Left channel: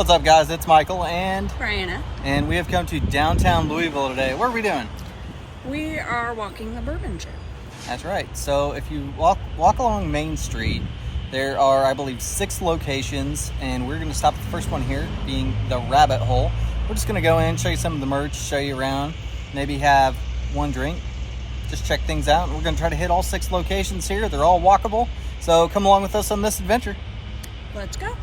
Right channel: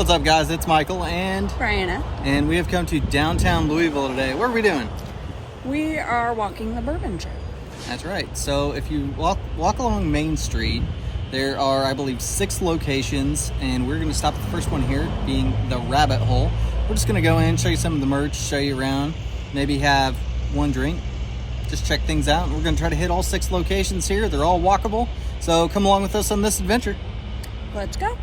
What's up, guys? It's Michael and Brianna. And we have come to downtown Louisville today. What are we doing? We are walking the Bourbon Trail. That's right. So if you walk along Main Street, there are, I believe, 6 locations, and we're going to stop at the first one here, being the Rabbit Hole. We're just going to go in, show you some of the merch, show you around, maybe have one drink, just check things out. And we're going to try to hit all 6 locations here. They're all walkable, so come along with us on this adventure. Let's go.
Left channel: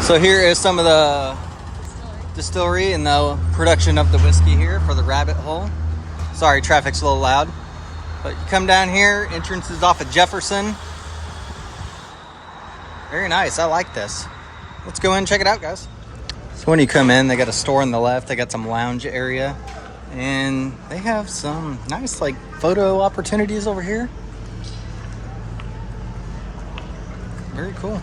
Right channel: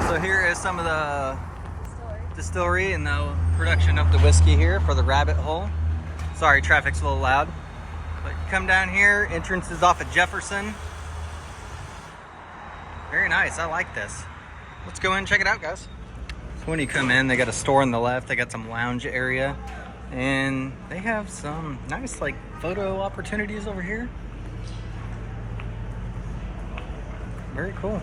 So here is some of the distillery and the production of the whiskey here for the Rabbit Hole. Sorry, traffic's a little loud. But you come down here, entrance is off of Jefferson. Very nice, I like this. Let's go in and check it out, guys. So when you come in, they got a store on the left, they got some lounge area, and they have some nice like photo opportunities over here. Very cool.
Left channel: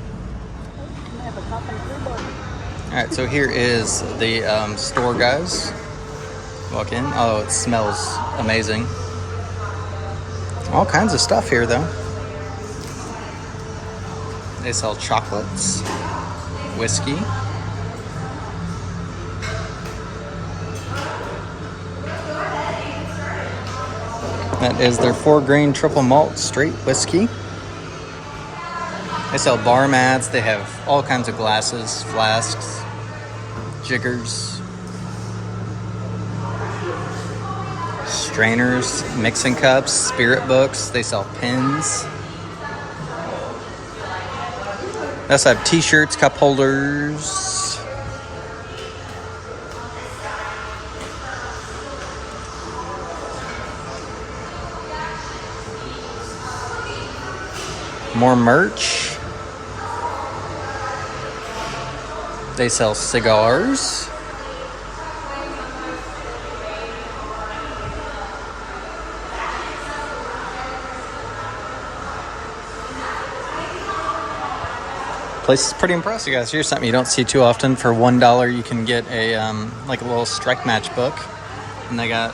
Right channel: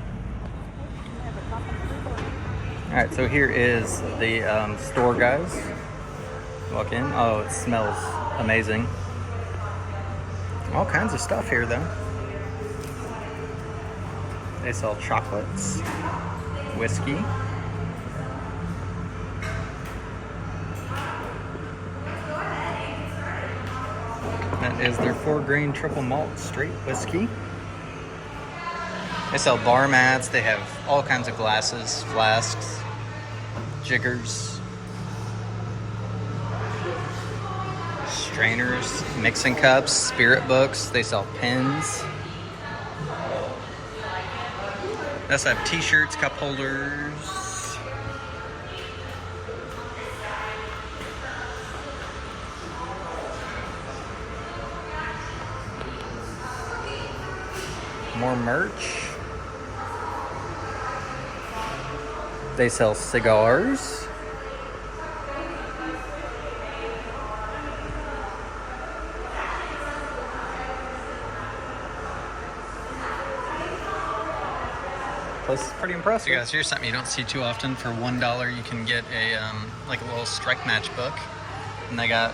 All right, so here is the store, guys. Walk in. Oh, it smells amazing. All kinds of stuff here, though. They sell chocolates, whiskey. That is their 4-grain triple malt straight whiskey. They sell bar mats. They have all kinds of glasses, flasks, jiggers, strainers, mixing cups, spirit books. They sell pens. They also have t-shirts, cup holders. More merch. They sell cigars. Place is pretty impressive, guys. Here's something you don't see too often. For $1, you can get a like a little strike match book, and they got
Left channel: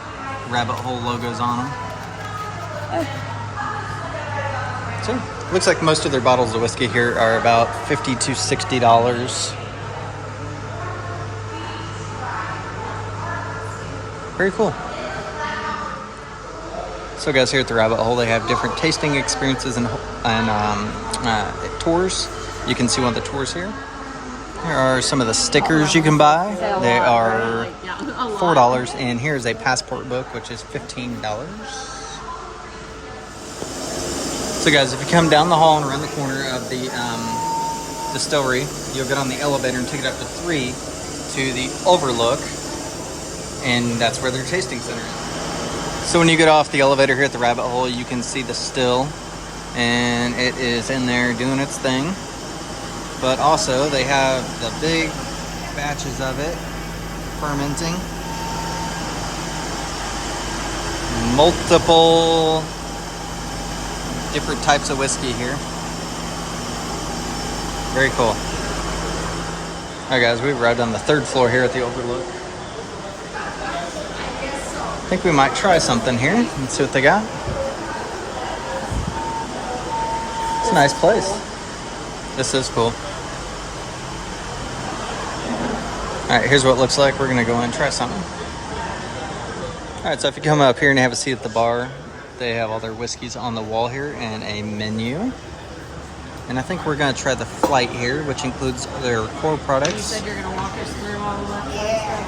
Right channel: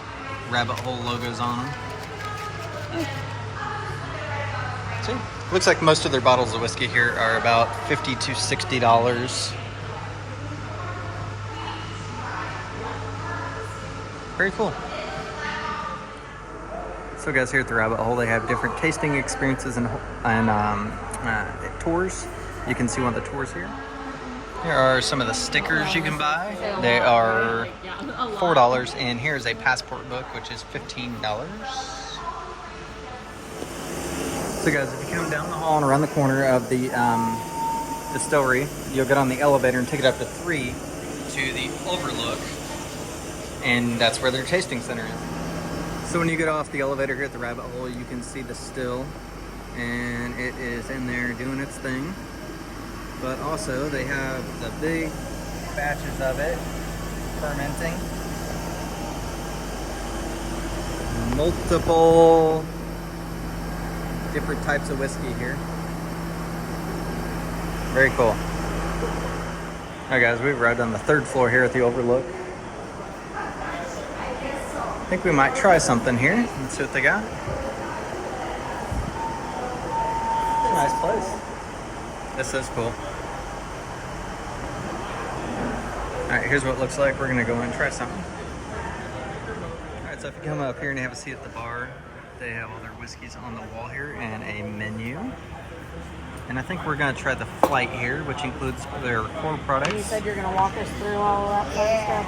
Rabbit Hole logos on them. See, looks like most of their bottles of whiskey here are about $50 to $60. Very cool. So, guys, here at the Rabbit Hole, they have different tasting experiences and tours. You can see one of the tours here. Here are some of the stickers you can buy. They are $4, and here's a passport book, which is $15. So, guys, if you come down the hall and around the corner of the distillery, you'll get on the elevator and take it up to 3 to the overlook, and that's where their tasting center is. So when you get off the elevator here at the Rabbit Hole, you can see the still, and it is in there doing its thing. But also, they have the big batches of it fermenting. Multiple different types of whiskey here. Very cool. All right, guys, we've arrived on the 3rd floor here at the Overlook. I think we might try something here and see what they got. It's a nice place. This is cool. All right, here's what it looks like. We're gonna go in and try something. All right, so if you come up here and have a seat at the bar, they have all their whiskeys on the wall here and a menu. And I think we're gonna try the Flight here, which includes their core products. You said you're gonna walk us through all of that.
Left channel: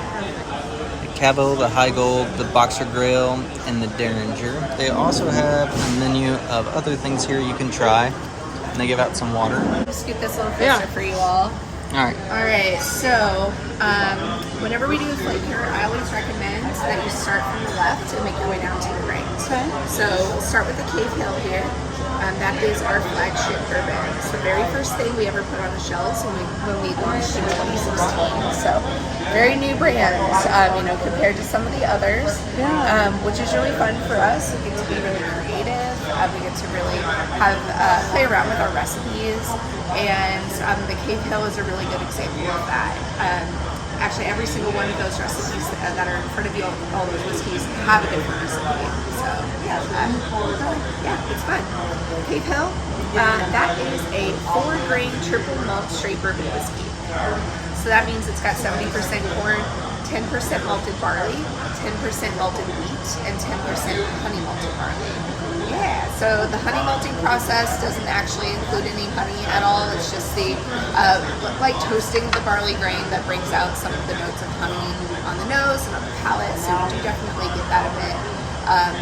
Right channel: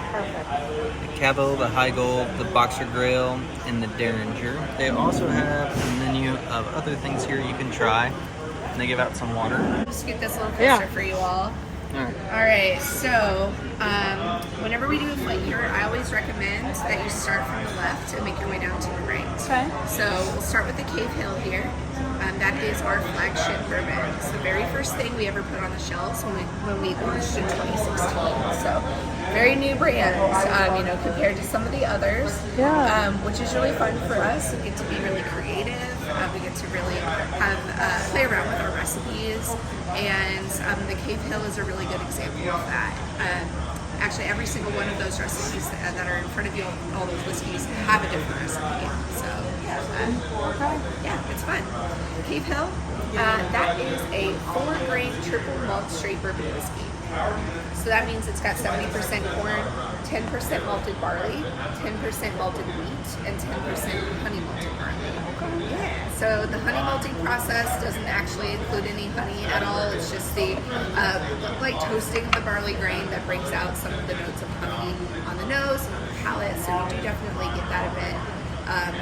The Cabo, the High Gold, the Boxer Grail, and the Derringer. They also have a menu of other things here you can try. And they give out some water. Just get this little picture for you all. All right, so whenever we do a flight here, I always recommend that you start from the left and make your way down to the right. So we'll start with the Cave Hill here. That is our flagship bourbon. It's the very first thing we ever put on the shelves when we launched in 2016. So very new brand, compared to some of the others, which is really fun for us. We get to be really creative. We get to really have play around with our recipes, and the Cave Hill is a really good example of that. actually every single one of those recipes that are in front of you, all those whiskeys have a different recipe. So yeah, it's fun. Cave Hill, that is a 4-grain triple malt straight bourbon whiskey. So that means it's got 70% corn, 10% malted barley, 10% malted wheat, and 10% honey malted barley. Yeah, so the honey malting process doesn't actually include any honey at all. It's just the like toasting of the barley grain that brings out some of the notes of honey on the nose and on the palate. So you do definitely get that a bit.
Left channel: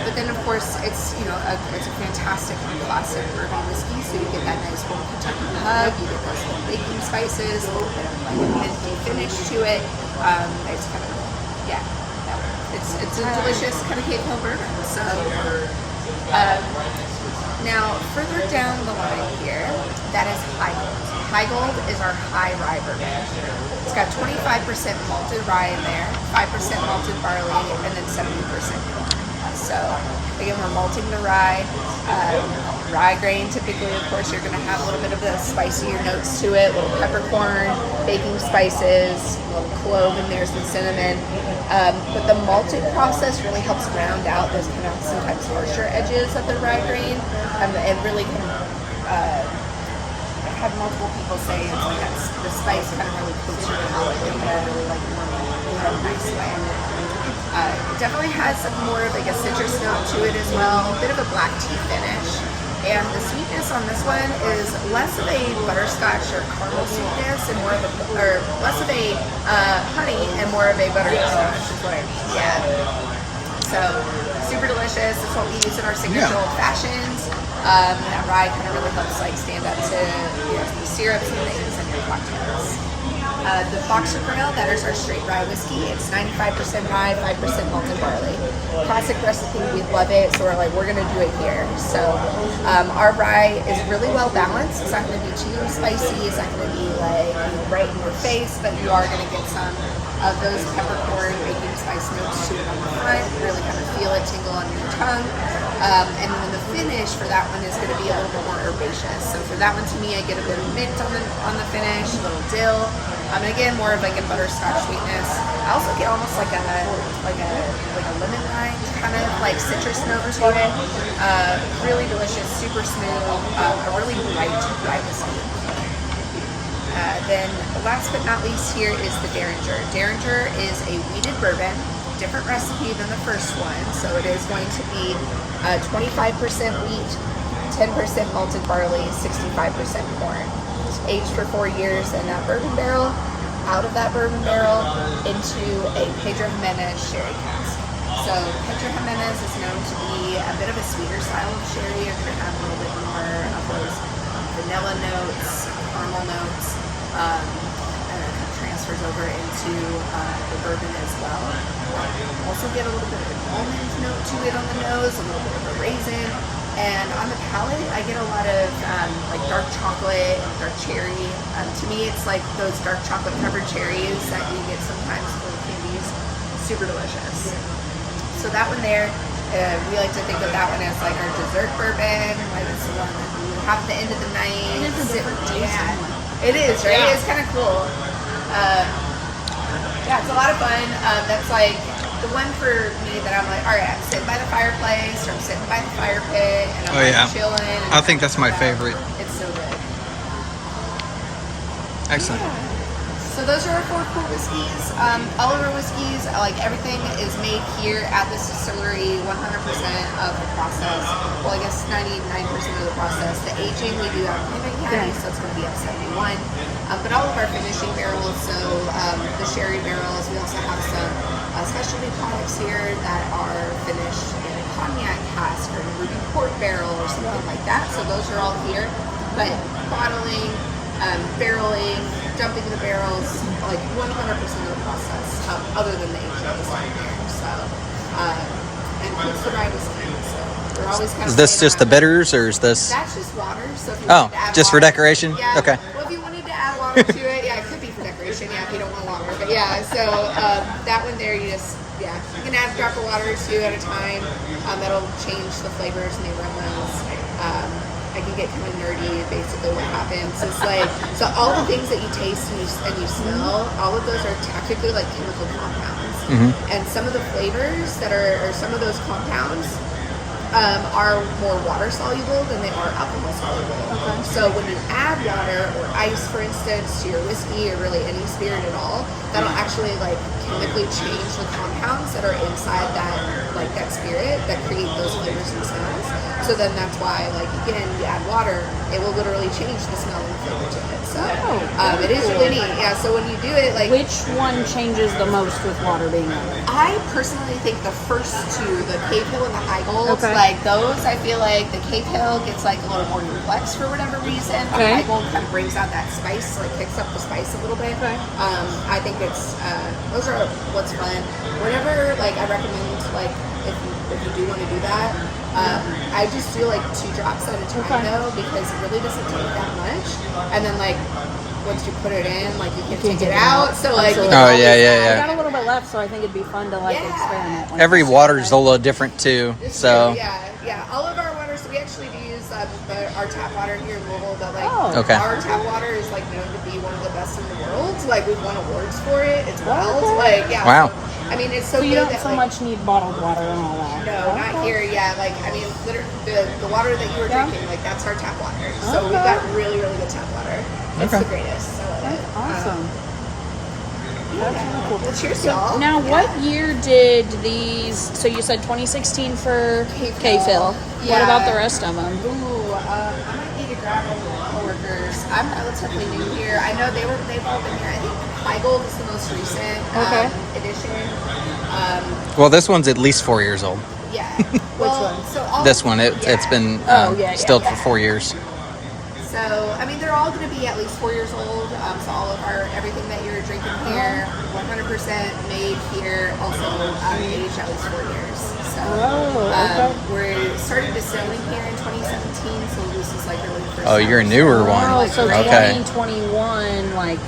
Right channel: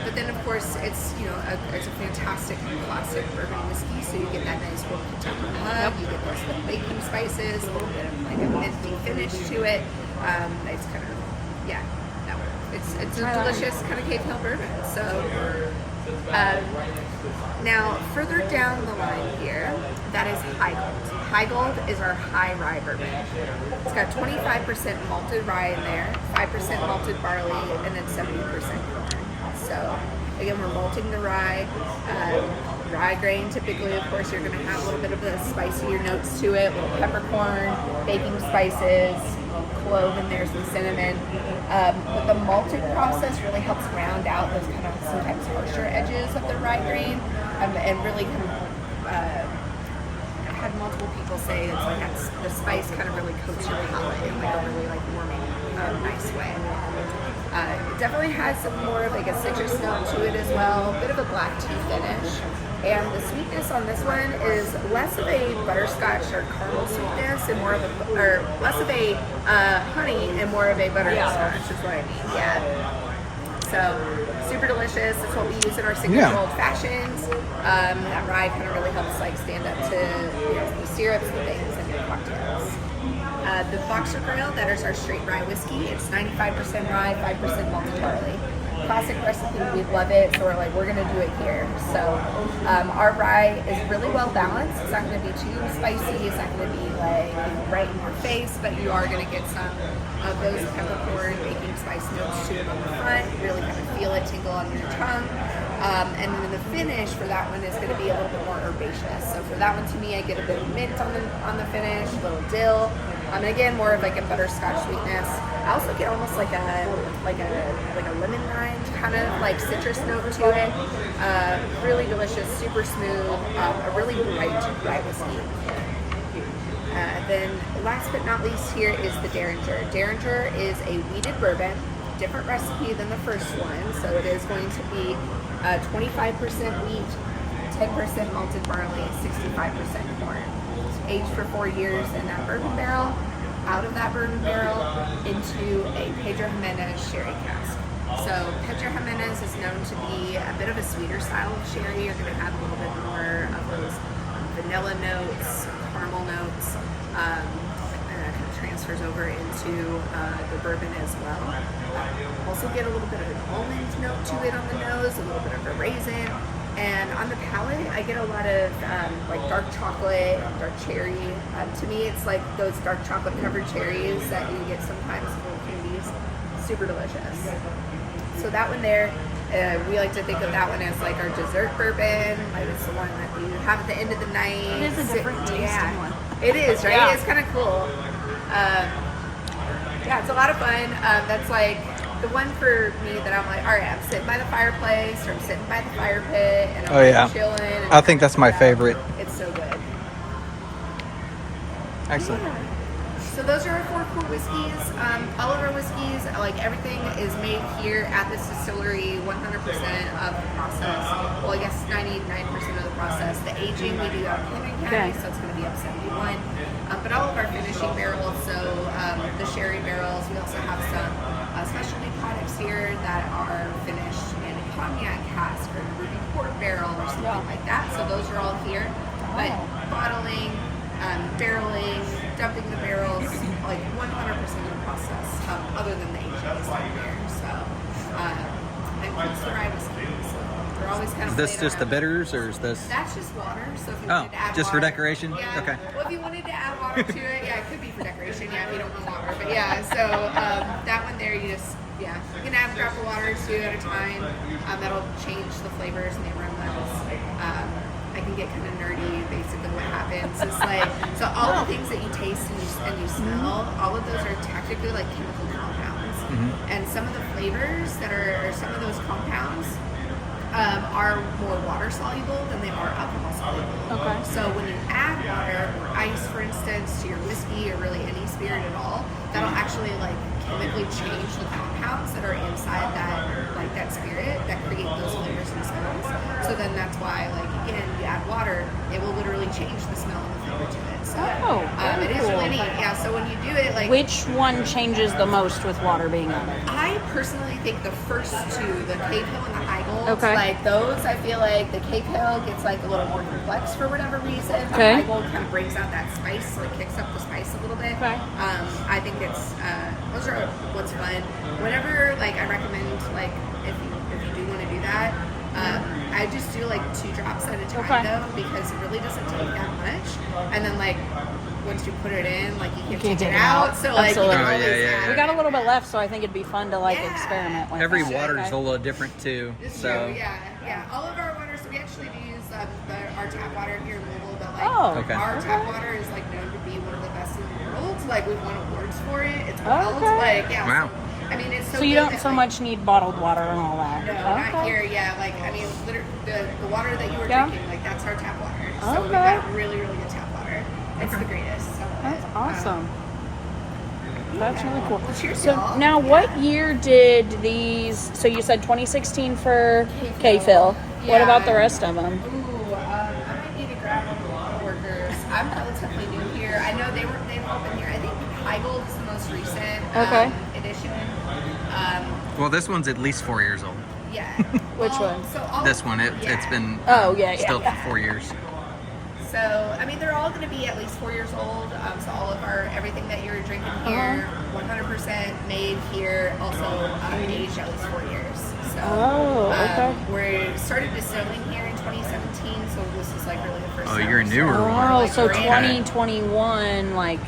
But then, of course, it's it's a fantastic classic bourbon whiskey. So you get that nice warm Kentucky hug. You get those little baking spices, a little bit of minty finish to it. It's kind of it's a delicious kind of Cave Hill bourbon. So. Now, further down the line here, that is High Gold. High Gold is our high rye bourbon. It's got 25% malted rye in there, 5% malted barley, and then 70% corn. So, again, we're malting the rye. Rye grain, typically, of course, you're going to have a little bit of the spicier notes to it, little peppercorn, baking spices, a little clove in there, some cinnamon. But the malting process really helps round out those kind of sometimes harsher edges of the rye grain, and really have multiple people say it's sometimes the spice kind of really coats your palate in a really like warming in a nice way. It definitely has some more of like a citrus note to it as well, a bit of a black tea finish. And the sweetness on this one is less of a butterscotch or caramel sweetness and more of less of a honey and more of a butterscotch, which is what I mean. Yeah. So super delicious. It's what we use in our signature old fashions. That rye kind of really helps like stand up to the syrups and things in your cocktails. The Boxer Trail, that is our straight rye whiskey. It's 95% rye, 5% malted barley. Classic recipe, we love it, so we're gonna do it here. So our rye is really well balanced. It's not gonna be too spicy. It's not gonna be like right in your face, but you are gonna get some of those peppercorn, baking spice notes to it on the front. Really kind of feel it tingle on your tongue. And then the finish for that one is gonna be a little bit more herbaceous. So for that one, to me, I get a bit of mint on the finish, a little dill. And again, more of like a butterscotch sweetness. I also get almost like a lemon rind kind of like citrus note to it. Really delicious, super smooth, a really bright whiskey. Then last but not least here is the Derringer. Derringer is a wheated bourbon, different recipe than the first one. So it is going to be 25% wheat, 10% malted barley, 65% corn. Aged for 4 years in that bourbon barrel, out of that bourbon barrel into a Pedro Jimenez sherry cask. So Pedro Jimenez is known to be a bit of a sweeter style of sherry. You're going to have a little bit more of those vanilla notes, caramel notes, and that kind of transfers over into the bourbon as well. Also get a little bit of an almond note to it on the nose, a little bit of a raisin. And on the palate, I get a lot of like dark chocolate and dark cherry. To me, it's like those dark chocolate covered cherries that you get sometimes in candies. Super delicious. So that one there, we like to think of that one as like our dessert bourbon. It's the one that we have at the end of the night. It is a different taste. Yeah, it is, right? Yeah. It's kind of cool. Yeah, it's a lot of fun. That's like the one for me that I'm like, all right, I'm sitting by the fireplace or I'm sitting by the fire pit and I'm chilling. And I think that's my favorite. It's so good. Excellent. Yeah. So those are our 4 cool whiskeys. All of our whiskeys, like everything is made here at this distillery, 100% of the process. Well, I guess 99% of the process. The aging we do out in Henry County, so it's going to be up 71. But all of our finishing barrels, so the sherry barrels, we also have some specialty products here that are finished in a cognac cask or a ruby port barrel or something like that. So those are all here. But bottling, barreling, dumping the barrels, like 100% of the process, other than the aging is down there. So, includes the rye whiskey. So we're always kind of. Is this just the bitters, or is this? That's just water. So if you Oh, wanted to add just for water, decoration? Yeah. Okay. Well, if you wanted to add water to it, yeah, it could be for decoration. Yeah, if you don't want longer, but yeah. So that one there, you can add a drop of water or 2 at a time. That'll change the flavors and the aromas. I can get kind of nerdy. Basically, what happens is like, so all the things that you taste and you smell, all of those are technically like chemical compounds. And some of the flavors that are, or some of those compounds, are more water soluble than they are alcohol soluble. So when you add water or ice, for instance, to your whiskey or really any spirit at all, that'll actually like chemically change the compounds that are inside that spirit that create those flavors and smells. So then that's why, like, again, you add water, it will literally change the smell and the flavor to it. So it is really neat. Yeah. So when you do it, like, which one changes the most with water being in? I personally think the first two, the Cave Hill and the High Gold, like those, I feel like the Cave Hill gets like a little more complex for whatever reason. The High Gold kind of brings out that spice, so it kicks up the spice a little bit. I think it's those are what's fun. Whenever, like, I recommend, like, if you do want to do that, I just do like 2 drops at a time though, because it really doesn't take that much. And then, like, once you put it in, like, you can take it out. So like, you know, I got a little bit left, so I think it'd be fun to like experiment with. Every water is a little different too. It's so true, yeah. All of our waters, we actually do use our tap water here in Louisville, but like our tap water is like known to be one of the best in the world. Like, we've won awards for it. It's wild. Like, wow. So, I mean, it's so, so you good don't that, so like, much need bottled water and all that. No, not here. Yeah, like, I mean, the water that you were drinking, like, that's our tap water. So we've got really, really good tap water. It's the greatest. I love it. Awesome. Well, cheers, y'all. Now, what year did these? So you said 2016 for Cave Hill. Yeah. What about the rest of them? Ooh, I might need to grab one of my coworkers. I'm relatively new here. I know they've all been here. I think High Gold is the most recent edition. well, this one's at least 4 years old. Yeah. Which one? So all This one, it's been stilled for 4 years. So, I mean, they're all going to be at least 4 years old. So all of everything that you're drinking here, 100% made here, also aged at least 4 years. So we started distilling here in 2017, so this is like really the first time. You're a newer one. Oh, so okay. 2021, like.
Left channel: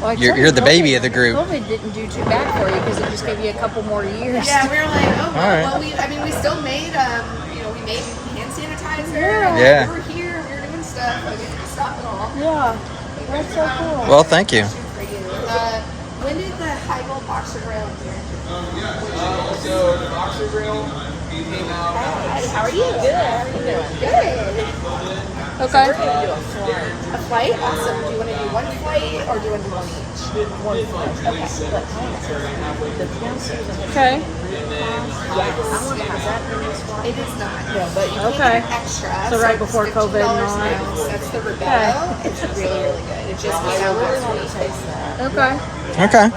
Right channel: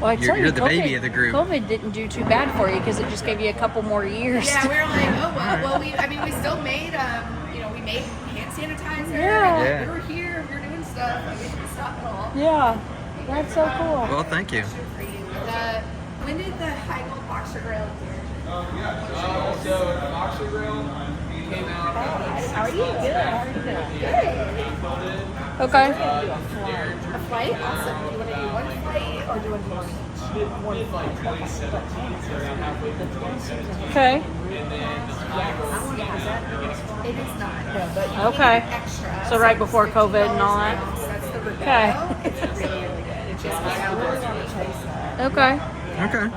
Well, You're the baby of the group. COVID didn't do too bad for you because it just gave you a couple more years. Yeah, we were like, oh, well, All right. we still made, we made hand sanitizer. Yeah. And, like, we were here, we were doing stuff. Like, it didn't stop at all. Yeah. That's so cool. Well, thank you. For you. When did the High Gold Boxer Grill here? So the Boxer Grill came out. How are you? Good. Okay. A flight? Awesome. Do you want to do one flight or do you want to do one each? Okay. It is not. No, but you can get extra. So right before it's COVID and all $50 that. an ounce. That's the Rebello. It's really, really good. It just came out once a week. Okay. Okay.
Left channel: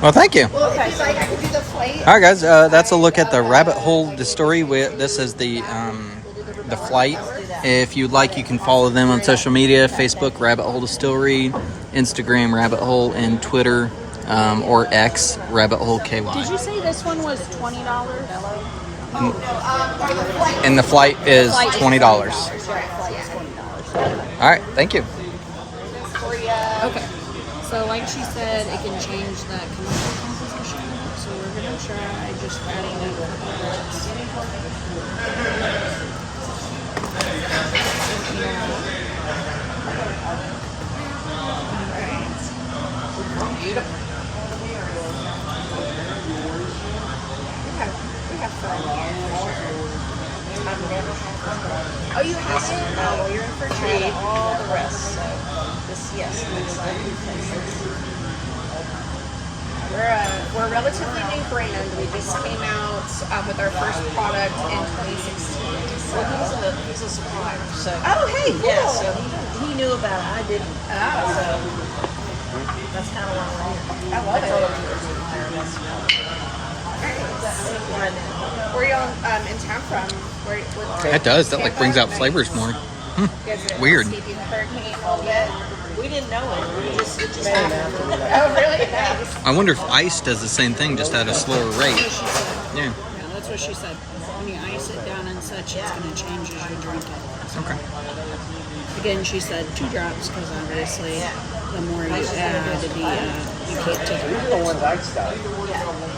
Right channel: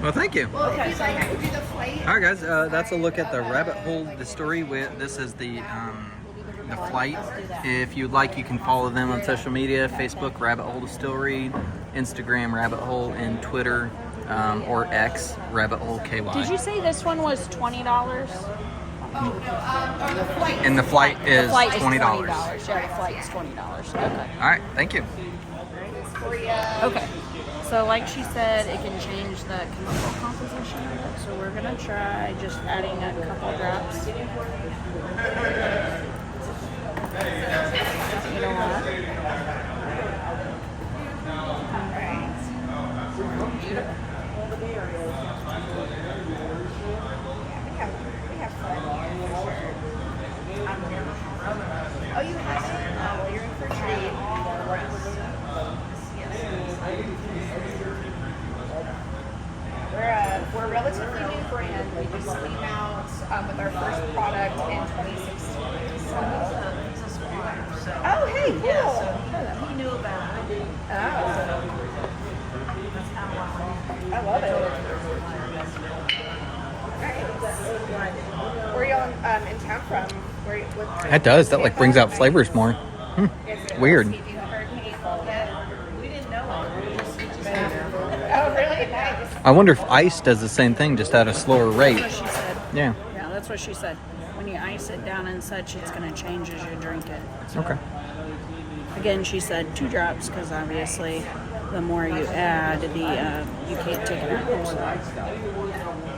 Well, thank you. Well, if you'd like, I can do the flight. All right, guys. That's a look at the Rabbit Hole Distillery. This is the flight. If you'd like, you can follow them on social media: Facebook, Rabbit Hole Distillery; Instagram, Rabbit Hole; and Twitter or X, Rabbit Hole KY. Did you say this one was $20? And the flight is $20. All right, thank you. Okay. So like she said, it can change the chemical composition. So we're going to try just adding a couple reds. Oh, you have it? Oh, you're in for a treat. All the rest. So this, yes, I'm excited because We're a relatively new brand. We just came out with our first product in 2016. well, he's a supplier. So Oh, hey, cool. yeah, so he knew about it. I didn't. Oh, So that's kind of why I love it. Where are you in town from? It does. That brings out flavors more. Weird. We we didn't know it. It just happened. Oh, really? Nice. I wonder if ice does the same thing, just at a slower rate. She said. Yeah. Yeah, that's what she said. When you ice it down and such, it's going to change as you drink it. Okay. Again, she said 2 drops because obviously the more you add, you can't take it out.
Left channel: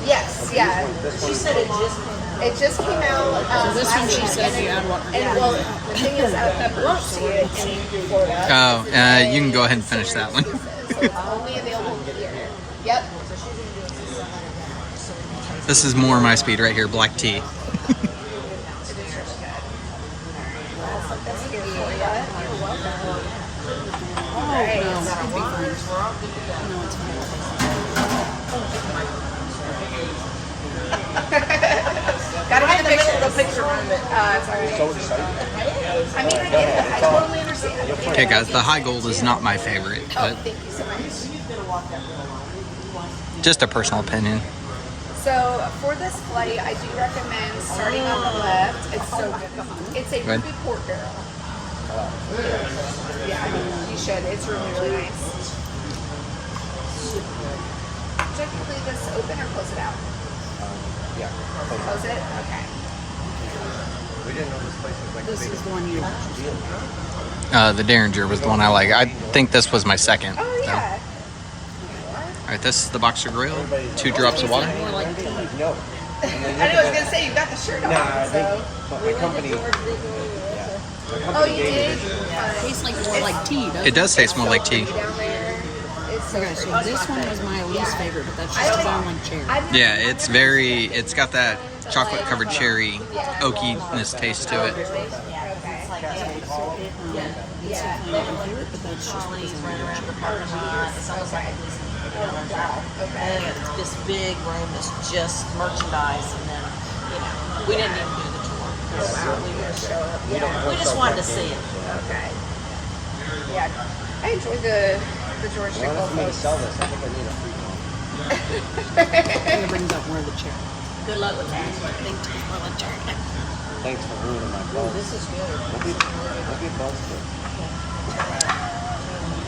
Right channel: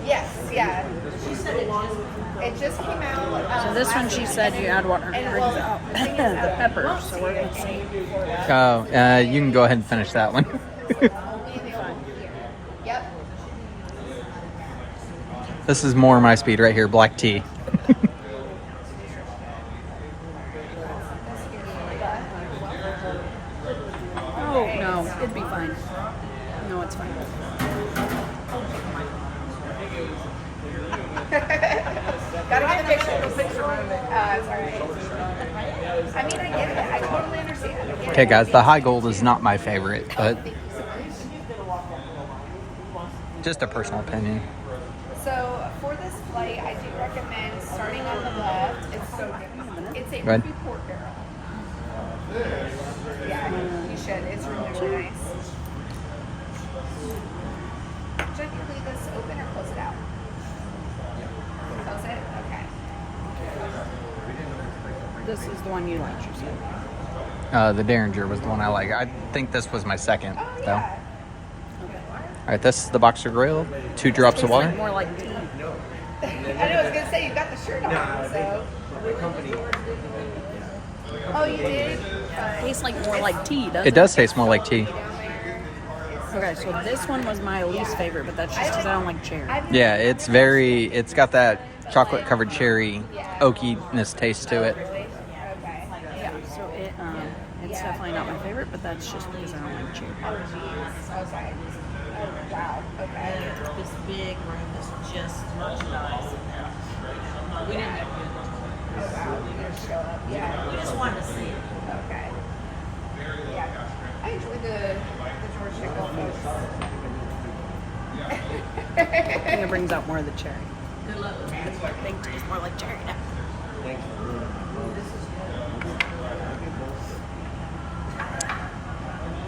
Yes, yeah. She said it just It just came out. So this one, she said you add what? And well, the thing is, Peppers. So we're gonna see. Oh, you can go ahead and finish that one. only available here. Yep. This is more my speed right here, black tea. Oh, no, it'd be fine. No, it's fine. Gotta get the picture. I mean, I get it. I totally understand. Okay, guys, the high gold is not my favorite, but Thank you so much. just a personal opinion. So for this flight, I do recommend starting on the left. It's so good. It's a When? ruby pork barrel. Yeah, you should. It's really, really nice. Should I leave this open or close it out? Close it? Okay. This is the one you don't choose. The Derringer was the one I like. I think this was my second. Oh, So. yeah. All right, this is the Boxer Grill. 2 drops of water. More like tea. I know, I was going to say, you've got the shirt on, so. My company. Oh, you did? Tastes like more like tea, doesn't It does taste more like tea. Down there. It's Okay, so this one was my least favorite, but that's just because I don't like cherry. Yeah, it's got that chocolate covered cherry oakiness taste to it. So it's definitely not my favorite, but that's just because I don't like cherry. And this big room is just merchandise, and then, we didn't even do the tour. We just wanted to see it. Okay. Yeah. I enjoyed the George Nickel folks. It brings out more of the cherry. Good luck with that. They taste more like cherry. Thanks for ruining my clothes. This is good.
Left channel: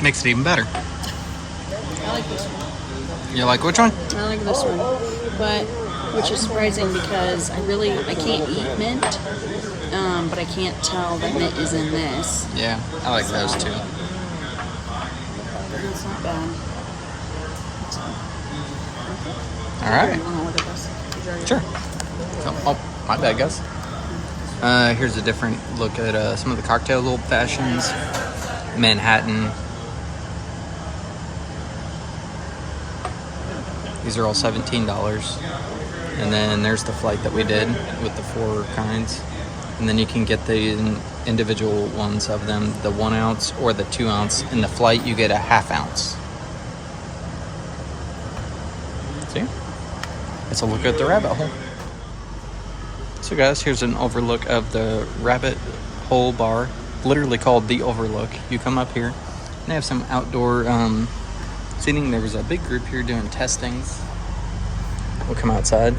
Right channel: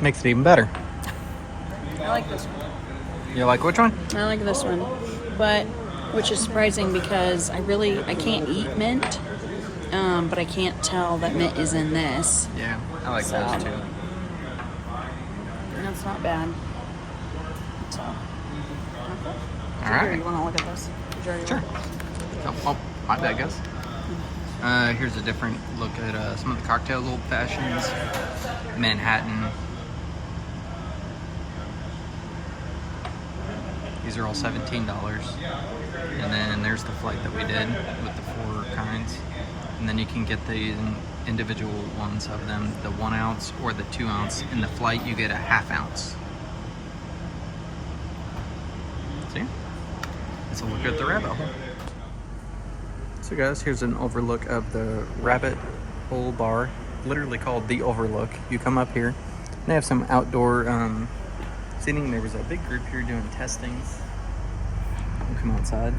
Makes it even better. I like this one. You like which one? I like this one, but which is surprising because I can't eat mint, but I can't tell that mint is in this. Yeah, I like those too. And it's not bad. All right. You wanna look at this? Sure. Oh, my bad, guys. Here's a different look at some of the cocktail old fashions. Manhattan. These are all $17. And then there's the flight that we did with the 4 kinds. And then you can get the individual ones of them, the 1 ounce or the 2 ounce. In the flight, you get a ½ ounce. See? Let's look at the rabbit hole. So guys, here's an overlook of the rabbit hole bar, literally called the Overlook. You come up here, and they have some outdoor seating. There was a big group here doing testings. We'll come outside.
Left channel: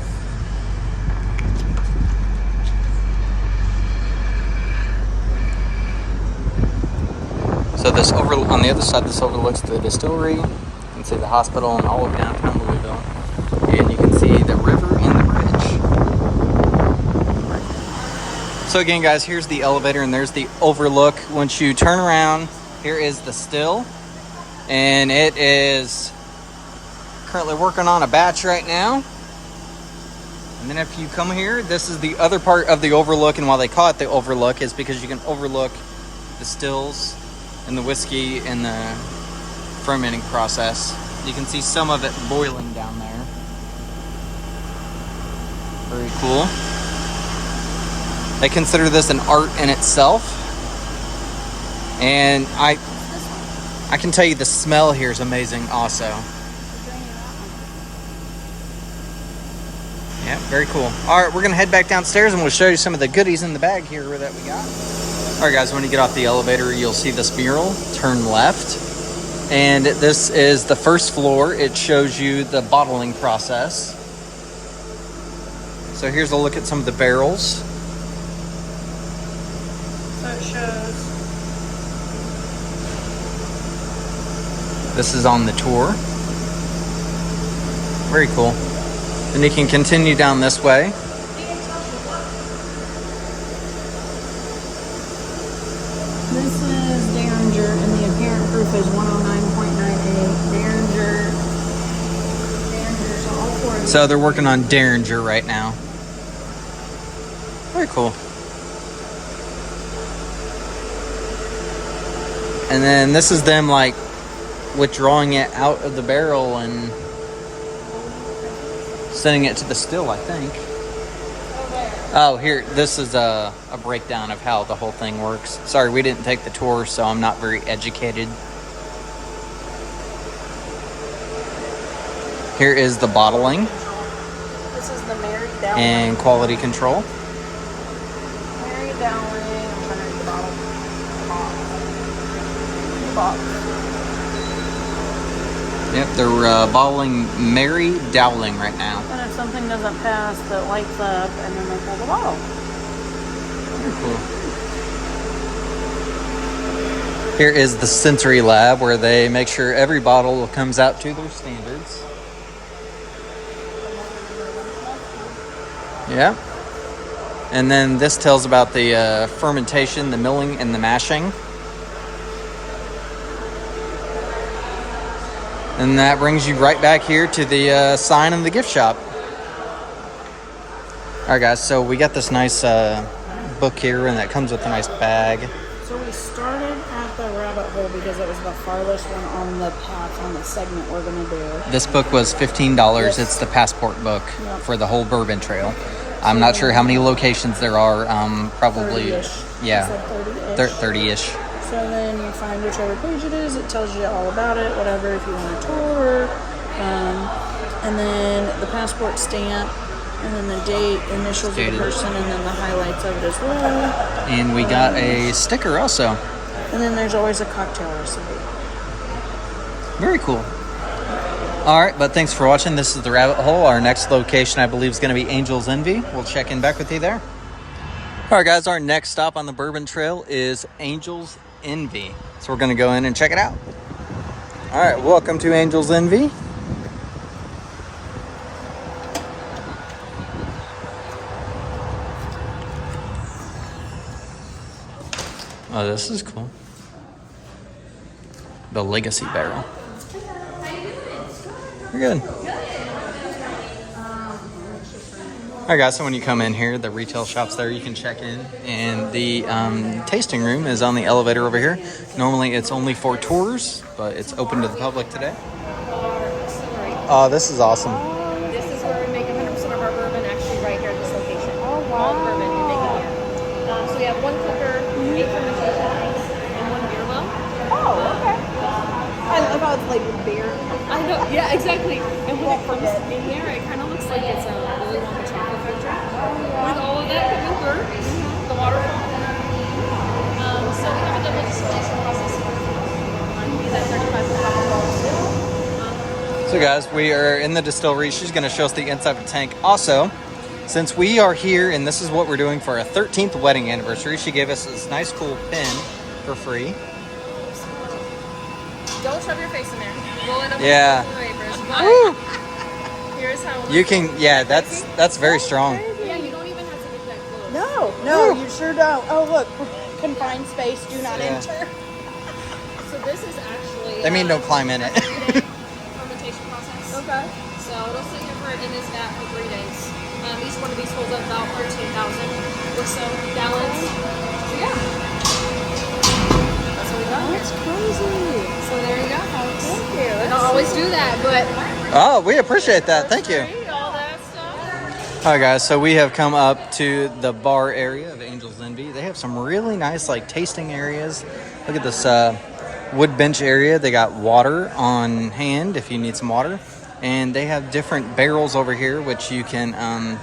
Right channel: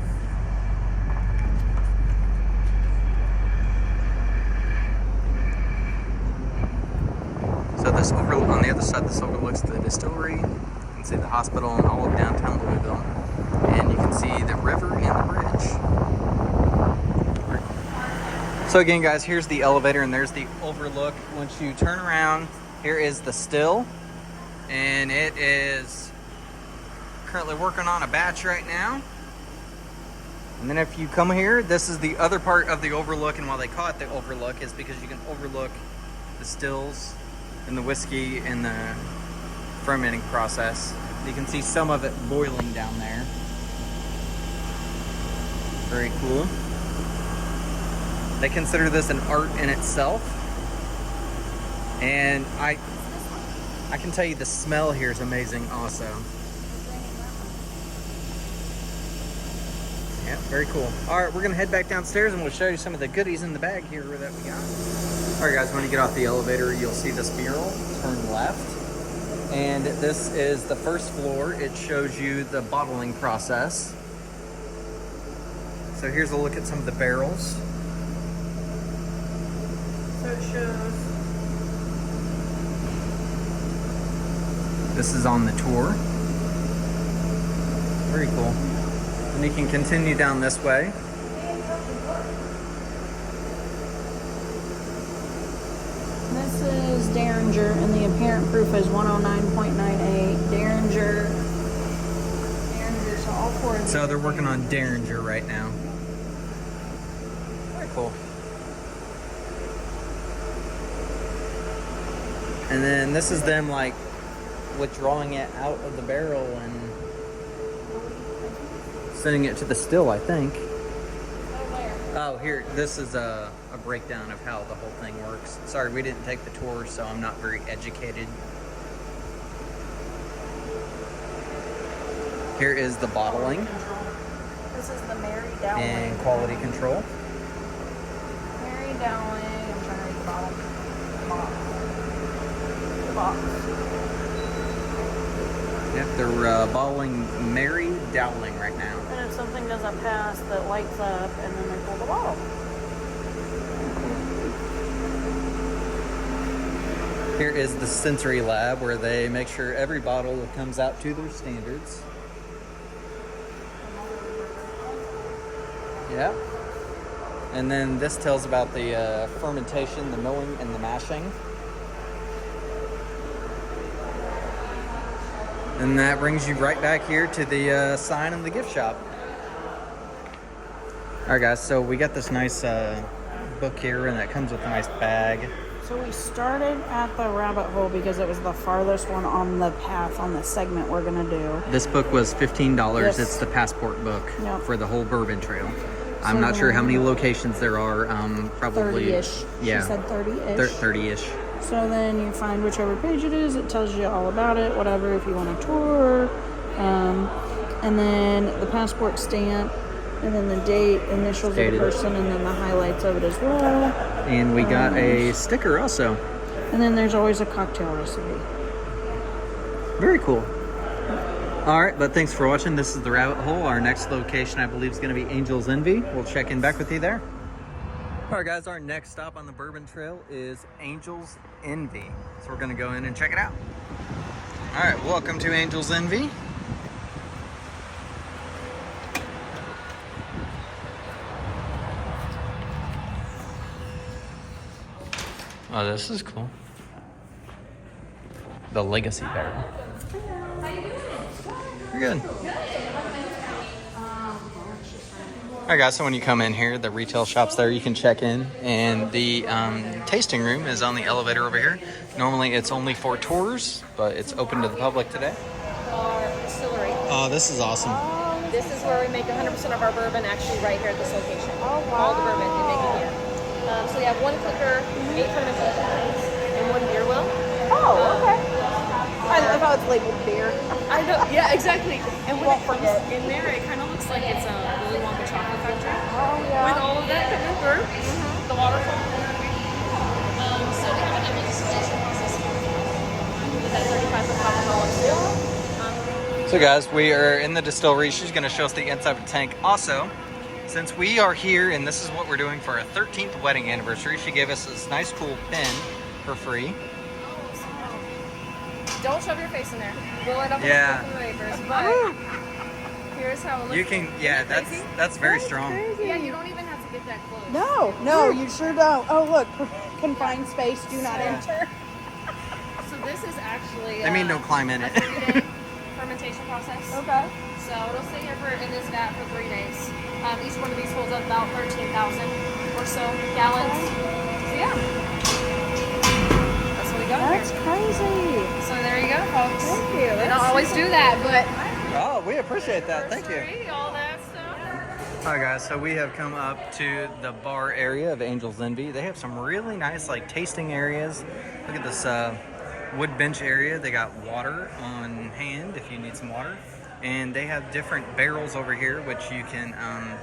So this on the other side, this overlooks the distillery. You can see the hospital and all of downtown Louisville. And you can see the river and the bridge. So again, guys, here's the elevator and there's the overlook. Once you turn around, here is the still. And it is currently working on a batch right now. And then if you come here, this is the other part of the overlook. And why they call it the overlook is because you can overlook the stills and the whiskey and the fermenting process. You can see some of it boiling down there. Very cool. They consider this an art in itself. And I can tell you the smell here is amazing also. Yeah, very cool. All right, we're gonna head back downstairs and we'll show you some of the goodies in the bag here that we got. All right, guys, when you get off the elevator, you'll see this mural. Turn left. And this is the first floor. It shows you the bottling process. So here's a look at some of the barrels. So it shows. This is on the tour. Very cool. And you can continue down this way. This is Derringer, and the apparent proof is 109.98. Derringer, so all 4 of So they're working on Derringer right now. Very cool. And then this is them like withdrawing it out of the barrel and sending it to the still, I think. Oh, here, this is a breakdown of how the whole thing works. Sorry, we didn't take the tour, so I'm not very educated. Here is the bottling This is the Mary Dowling. and quality control. Mary Dowling. I'm trying to read the bottle. Yep, they're bottling Mary Dowling right now. And if something doesn't pass, that lights up, and then they pull the bottle. Here is the sensory lab where they make sure every bottle comes out to their standards. Yeah. And then this tells about the fermentation, the milling, and the mashing. And that brings you right back here to the sign in the gift shop. All right, guys, so we got this nice book here, and that comes with a nice bag. So we started at the rabbit hole because it was the farthest one on the path on the segment we're going to do. This book was $15. Yes. It's the passport book Yep. for the whole Bourbon Trail. I'm not sure how many locations there are. Probably, 30-ish. yeah, He said 30-ish. 30-ish. So then you find whichever page it is. It tells you all about it, whatever, if you want a tour. And then the passport stamp. And then the date, initials of the Dated. person, and then the highlights of it as well. And we got a sticker also. And then there's always a cocktail recipe. Very cool. All right, but thanks for watching. This is the Rabbit Hole. Our next location, I believe, is going to be Angel's Envy. We'll check in back with you there. All right, guys, our next stop on the Bourbon Trail is Angel's Envy. So we're going to go in and check it out. All right, welcome to Angel's Envy. Oh, this is cool. The Legacy Barrel. You're good. All right, guys, so when you come in here, the retail shop's there. You can check in. And the tasting room is on the elevator over here. Normally, it's only for tours, but it's open to the public today. Oh, this is awesome. This is where we make 100% of our bourbon, actually right here at this location. All bourbon we make that. So you have one cooker, and one beer well. I thought it's labeled beer. I know, yeah, exactly. And what comes in there, it kind of looks like it's a Willy Wonka chocolate factory with all of that coming through. The water. So we have a double distillation process. So, guys, we are in the distillery. She's going to show us the inside of the tank. Also, since we are here and this is what we're doing for our 13th wedding anniversary, she gave us this nice, cool pin for free. Don't shove your face in there. Roll it up. Yeah. Woo! Here's how You can, yeah, that's very strong. Yeah, you don't even have to get that close. No, you sure don't. Oh, look. Confined space, do not Yeah. enter. So this is actually... They mean don't climb in it. fermentation process. Okay. So it'll stay in this vat for 3 days. Each one of these holds up about 13,000 or so gallons. So yeah. That's what we got. That's crazy. So there you go, folks. Thank you. We don't always do that, but... Oh, we appreciate that. Thank you. all that stuff. All right, guys, so we have come up to the bar area of Angel's Envy. They have some really nice, like, tasting areas. Look at this wood bench area. They got water on hand if you need some water. And they have different barrels over here, which you can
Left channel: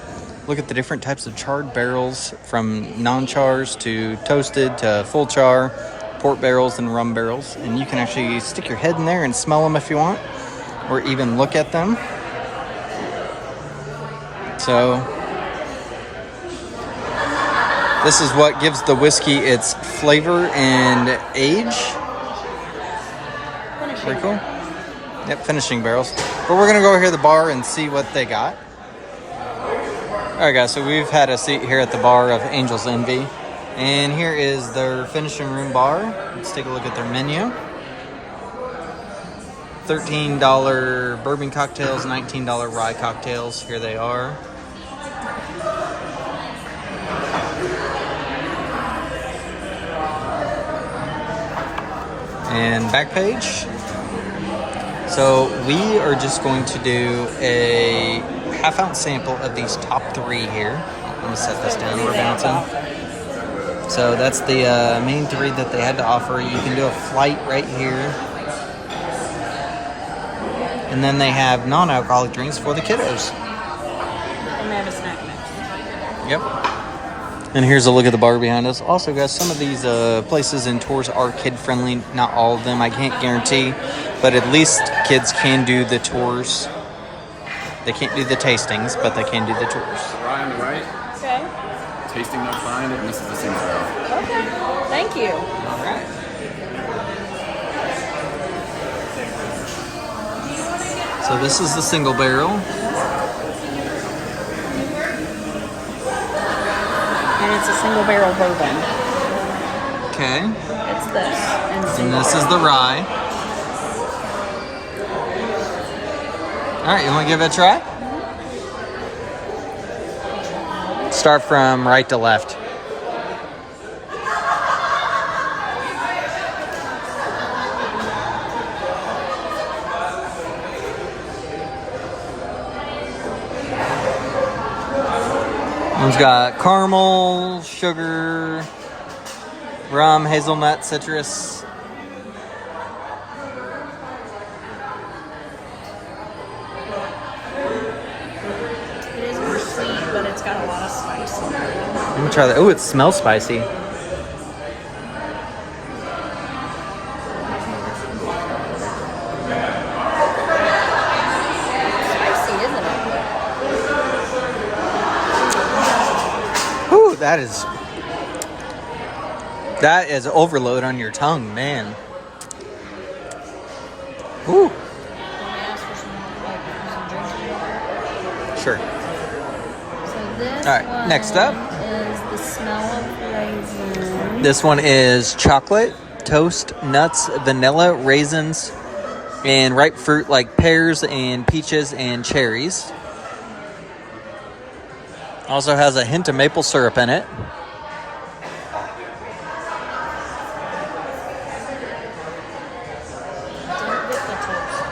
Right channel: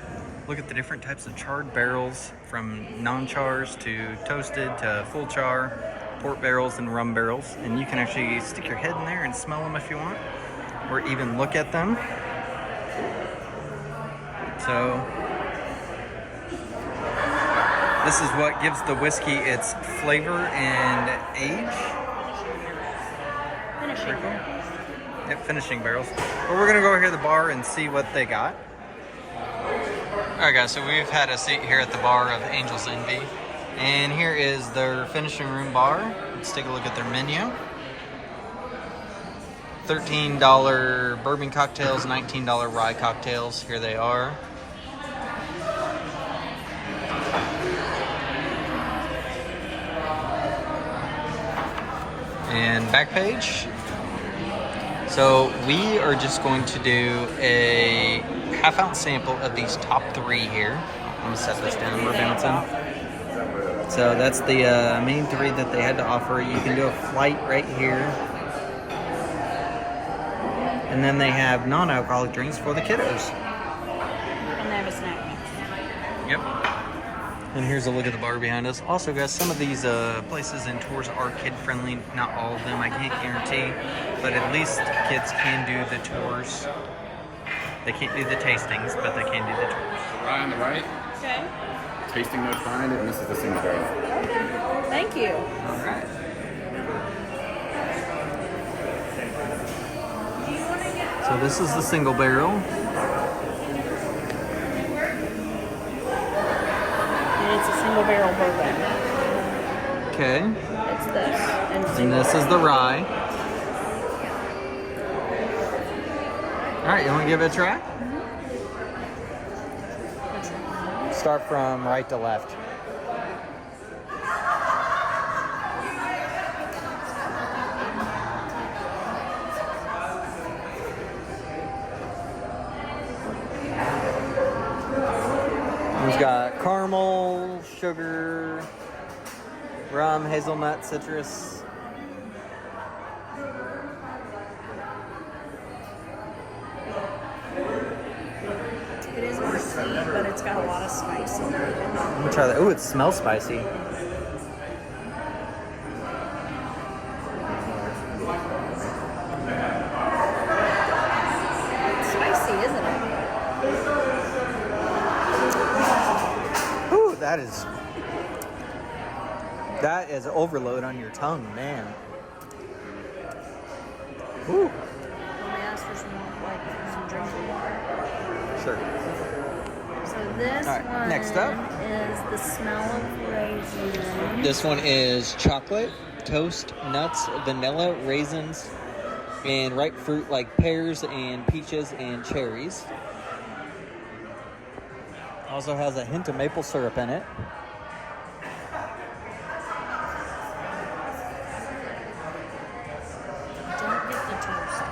look at the different types of charred barrels, from non-chars to toasted to full char, port barrels and rum barrels. And you can actually stick your head in there and smell them if you want, or even look at them. So this is what gives the whiskey its flavor and age. Pretty cool. Yep, finishing barrels. But we're gonna go over here to the bar and see what they got. All right, guys, so we've had a seat here at the bar of Angel's Envy. And here is their finishing room bar. Let's take a look at their menu. $13 bourbon cocktails, $19 rye cocktails. Here they are. And back page. So we are just going to do a half-ounce sample of these top 3 here. I'm going to set this down. We're bouncing. So that's the main 3 that they had to offer. You can do a flight right here. And then they have non-alcoholic drinks for the kiddos. And then a snack mix. Yep. And here's a look at the bar behind us. Also, guys, some of these places and tours are kid-friendly. Not all of them, I can't guarantee. But at least kids can do the tours. They can't do the tastings, but they can do the tours. The rye on the right. Okay. Tasting notes behind it, and this is the single barrel. Thank you. All right. So this is the single barrel. And it's a single barrel bourbon. Okay. It's this. And this is the rye. All right, you want to give it a try? Start from right to left. One's got caramel, sugar, rum, hazelnut, citrus. It isn't sweet, but it's got a lot of spice in it. Let me try that. Oh, it smells spicy. Spicy, isn't it? Ooh, that is overload on your tongue, man. Ooh. Can I ask for some drinking water? Sure. So this All right, one next up. is the smell of raisin. This one is chocolate, toast, nuts, vanilla, raisins, and ripe fruit like pears and peaches and cherries. Also has a hint of maple syrup in it. Don't get the toast.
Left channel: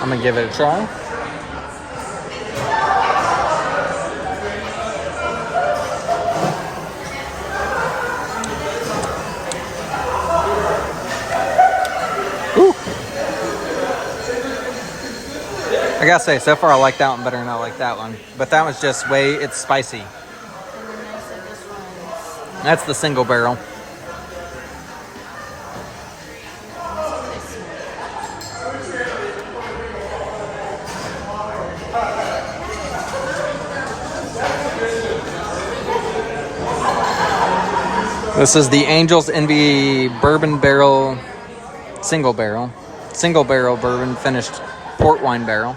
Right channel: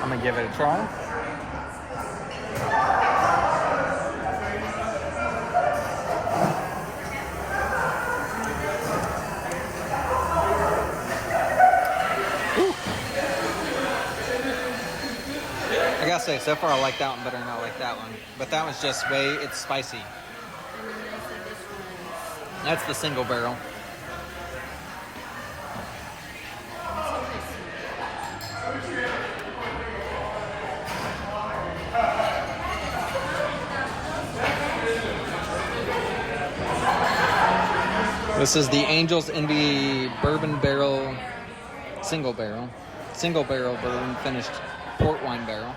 I'm gonna give it a try. I gotta say, so far I like that one better than I like that one. But that one's just it's spicy. And then they said this one's That's the single barrel. This is the Angel's Envy Bourbon Barrel, single barrel bourbon finished port wine barrel.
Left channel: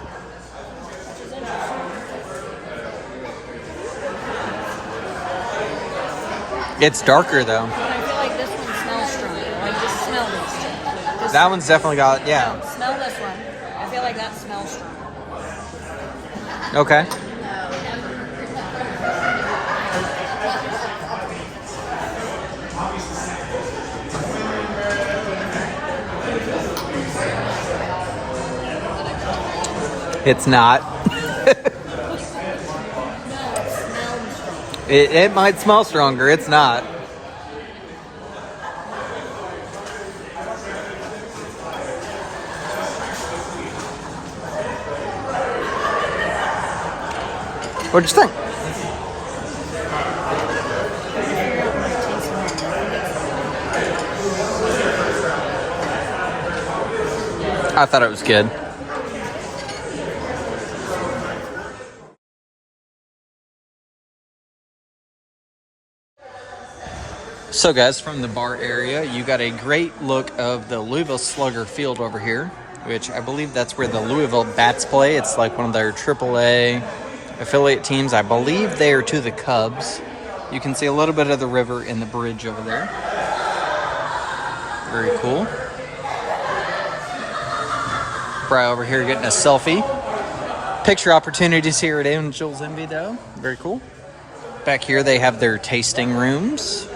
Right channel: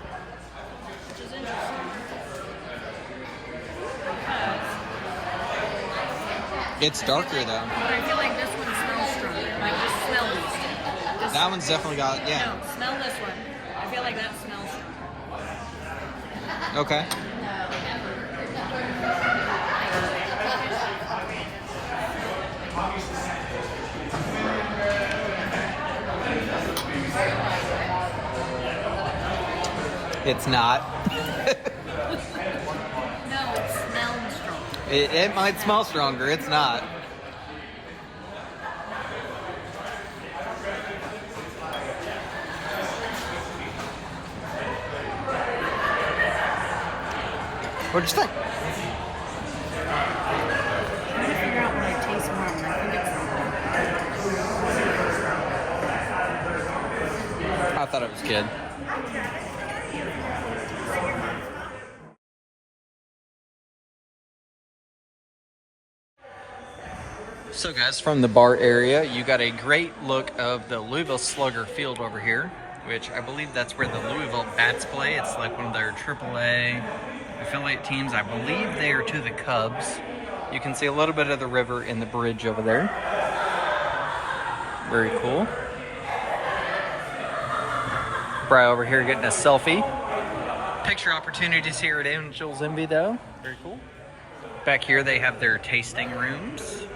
It's darker though. But I feel like this one smells stronger. Like, just smell this. Just That one's definitely got, yeah. smell this one. I feel like that smells stronger. Okay. It's not. No, it smells stronger. It might smell stronger. It's not. What'd you think? Figure out what I taste wrong. I thought it was good. So guys, from the bar area, you got a great look of the Louisville Slugger field over here, which I believe that's where the Louisville Bats play. It's like one of their AAA affiliate teams. I believe they are to the Cubs. You can see a little bit of the river in the bridge over there. Very cool. Bri over here getting a selfie. picture opportunities here at Angel's Envy, though. Very cool. Back here, they have their tasting rooms.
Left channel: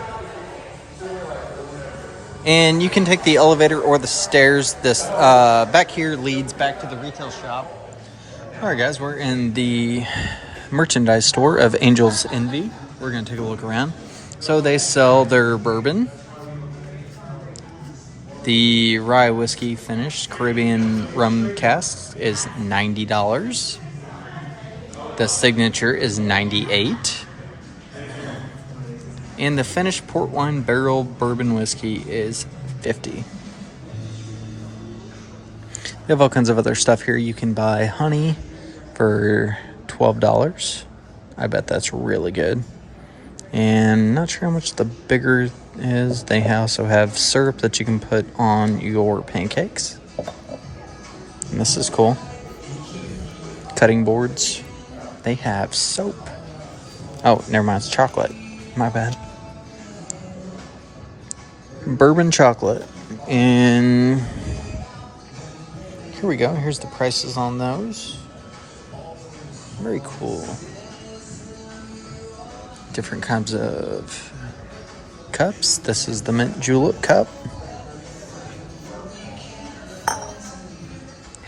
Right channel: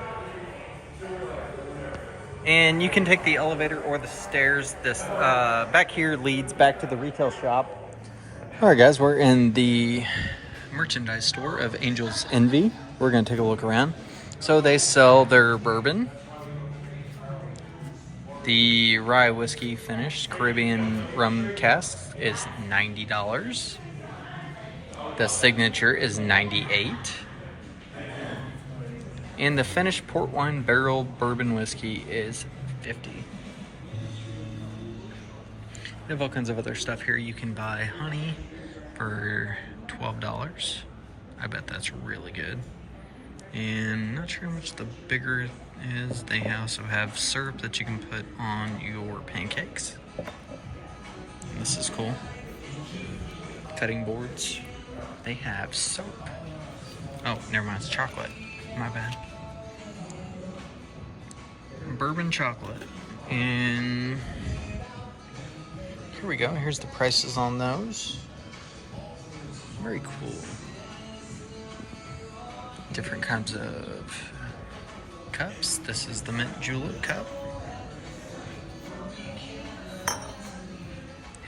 And you can take the elevator or the stairs. This back here leads back to the retail shop. All right, guys, we're in the merchandise store of Angel's Envy. We're going to take a look around. So they sell their bourbon. The rye whiskey finished Caribbean rum cask is $90. The signature is $98. And the finished port wine barrel bourbon whiskey is $50. They have all kinds of other stuff here. You can buy honey for $12. I bet that's really good. And not sure how much the bigger is. They also have syrup that you can put on your pancakes. And this is cool. Cutting boards. They have soap. Oh, never mind, it's chocolate. My bad. Bourbon chocolate. And here we go. Here's the prices on those. Very cool. Different kinds of cups. This is the mint julep cup.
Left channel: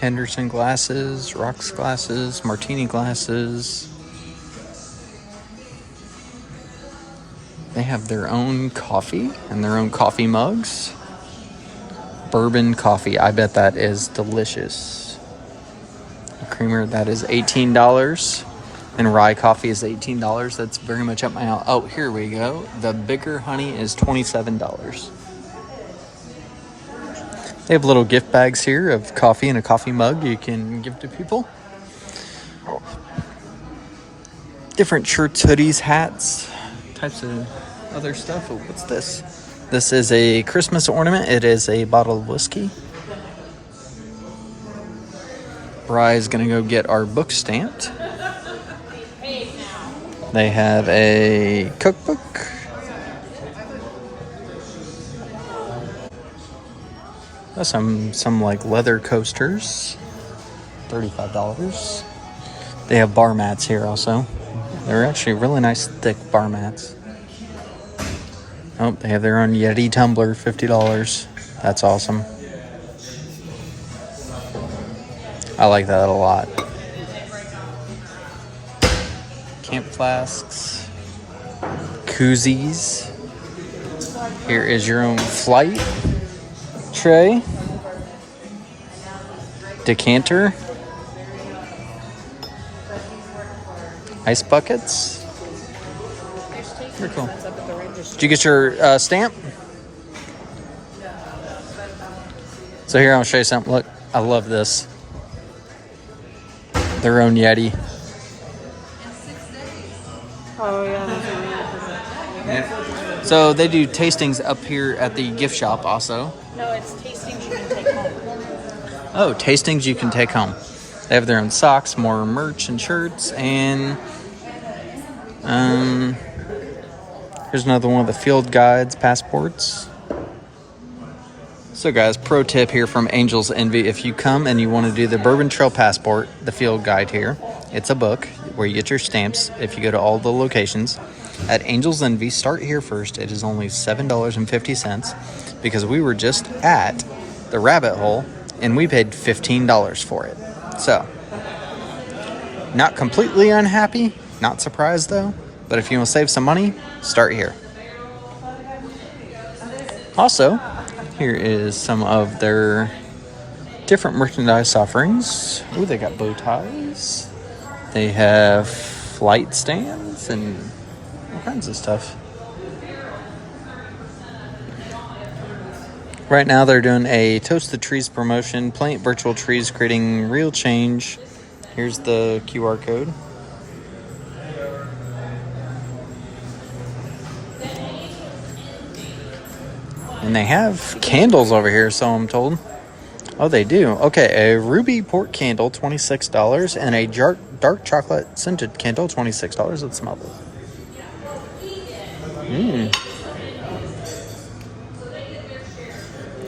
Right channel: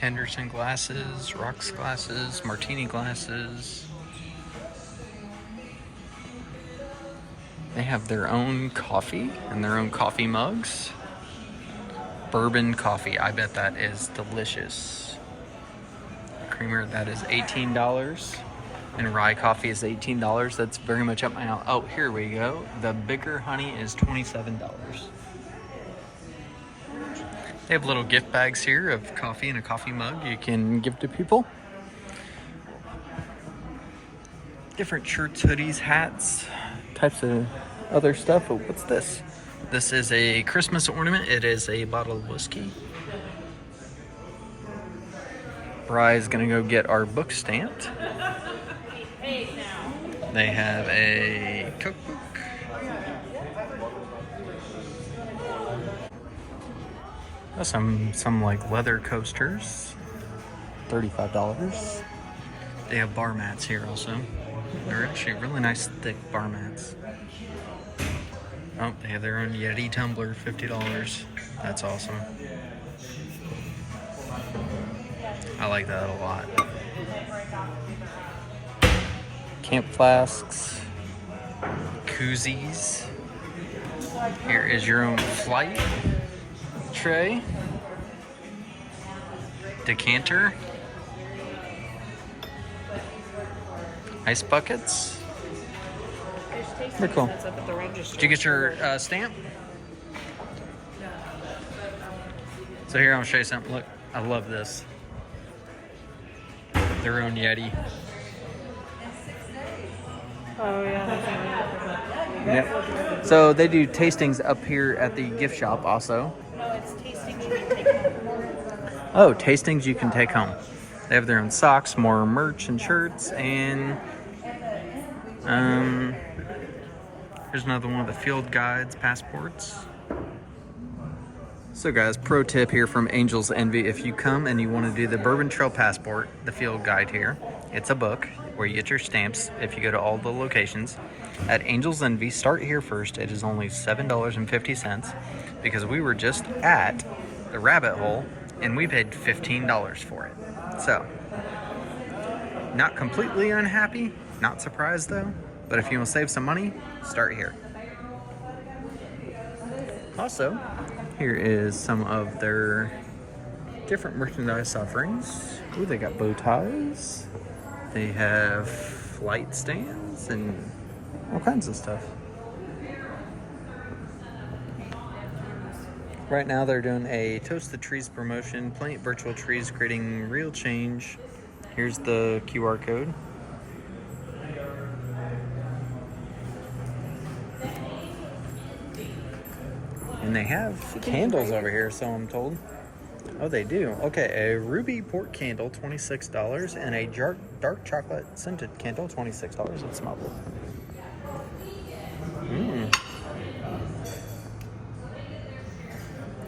Henderson glasses, rocks glasses, martini glasses. They have their own coffee and their own coffee mugs. Bourbon coffee. I bet that is delicious. The creamer, that is $18. And rye coffee is $18. That's very much up my alley. Oh, here we go. The bigger honey is $27. They have little gift bags here of coffee and a coffee mug you can give to people. Different shirts, hoodies, hats, types of other stuff. Oh, what's this? This is a Christmas ornament. It is a bottle of whiskey. Bry's gonna go get our book stamped. They have a cookbook. Some like leather coasters, $35. They have bar mats here also. They're actually really nice thick bar mats. Oh, they have their own Yeti tumbler, $50. That's awesome. I like that a lot. Camp flasks, koozies. Here is your own flight tray, decanter, ice buckets. Very cool. Did you get your stamp? So here, I'll show you something. Look, I love this. Their own Yeti. Oh, yeah. Yep. So they do tastings up here at the gift shop also. No, it's tastings you can take home. Oh, tastings you can take home. They have their own socks, more merch and shirts, and here's another one of the field guides, passports. So guys, pro tip here from Angel's Envy. If you come and you want to do the Bourbon Trail Passport, the field guide here, it's a book where you get your stamps if you go to all the locations. At Angel's Envy, start here first. It is only $7.50 because we were just at the rabbit hole and we paid $15 for it. So, not completely unhappy, not surprised though, but if you want to save some money, start here. Also, here is some of their different merchandise offerings. Ooh, they got bow ties. They have flight stands and all kinds of stuff. Right now they're doing a Toast the Trees promotion. Plant virtual trees, creating real change. Here's the QR code. And they have candles over here, so I'm told. Oh, they do. Okay, a ruby port candle, $26, and a dark chocolate scented candle, $26. Let's smell it.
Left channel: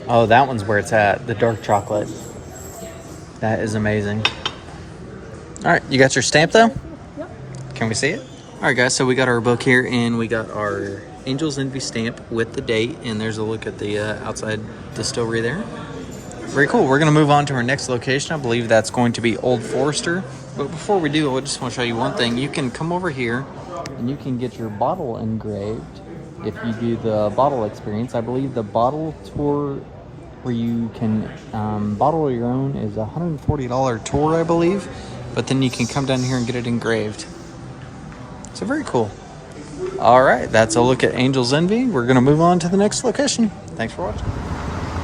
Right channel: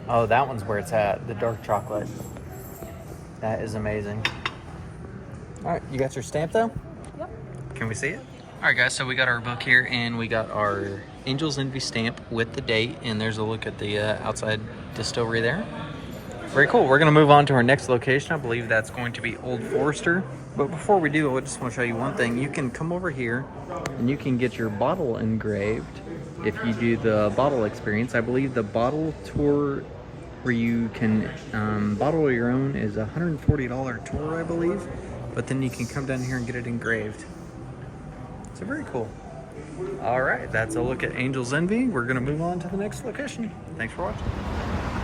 Oh, that one's where it's at, the dark chocolate. That is amazing. All right, you got your stamp though? Yep. Can we see it? All right, guys, so we got our book here, and we got our Angel's Envy stamp with the date, and there's a look at the outside distillery there. Very cool. We're going to move on to our next location. I believe that's going to be Old Forester. But before we do, I just want to show you one thing. You can come over here, and you can get your bottle engraved if you do the bottle experience. I believe the bottle tour where you can bottle your own is a $140 tour, I believe. But then you can come down here and get it engraved. So very cool. All right, that's a look at Angel's Envy. We're gonna move on to the next location. Thanks for watching.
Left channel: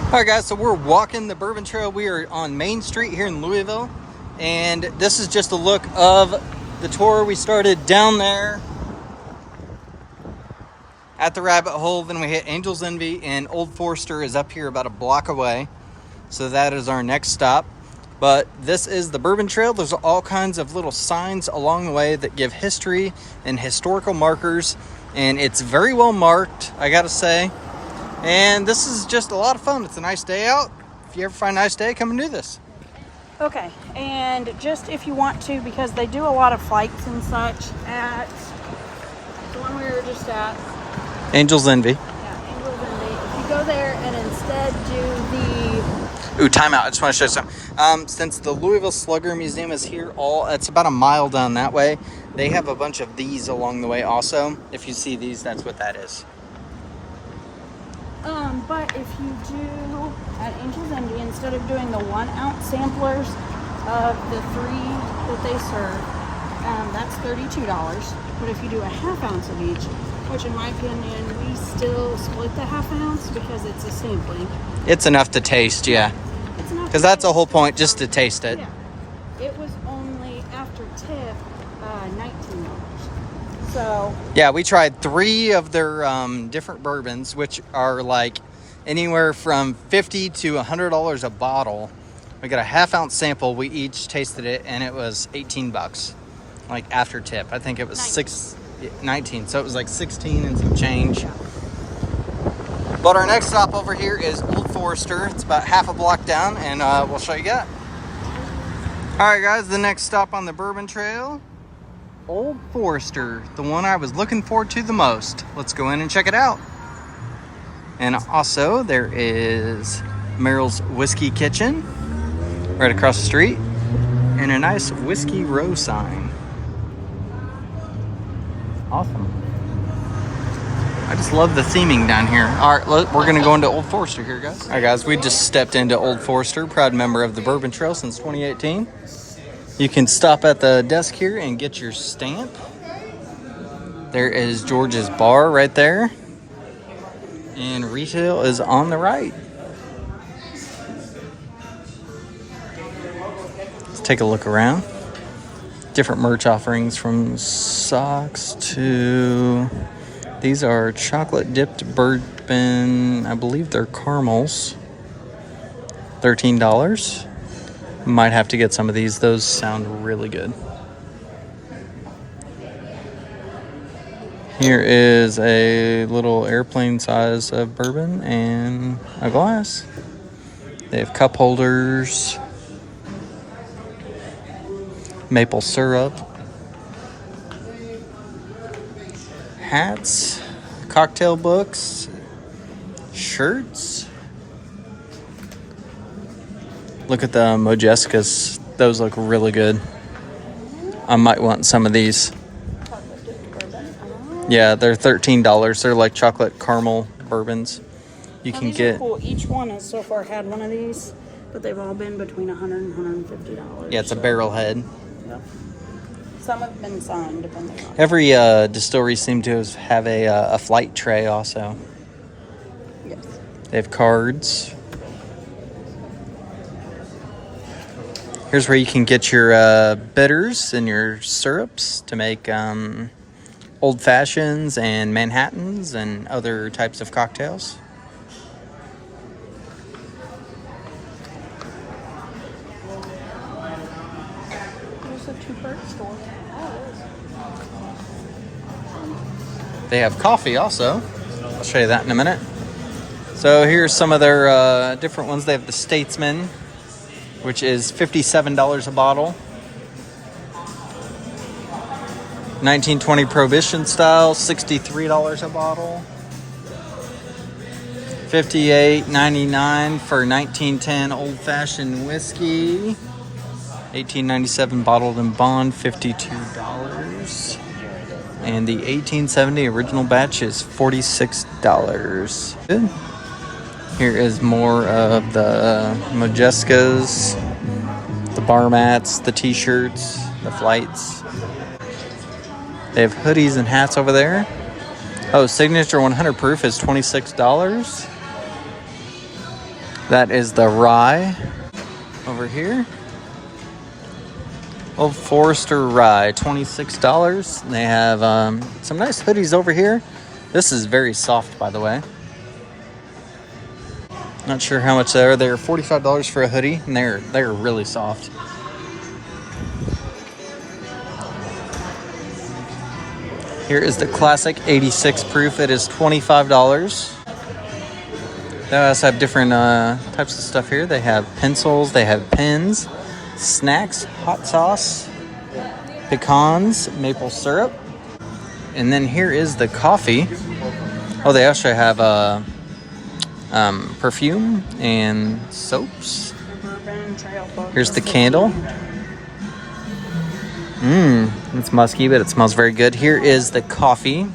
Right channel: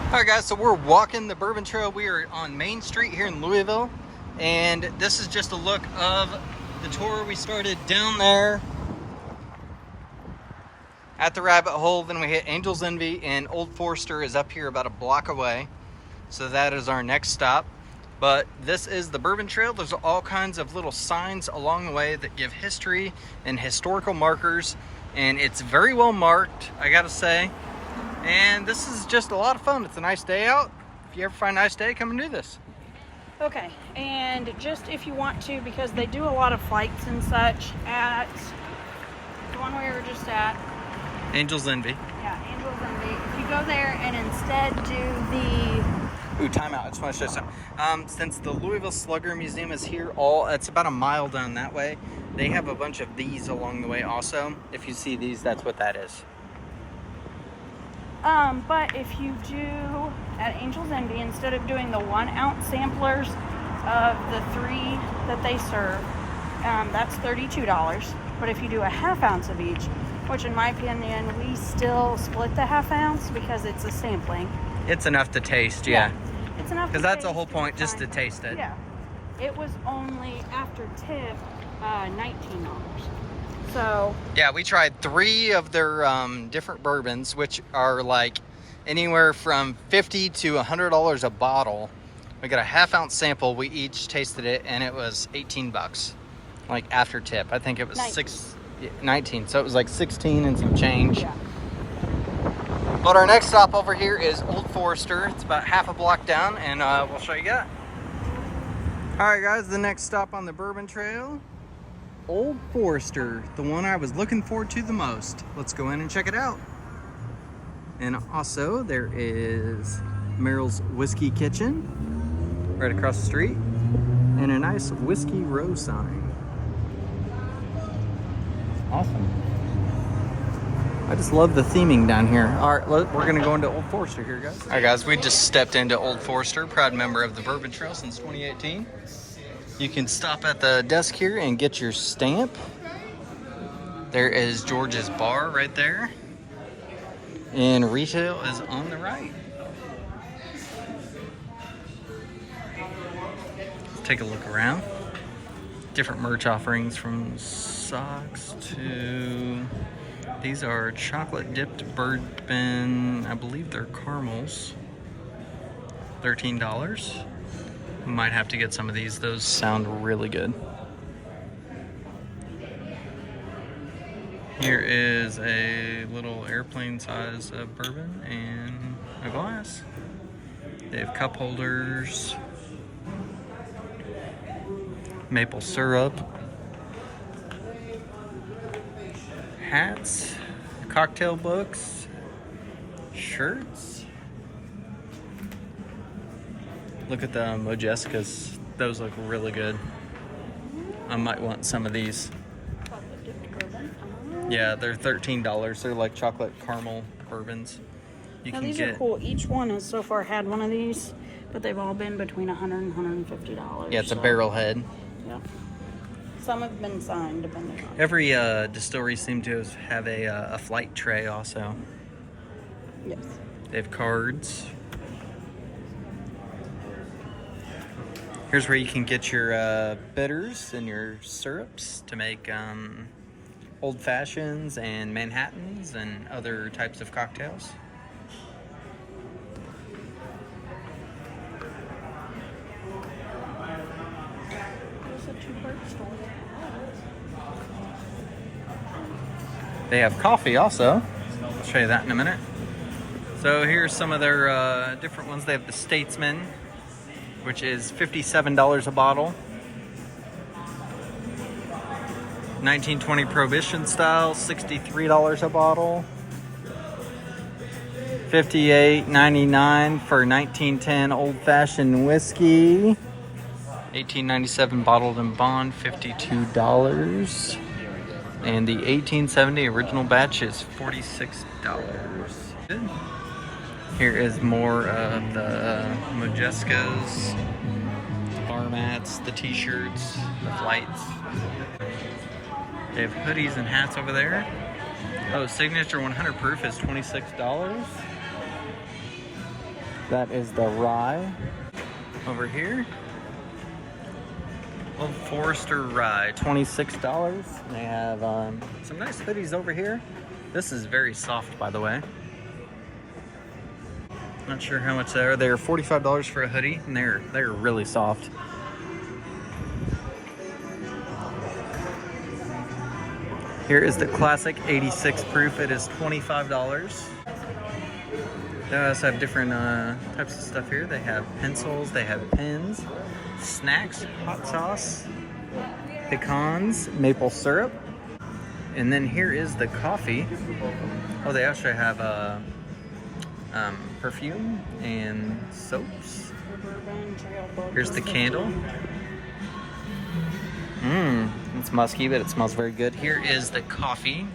All right, guys, so we're walking the Bourbon Trail. We are on Main Street here in Louisville. And this is just a look of the tour. We started down there at the rabbit hole. Then we hit Angel's Envy, and Old Forester is up here about a block away. So that is our next stop. But this is the Bourbon Trail. There's all kinds of little signs along the way that give history and historical markers. And it's very well marked, I gotta say. And this is just a lot of fun. It's a nice day out. If you ever find a nice day, come and do this. Okay, and just if you want to, because they do a lot of flights and such at the one we were just at. Angel's Envy. Yeah, Angel's Envy. If you go there and instead do the... Ooh, time out. I just want to show you something. Since the Louisville Slugger Museum is here, it's about a mile down that way. They have a bunch of these along the way also. If you see these, that's what that is. But if you do at Angel's Envy, instead of doing the 1 ounce samplers of the 3 that they serve, that's $32. But if you do a ½ ounce of each, which in my opinion, we still split the ½ ounce because it's a sampling. It's enough to taste, yeah. It's enough because that's the whole point, just to taste it. Yeah. It was only after tip $19. So yeah, we tried 3 of their different bourbons, which are like anywhere from $50 to $100 a bottle. We got a ½ ounce sample. We each tasted it, and it was $18, like after tip. I think it was 19. So it was like 16 and some change. yeah. But our next stop over here is Old Forester. It's about half a block down, and we'll show you that. All right, guys, the next stop on the Bourbon Trail, Old Forester, the one I was looking forward to the most. Let's go in and check it out. And also, there is Merrill's Whiskey Kitchen right across the street, and a nice Whiskey Row sign. Awesome. I just love the theming down here. All right, we're going to go into Old Forester here, guys. All right, guys, we just stepped into Old Forester, proud member of the Bourbon Trail since 2018. You can stop at the desk here and get your stamp. There is George's Bar right there. And retail is on the right. Let's take a look around. Different merch offerings from socks to... These are chocolate dipped bourbon. I believe they're caramels. $13. Might have to get some of these. Those sound really good. Here is a little airplane size of bourbon and a glass. They have cup holders, maple syrup, hats, cocktail books, shirts. Look at the Mojescas. Those look really good. I might want some of these. Yeah, they're $13. They're like chocolate caramel bourbons. You Now, can these get. are cool. Each one has so far had one of these, but they've all been between $100 and $150. Yeah, it's a barrel head. Yep. Some have been signed, depending on. Every distillery seems to have a flight tray also. Yes. They have cards. Here's where you can get your bitters and your syrups to make old fashions and Manhattans and other types of cocktails. There's a two-part store. They have coffee also. I'll show you that in a minute. So here's some of their different ones. They have the Statesman, which is $57 a bottle. 1920 Prohibition style, $63 a bottle. $58.99 for 1910 Old Fashioned whiskey. 1897 bottled in bond, $52. And the 1870 original batch is $46. Good. Here is more of the Majeskas, the bar mats, the t-shirts, the flights. They have hoodies and hats over there. Oh, Signature 100 proof is $26. That is the rye over here. Old Forester rye, $26. They have some nice hoodies over here. This is very soft, by the way. Not sure how much they are. They're $45 for a hoodie, and they're really soft. Here is the classic 86 proof. It is $25. They also have different types of stuff here. They have pencils, they have pens, snacks, hot sauce, pecans, maple syrup. And then here is the coffee. Oh, they actually have perfume and soaps. Here's the candle. It's musky, but it smells very good. Here is the coffee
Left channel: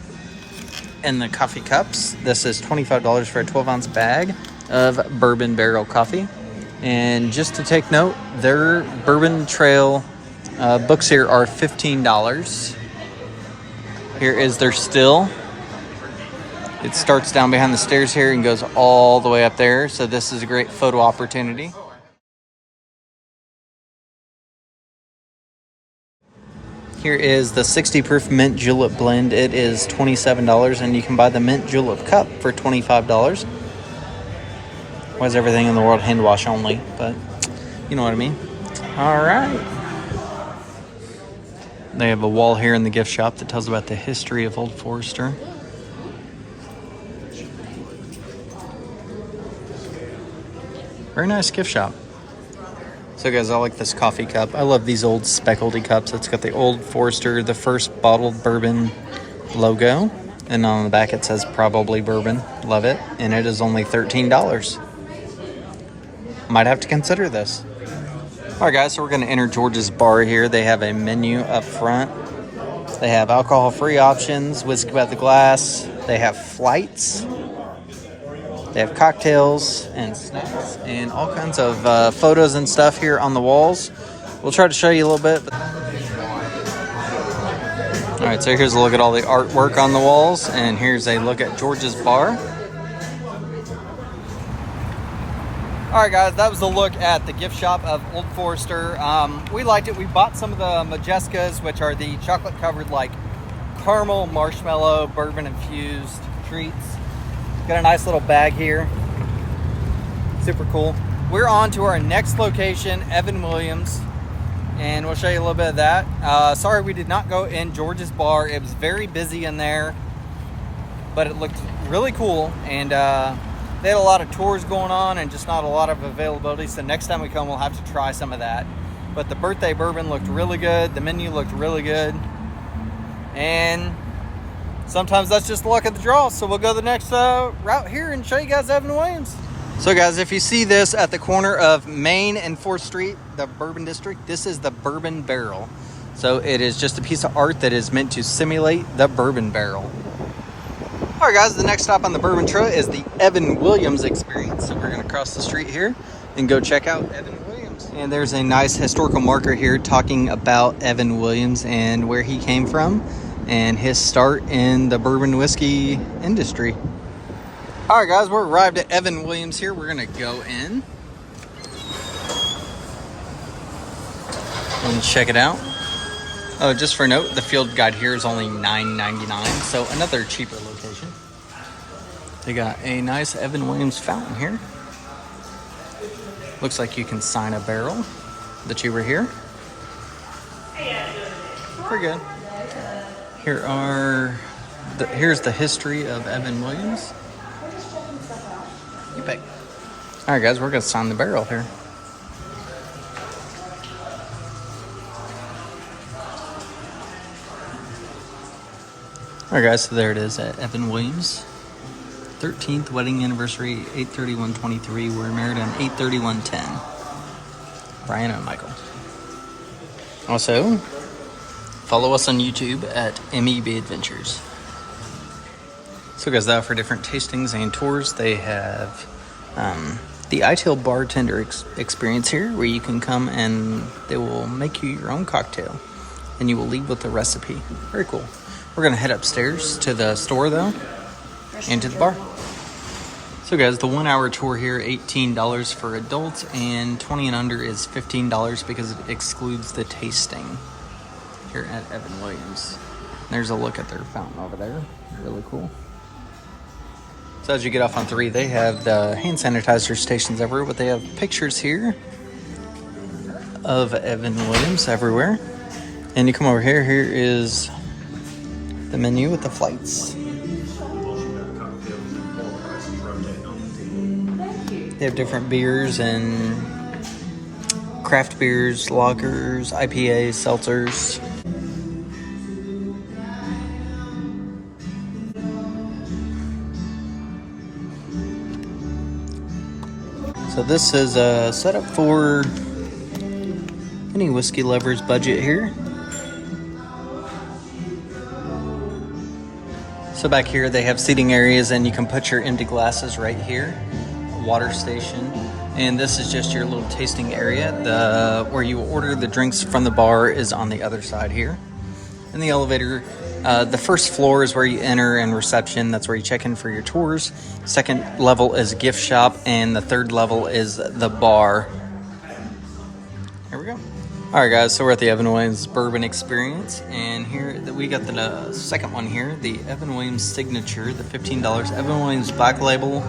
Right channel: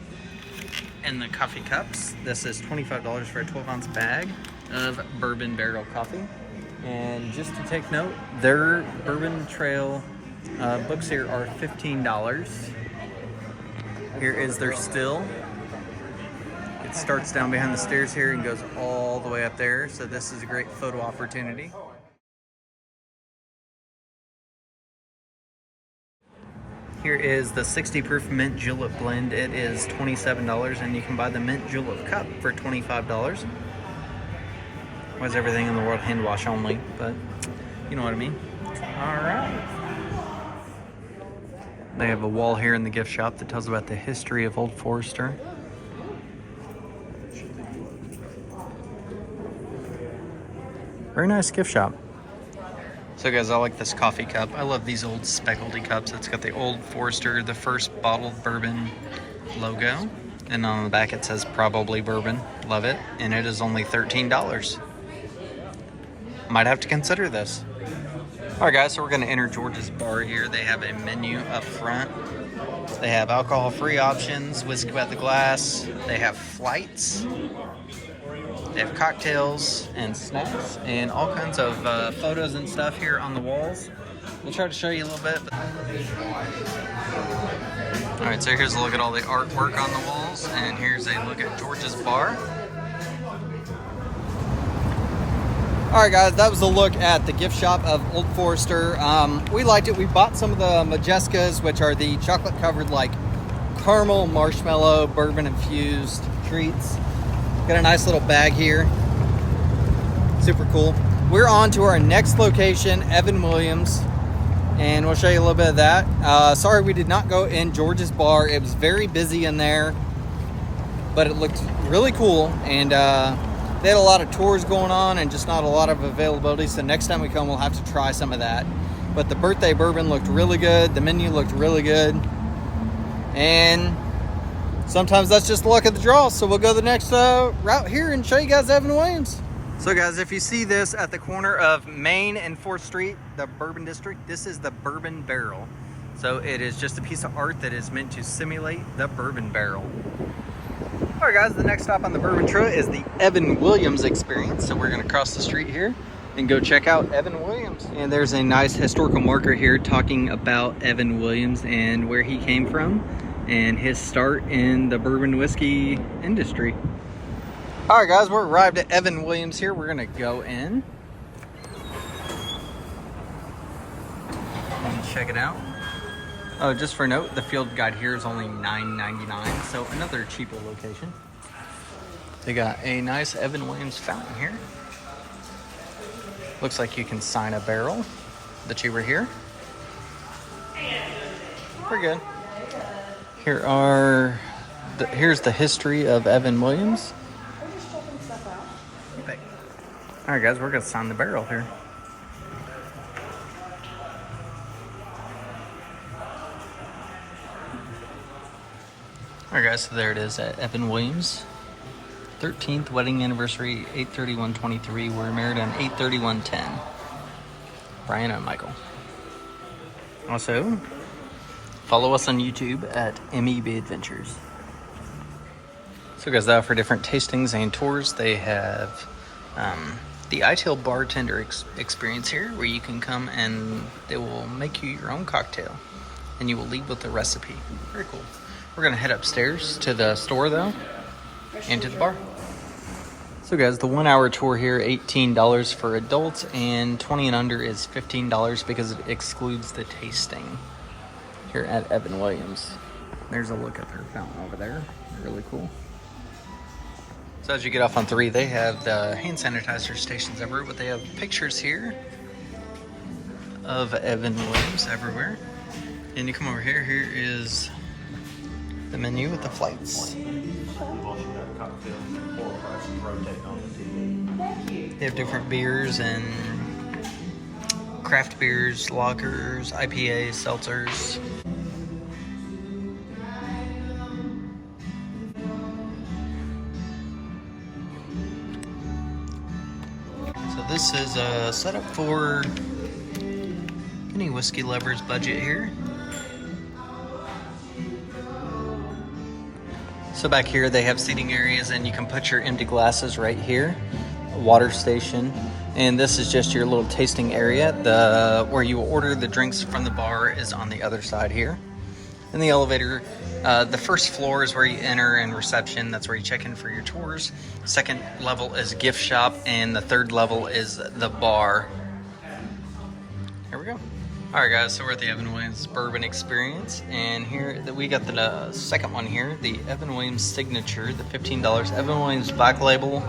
and the coffee cups. This is $25 for a 12-ounce bag of Bourbon Barrel coffee. And just to take note, their Bourbon Trail books here are $15. Here is their still. It starts down behind the stairs here and goes all the way up there. So this is a great photo opportunity. Here is the 60 proof mint julep blend. It is $27, and you can buy the mint julep cup for $25. Why is everything in the world hand wash only? But you know what I mean. All right. They have a wall here in the gift shop that tells about the history of Old Forester. Very nice gift shop. So guys, I like this coffee cup. I love these old speckledy cups. It's got the Old Forester, the first bottled bourbon logo. And on the back it says probably bourbon. Love it. And it is only $13. Might have to consider this. All right guys, so we're gonna enter George's Bar here. They have a menu up front. They have alcohol-free options, whiskey by the glass. They have flights. They have cocktails and snacks and all kinds of photos and stuff here on the walls. We'll try to show you a little bit. All right, so here's a look at all the artwork on the walls, and here's a look at George's Bar. All right, guys, that was a look at the gift shop of Old Forester. We liked it. We bought some of the Majeskas, which are the chocolate-covered, like caramel, marshmallow, bourbon-infused treats. Got a nice little bag here. Super cool. We're on to our next location, Evan Williams, and we'll show you a little bit of that. Sorry we did not go in George's Bar. It was very busy in there, but it looked really cool, and they had a lot of tours going on and just not a lot of availability. So next time we come, we'll have to try some of that. But the birthday bourbon looked really good. The menu looked really good. And sometimes that's just the luck of the draw. So we'll go the next route here and show you guys Evan Williams. So guys, if you see this at the corner of Main and 4th Street, the Bourbon District, this is the Bourbon Barrel. So it is just a piece of art that is meant to simulate the Bourbon Barrel. All right guys, the next stop on the Bourbon Trail is the Evan Williams experience. So we're gonna cross the street here and go check out Evan Williams. And there's a nice historical marker here talking about Evan Williams and where he came from and his start in the bourbon whiskey industry. All right guys, we're arrived at Evan Williams here. We're gonna go in and check it out. Oh, just for note, the field guide here is only $9.99, so another cheaper location. They got a nice Evan Williams fountain here. Looks like you can sign a barrel that you were here. Pretty good. Here's the history of Evan Williams. You pick. All right, guys, we're gonna sign the barrel here. Alright guys, so there it is at Evan Williams. 13th wedding anniversary, 8/31/23. We're married on 8/31/10. Brian and Michael. Also, follow us on YouTube at MEB Adventures. So guys, they offer different tastings and tours. They have the ITIL bartender experience here, where you can come and they will make you your own cocktail and you will leave with the recipe. Very cool. We're gonna head upstairs to the store though, and to the bar. So guys, the 1 hour tour here, $18 for adults, and 20 and under is $15 because it excludes the tasting here at Evan Williams. There's a look at their fountain over there. Really cool. So as you get off on 3, they have the hand sanitizer stations everywhere, but they have pictures here of Evan Williams everywhere. And you come over here, here is the menu with the flights. They have different beers and craft beers, lagers, IPAs, seltzers. So this is set up for any whiskey lover's budget here. So back here they have seating areas and you can put your empty glasses right here. Water station, and this is just your little tasting area. Where you order the drinks from the bar is on the other side here. In the elevator, the first floor is where you enter, and reception, that's where you check in for your tours. Second level is gift shop, and the third level is the bar. Here we go. All right guys, so we're at the Evan Williams Bourbon Experience, and here we got the second one here, the Evan Williams Signature, the $15 Evan Williams Black Label,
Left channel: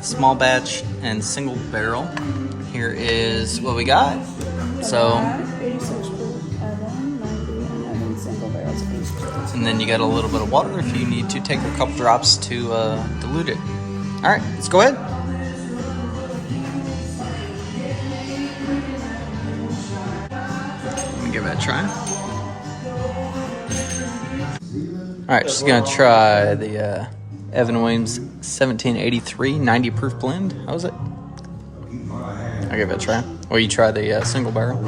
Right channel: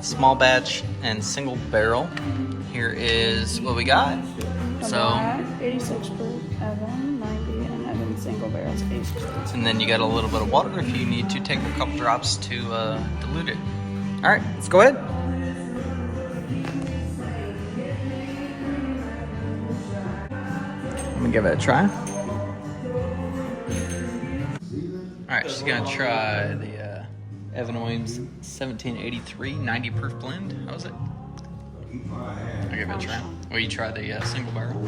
small batch and single barrel. Here is what we got. So, and then you got a little bit of water if you need to take a couple drops to dilute it. All right, let's go ahead. Let me give it a try. All right, she's gonna try the Evan Williams 1783 90 proof blend. How was it? I'll give it a try. Well, you try the single barrel.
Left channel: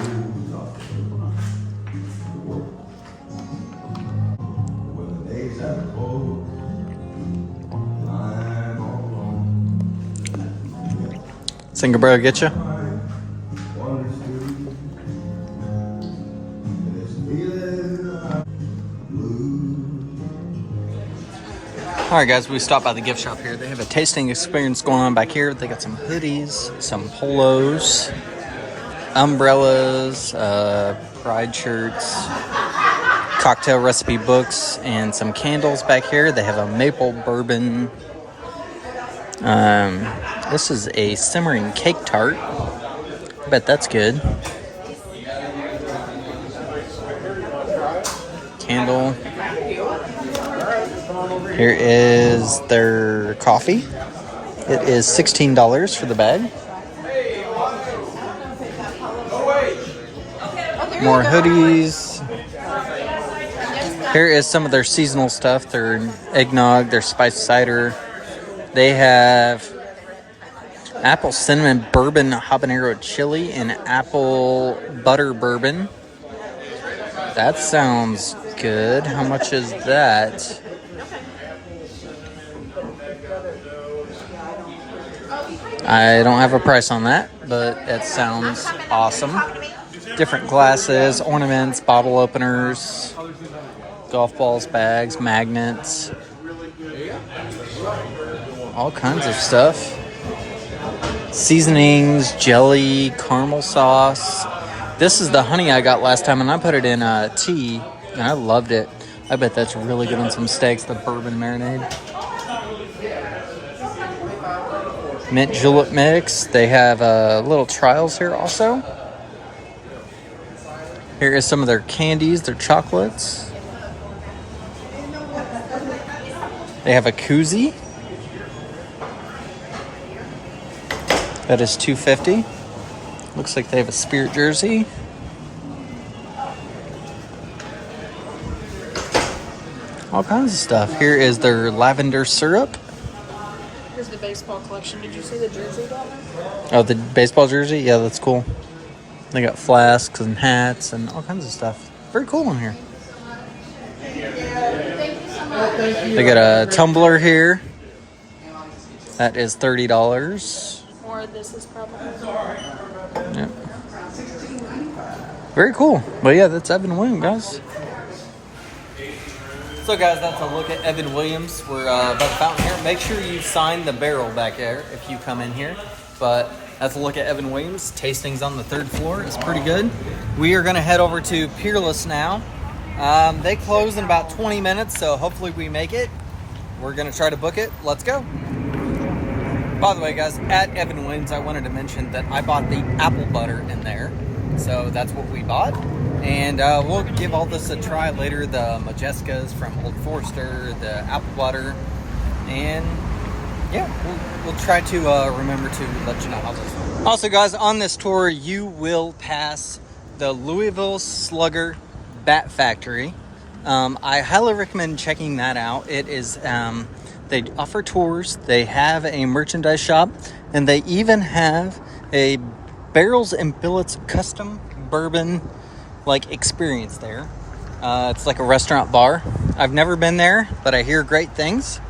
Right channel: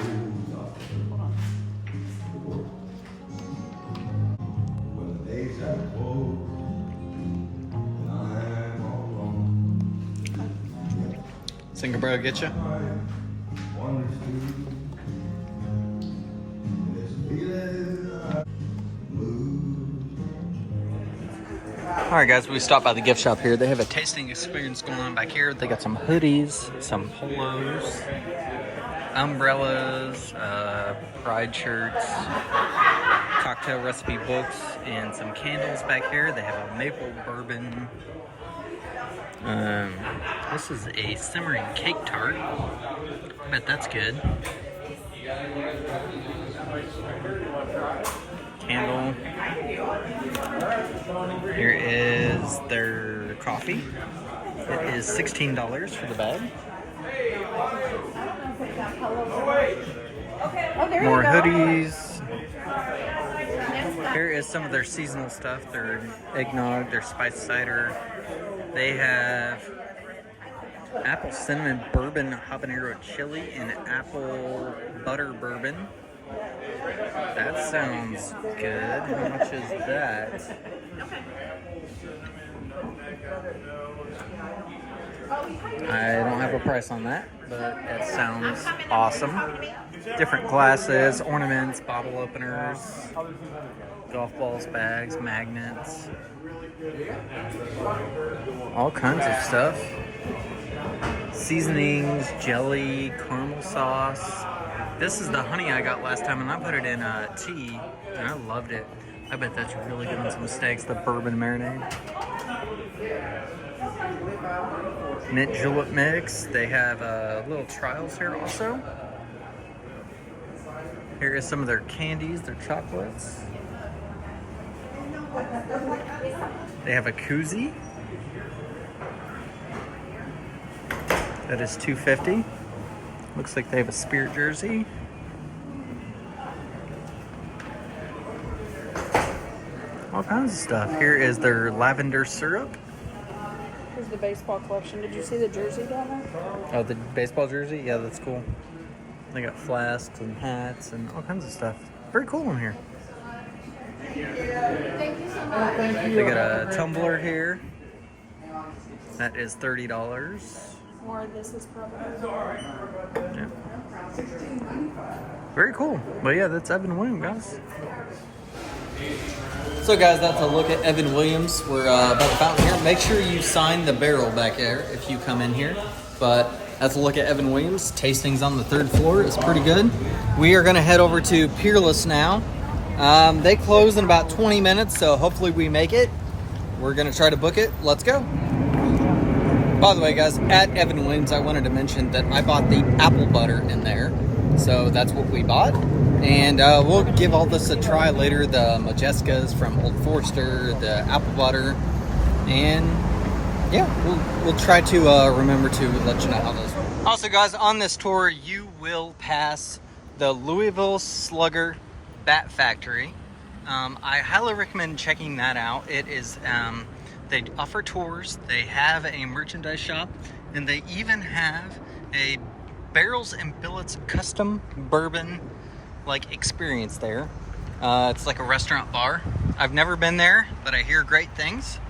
Single barrel get you? Alright guys, we stopped by the gift shop here. They have a tasting experience going on back here. They got some hoodies, some polos, umbrellas, pride shirts, cocktail recipe books, and some candles back here. They have a maple bourbon. This is a simmering cake tart. I bet that's good. Candle. Here is their coffee. It is $16 for the bag. More hoodies. Here is some of their seasonal stuff. Their eggnog, their spiced cider. They have apple cinnamon bourbon habanero chili and apple butter bourbon. That sounds good. How much is that? I don't have a price on that, but it sounds awesome. Different glasses, ornaments, bottle openers, golf balls, bags, magnets, all kinds of stuff. Seasonings, jelly, caramel sauce. This is the honey I got last time, and I put it in tea, and I loved it. I bet that's really good on some steaks, the bourbon marinade. Mint julep mix. They have little trials here also. Here is some of their candies, their chocolates. They have a koozie. That is $2.50. Looks like they have a spirit jersey. All kinds of stuff. Here is their lavender syrup. Here's the baseball collection. Did you see the jersey down there? Oh, the baseball jersey? Yeah, that's cool. They got flasks and hats and all kinds of stuff. Very cool in here. They got a tumbler here. That is $30. Or this is probably. Yeah. Very cool. But yeah, that's Evan Williams, guys. So guys, that's a look at Evan Williams. We're by the fountain here. Make sure you sign the barrel back there if you come in here. But that's a look at Evan Williams. Tastings on the 3rd floor. It's pretty good. We are going to head over to Peerless now. They close in about 20 minutes, so hopefully we make it. We're going to try to book it. Let's go. By the way, guys, at Evan Williams, I wanted to mention that I bought the apple butter in there. So that's what we bought. And we'll give all this a try later. The Majescas from Old Forester, the apple butter. And yeah, we'll try to remember to let you know how this works. Also, guys, on this tour, you will pass the Louisville Slugger Bat Factory. I highly recommend checking that out. It is, they offer tours, they have a merchandise shop, and they even have a barrels and billets custom bourbon experience there. It's like a restaurant bar. I've never been there, but I hear great things.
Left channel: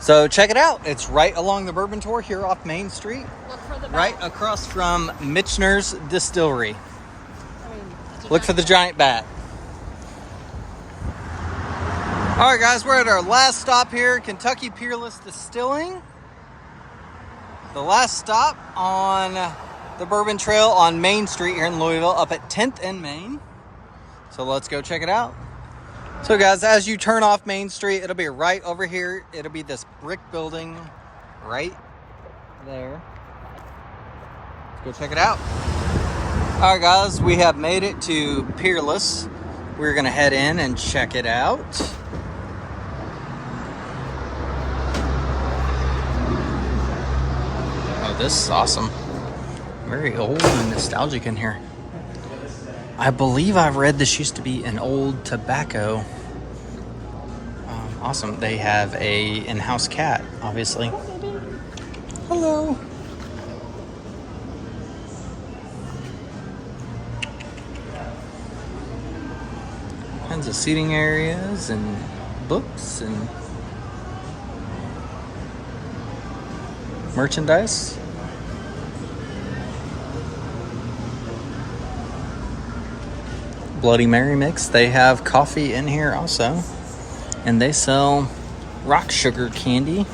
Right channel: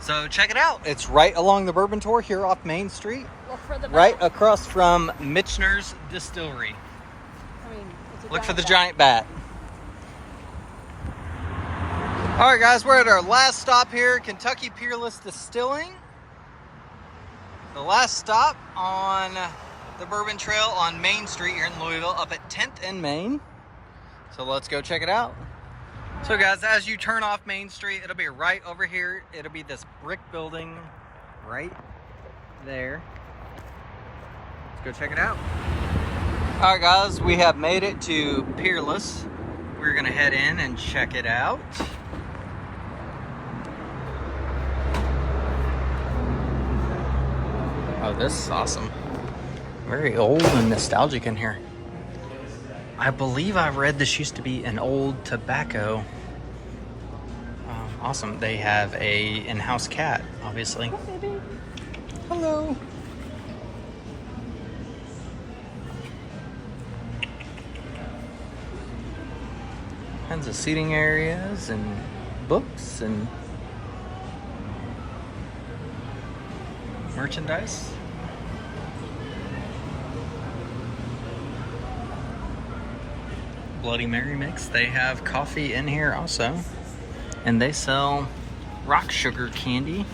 So check it out. It's right along the Bourbon Tour here off Main Street, right across from Michters Distillery. Look for the giant bat. All right, guys, we're at our last stop here, Kentucky Peerless Distilling. The last stop on the Bourbon Trail on Main Street here in Louisville, up at 10th and Main. So let's go check it out. So guys, as you turn off Main Street, it'll be right over here. It'll be this brick building right there. Let's go check it out. All right, guys, we have made it to Peerless. We're gonna head in and check it out. Oh, this is awesome. Very old and nostalgic in here. I believe I've read this used to be an old tobacco. Awesome. They have a in-house cat, obviously. Hello. Kinds of seating areas and books and merchandise. Bloody Mary mix. They have coffee in here also. And they sell rock sugar candy.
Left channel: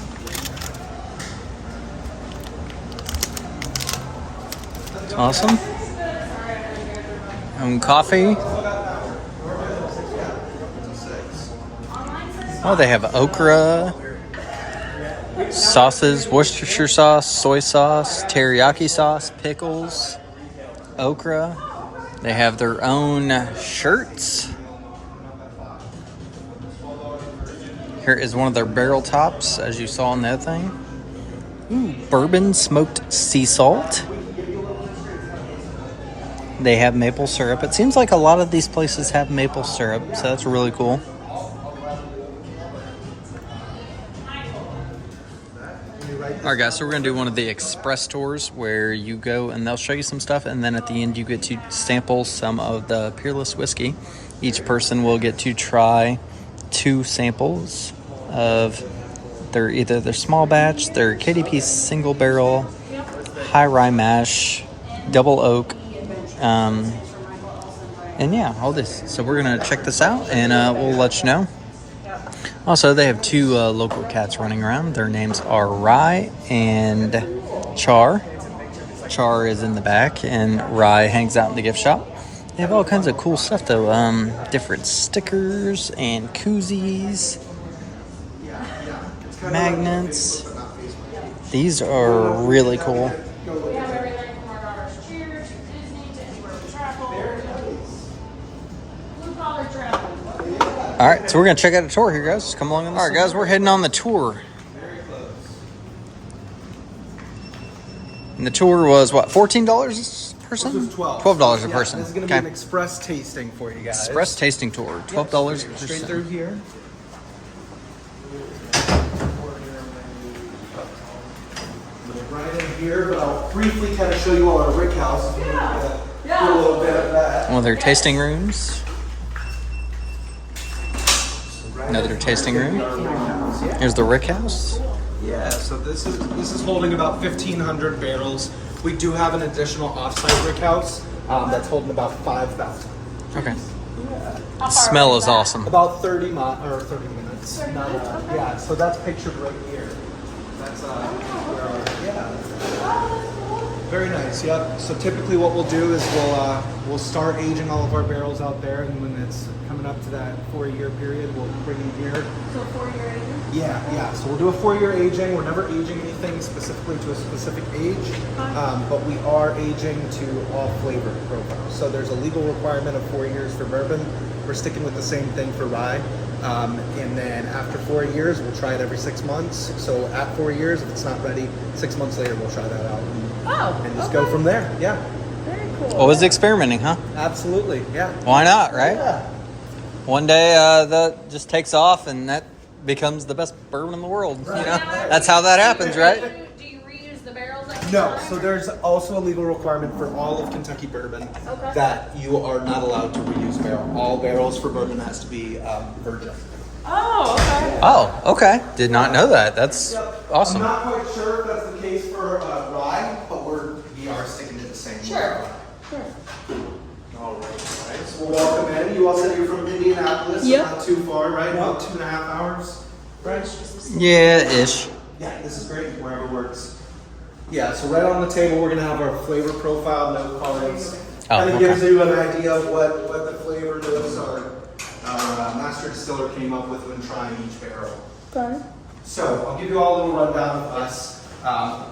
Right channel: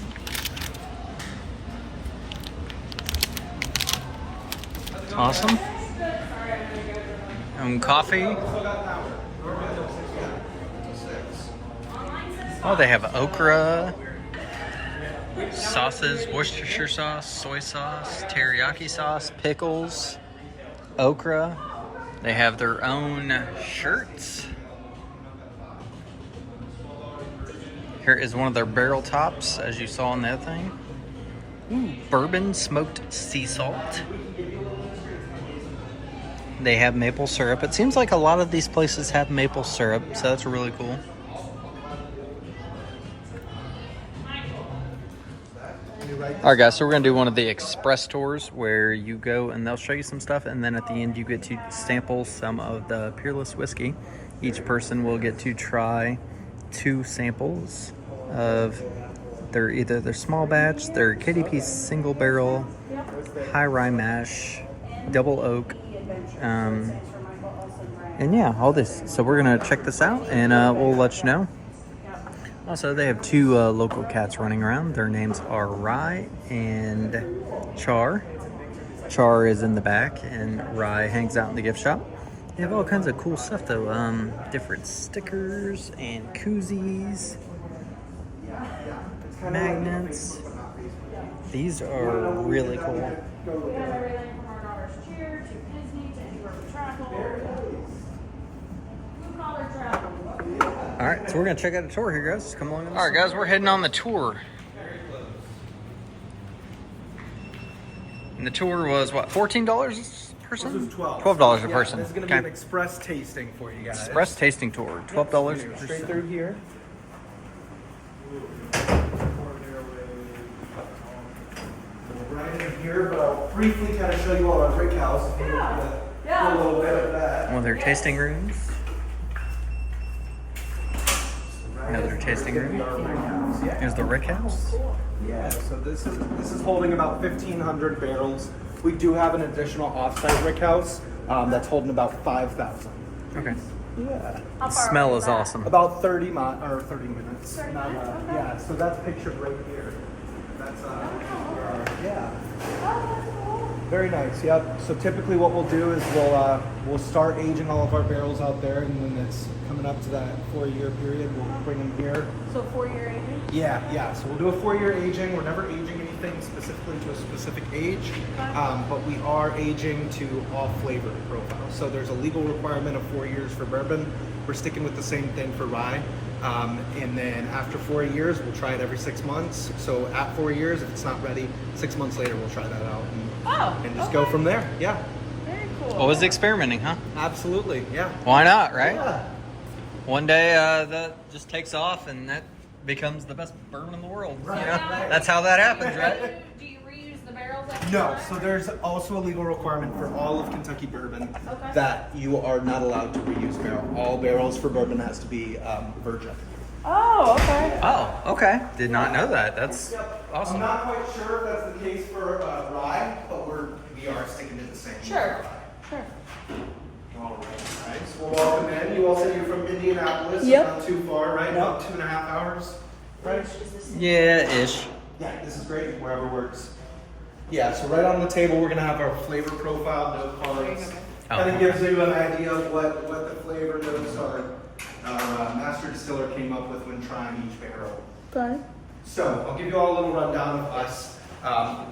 It's awesome. Coffee. Oh, they have okra, sauces, Worcestershire sauce, soy sauce, teriyaki sauce, pickles, okra. They have their own shirts. Here is one of their barrel tops, as you saw in that thing. Ooh, bourbon smoked sea salt. They have maple syrup. It seems like a lot of these places have maple syrup, so that's really cool. All right, guys, so we're going to do one of the express tours where you go and they'll show you some stuff, and then at the end you get to sample some of the Peerless whiskey. Each person will get to try 2 samples of either their small batch, their KDP single barrel, high rye mash, double oak, and yeah, all this. So we're going to check this out, and we'll let you know. Also, they have 2 local cats running around. Their names are Rye and Char. Char is in the back, and Rye hangs out in the gift shop. They have all kinds of cool stuff, though. Different stickers and koozies, magnets. These are really cool. All right, so we're going to check out a tour here, guys. Come along. All right, guys, we're heading on the tour. And the tour was, what, $14? person? This is $12. $12 a Yeah, person. This is going to be an express tasting for you guys. Express tasting tour. $12 a Straight through person. here. Right in here, but I'll briefly kind of show you all our rick house. Do a little bit of that. One of their tasting rooms. Another tasting room. Here's the rick house. Yeah, so this is holding about 1,500 barrels. We do have an additional offsite rick house that's holding about 5,000. Okay. Yeah. The smell is awesome. About 30 minutes. Yeah, so that's pictured right here. That's where our, yeah. Very nice. Yep. So typically what we'll do is we'll start aging all of our barrels out there, and when it's coming up to that 4-year period, we'll bring them here. So 4-year aging? Yeah. So we'll do a 4-year aging. We're never aging anything specifically to a specific age, but we are aging to all flavor profiles. So there's a legal requirement of 4 years for bourbon. We're sticking with the same thing for rye. And then after 4 years, we'll try it every 6 months. So at 4 years, if it's not ready, 6 months later, we'll try that out and just go from there. Yeah, Very cool. Always experimenting, huh? absolutely. Yeah. Why not, right? Yeah. One day that just takes off and that becomes the best bourbon in the world. You know? That's how that happens, right? Do you reuse the barrels? No, so there's also a legal requirement for all of Kentucky bourbon that you are not allowed to reuse barrel. All barrels for bourbon has to be virgin. Oh, okay. Oh, okay. Did not know that. That's awesome. I'm not quite sure if that's the case for rye, but we are sticking to the same. Sure. All right. So we'll welcome in. You all said you're from Indianapolis, Yep. not too far, right? About 2.5 hours, right? Yeah, ish. Yeah, this is great. Wherever works. Yeah. So right on the table, we're gonna have our flavor profile, no colors. Oh, Kind of okay. gives you an idea of what the flavor is our master distiller came up with when trying each barrel. Okay. So I'll give you all a little rundown of us.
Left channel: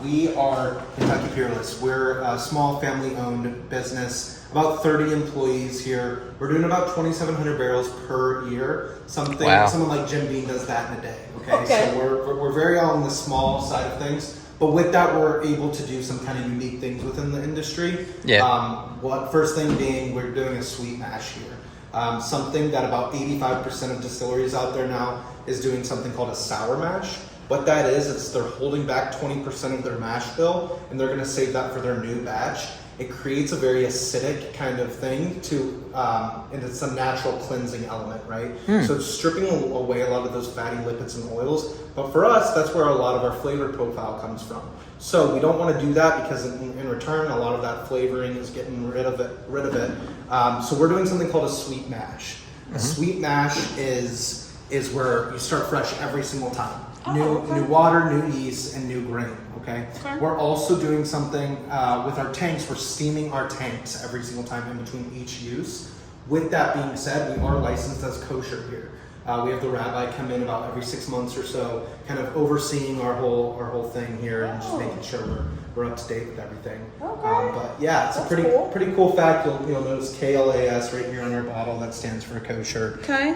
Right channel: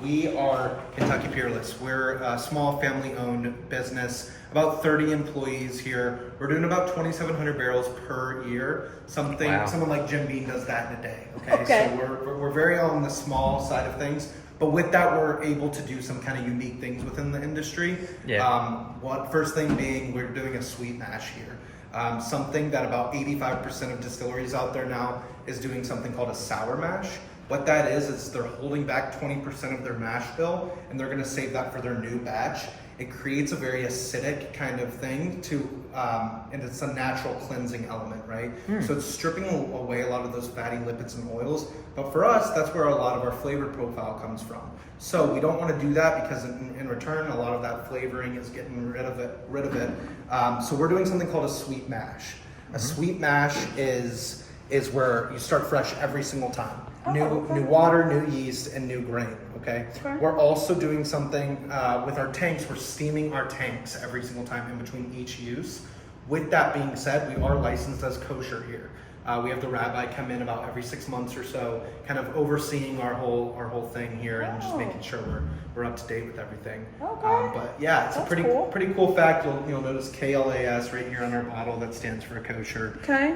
We are Kentucky Peerless. We're a small family-owned business, about 30 employees here. We're doing about 2,700 barrels per year. Wow. Someone like Jim Beam does that in a day. Okay. So we're very on the small side of things. But with that, we're able to do some kind of unique things within the industry. Yeah. First thing being, we're doing a sweet mash here. Something that about 85% of distilleries out there now is doing something called a sour mash. What that is they're holding back 20% of their mash bill, and they're going to save that for their new batch. It creates a very acidic kind of thing and it's a natural cleansing element, right? So it's stripping away a lot of those fatty lipids and oils. But for us, that's where a lot of our flavor profile comes from. So we don't want to do that because in return, a lot of that flavoring is getting rid of it. So we're doing something called a sweet mash. A sweet mash is where you start fresh every single time. New water, new yeast, and new grain. Okay. We're also doing something with our tanks. We're steaming our tanks every single time in between each use. With that being said, we are licensed as kosher here. We have the rabbi come in about every 6 months or so, kind of overseeing our whole thing here and just making sure we're up to date with everything. But yeah, it's a pretty cool fact. You'll notice KLAS right here on our bottle. That stands for kosher. Okay.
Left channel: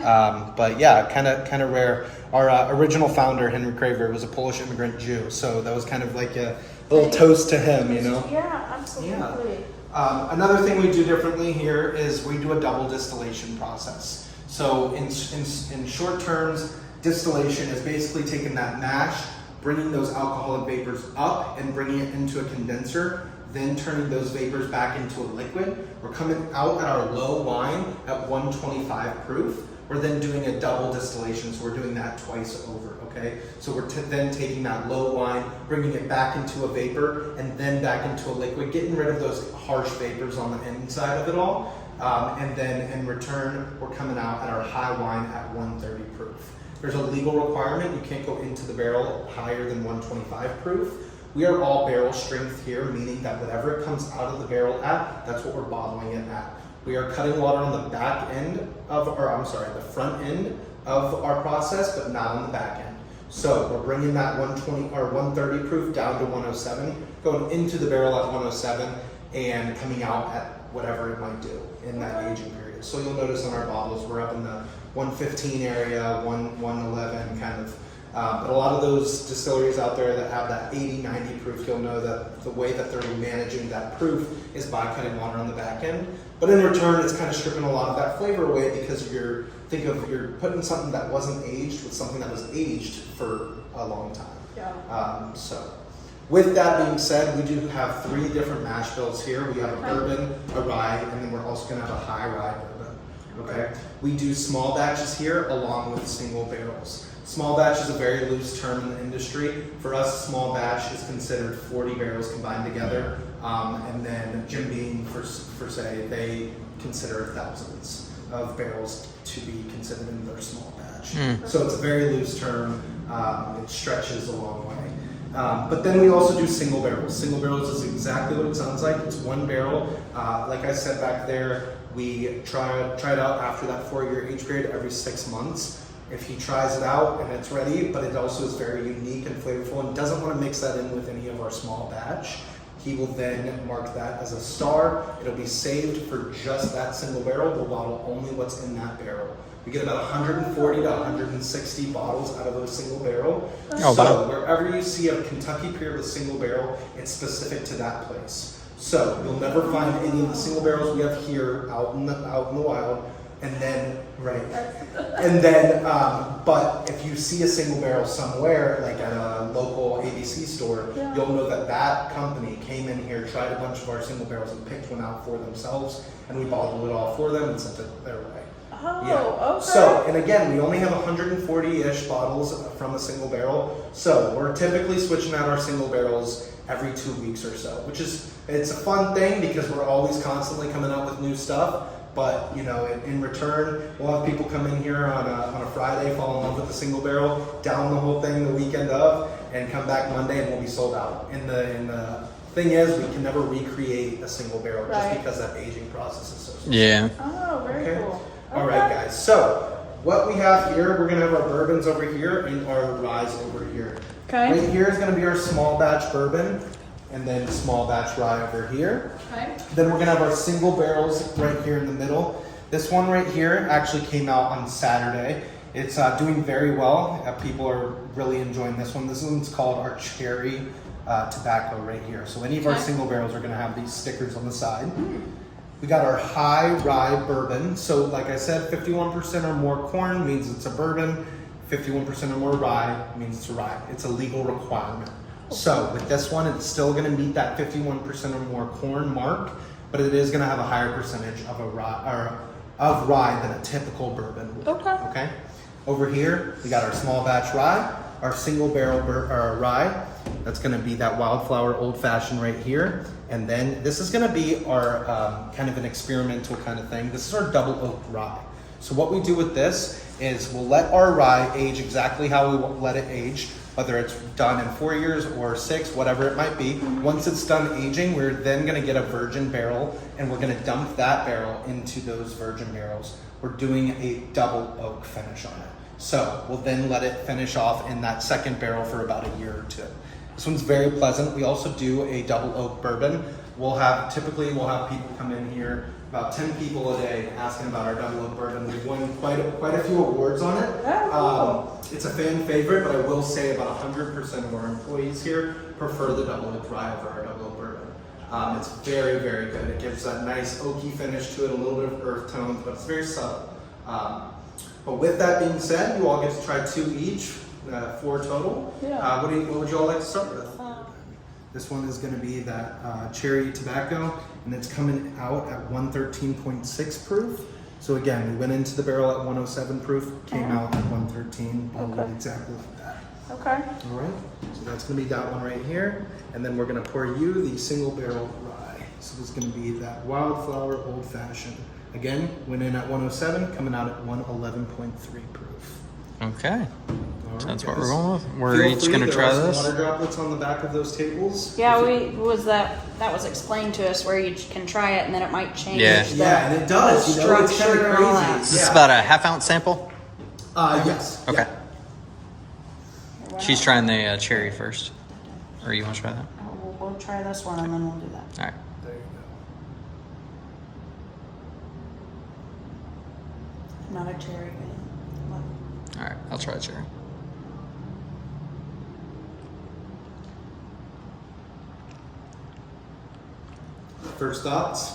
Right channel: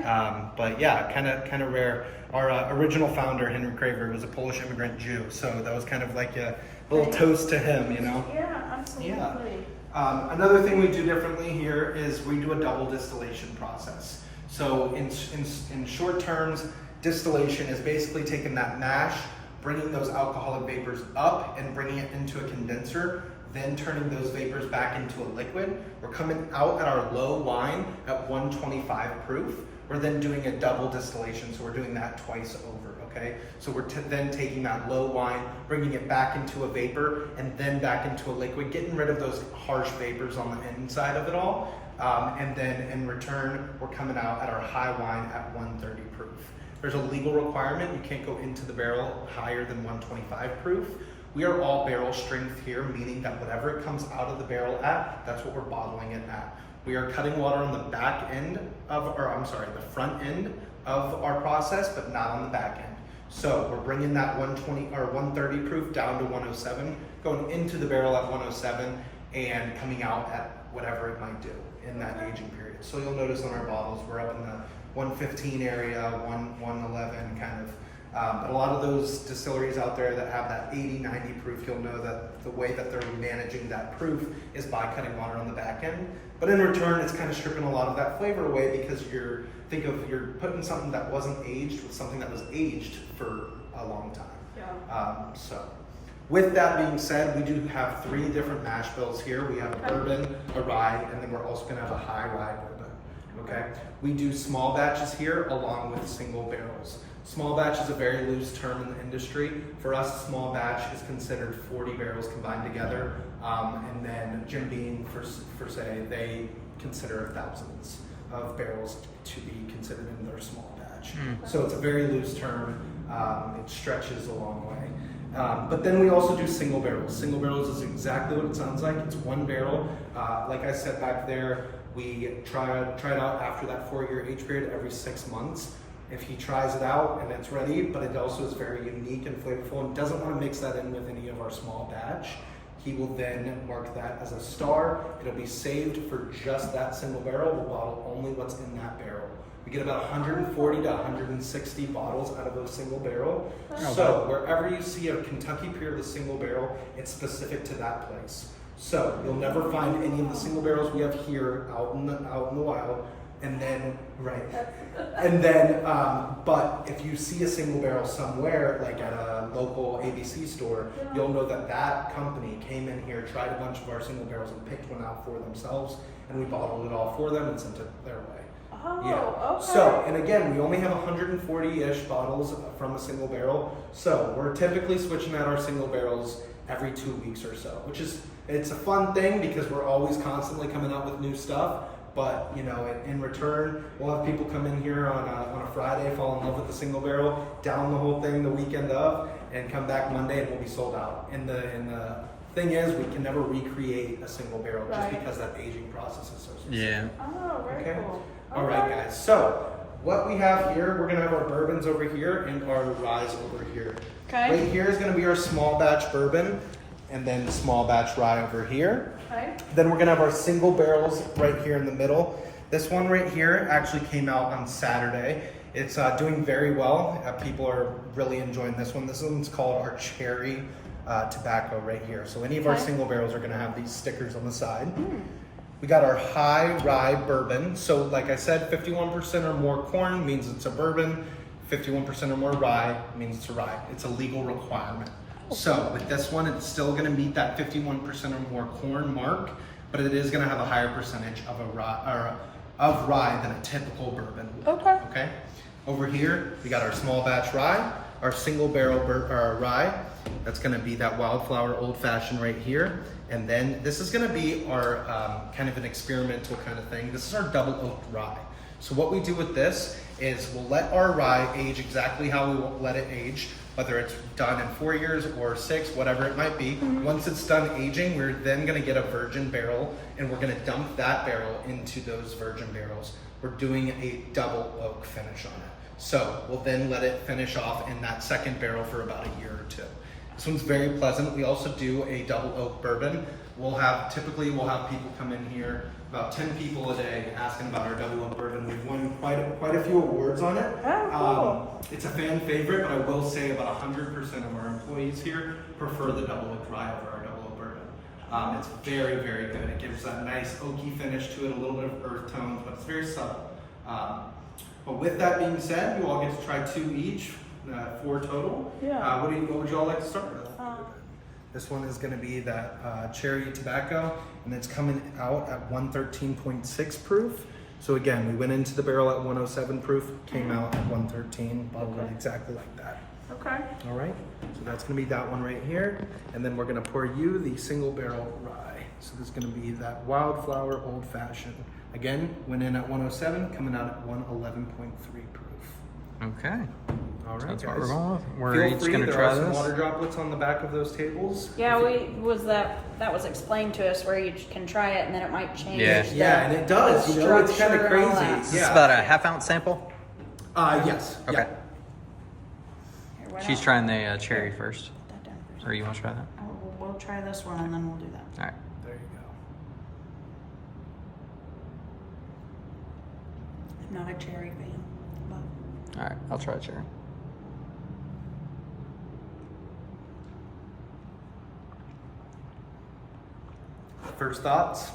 But yeah, kind of rare. Our original founder, Henry Craver, was a Polish immigrant Jew, so that was kind of like a little toast to him, you know? Yeah, absolutely. Yeah. Another thing we do differently here is we do a double distillation process. So in short terms, distillation is basically taking that mash, bringing those alcoholic vapors up and bringing it into a condenser, then turning those vapors back into a liquid. We're coming out at our low wine at 125 proof. We're then doing a double distillation, so we're doing that twice over, okay? So we're then taking that low wine, bringing it back into a vapor, and then back into a liquid, getting rid of those harsh vapors on the inside of it all. And then in return, we're coming out at our high wine at 130 proof. There's a legal requirement. You can't go into the barrel higher than 125 proof. We are all barrel strength here, meaning that whatever it comes out of the barrel at, that's what we're bottling it at. We are cutting water on the the front end of our process, but not on the back end. So we're bringing that 120 or 130 proof down to 107, going into the barrel at 107, and coming out at whatever it might do in that aging period. So you'll notice on our bottles, we're up in the 115 area, 111 kind of But a lot of those distilleries out there that have that 80, 90 proof, you'll know that the way that they're managing that proof is by cutting water on the back end. But in return, it's kind of stripping a lot of that flavor away because you're putting something that wasn't aged with something that was aged for a long time. Yeah. So with that being said, we do have 3 different mash bills here. We have a bourbon, a rye, and then we're also going to have a high rye bourbon. Okay. We do small batches here along with single barrels. Small batch is a very loose term in the industry. For us, small batch is considered 40 barrels combined together. And then Jim Beam, for say, they consider thousands of barrels to be considered in their small batch. So it's a very loose term. It stretches a long way. But then we also do single barrels. Single barrels is exactly what it sounds like. It's 1 barrel. Like I said back there, we try it out after that 4-year age period every 6 months. If he tries it out and it's ready, but it also is very unique and flavorful and doesn't want to mix that in with any of our small batch, he will then mark that as a star. It'll be saved for just that single barrel. We'll bottle only what's in that barrel. We get about 140 to 160 bottles out of a single barrel. Oh, so wow. wherever you see a Kentucky Peerless single barrel, it's specific to that place. So you'll never find any of the single barrels we have here out in the wild. And then, but if you see a single barrel somewhere, like at a local ABC store, you'll know that that company came in here, tried a bunch of our single barrels and picked one out for themselves, and we bottled it all for them and sent it their way. Okay. So, and again, we only have 140-ish bottles from a single barrel. So we're typically switching out our single barrels every 2 weeks or so, it's a fun thing because we're always constantly coming out with new stuff. But in return, we'll have people come in here on a Friday, fall in love with the single barrel, down the whole thing the weekend of, and come back Monday and we'll be sold out. And the thing is, we can never recreate a single barrel just because that aging process is so slow. Yeah. Oh, very cool. All right, guys. So what we have here, we're gonna have our bourbons over here and our ryes over here. Okay. Right here is gonna be our small batch bourbon, and then small batch rye over here. Okay. Then we're gonna have our single barrels right here in the middle. This one right here actually came out on Saturday. It's doing very well. People are really enjoying this one. This one's called our cherry tobacco right here. So any of our single barrels are gonna have these stickers on the side. We got our high rye bourbon. So like I said, 51% or more corn means it's a bourbon. 51% or more rye means it's a rye. It's a legal requirement. So with this one, it's still gonna meet that 51% or more corn mark, but it is gonna have a higher percentage of rye than a typical bourbon would. Okay. Over here, we got our small batch rye, our single barrel rye. That's gonna be that Wildflower Old Fashioned right here. And then this is gonna be our kind of an experimental kind of thing. This is our double oaked rye. So what we do with this is we'll let our rye age exactly how we let it age, whether it's done in 4 years or 6, whatever it might be. Once it's done aging, we're then gonna get a virgin barrel and we're gonna dump that barrel into those virgin barrels. We're doing a double oak finish on it. So we'll then let it finish off in that second barrel for about a year or 2. This one's very pleasant. We also do a double oak bourbon. Typically we'll have people come in here, about 10 people a day, asking about our double oak bourbon. We've won quite a few awards on it. It's a fan favorite, but I will say about 100% of our employees here prefer the double oak rye over our double oak bourbon. It's very, very good. It gives that nice oaky finish to it, a little bit of earth tones, but it's very subtle. But with that being said, you all get to try 2 each, 4 total. Yeah. What would you all like to start with? This one is going to be that cherry tobacco, and it's coming out at 113.6 proof. So again, we went into the barrel at 107 proof, came out at 113, bottled it exactly like that. Okay. All right, so that's going to be that one right here, and then we're going to pour you the single barrel rye. So this is going to be that Wildflower Old Fashioned. Again, went in at 107, coming out at 111.3 proof. Okay. All right, That's what guys. we're going with. We're Feel each free, going to there try are some this. water droplets on the back of those tables. Yeah, that was explained to us where you can try it and then it might change. Yeah. Yeah, and it does. You know, it's kind of Structure and all crazy. that. Is this about a half-ounce sample? Yes. Okay. Here, why She's don't- trying the cherry first. Or you want to try that? We'll try this one and then we'll do that. All right. There you go. Not a cherry green. All right. I'll try the cherry. First thoughts?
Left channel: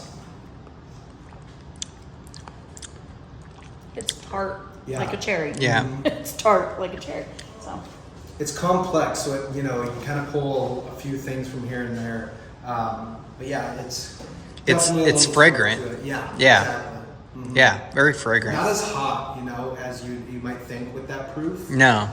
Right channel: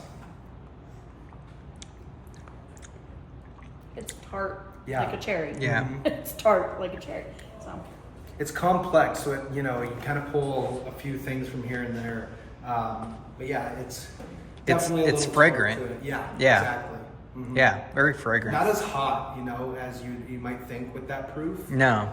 It's tart Yeah. like a cherry. Yeah. It's tart like a cherry. So It's complex, so it, you can kind of pull a few things from here and there. But yeah, it's definitely a it's little fragrant. to it. Yeah. Yeah. Exactly. Mhm. Yeah, very fragrant. Not as hot, as you might think with that proof. No.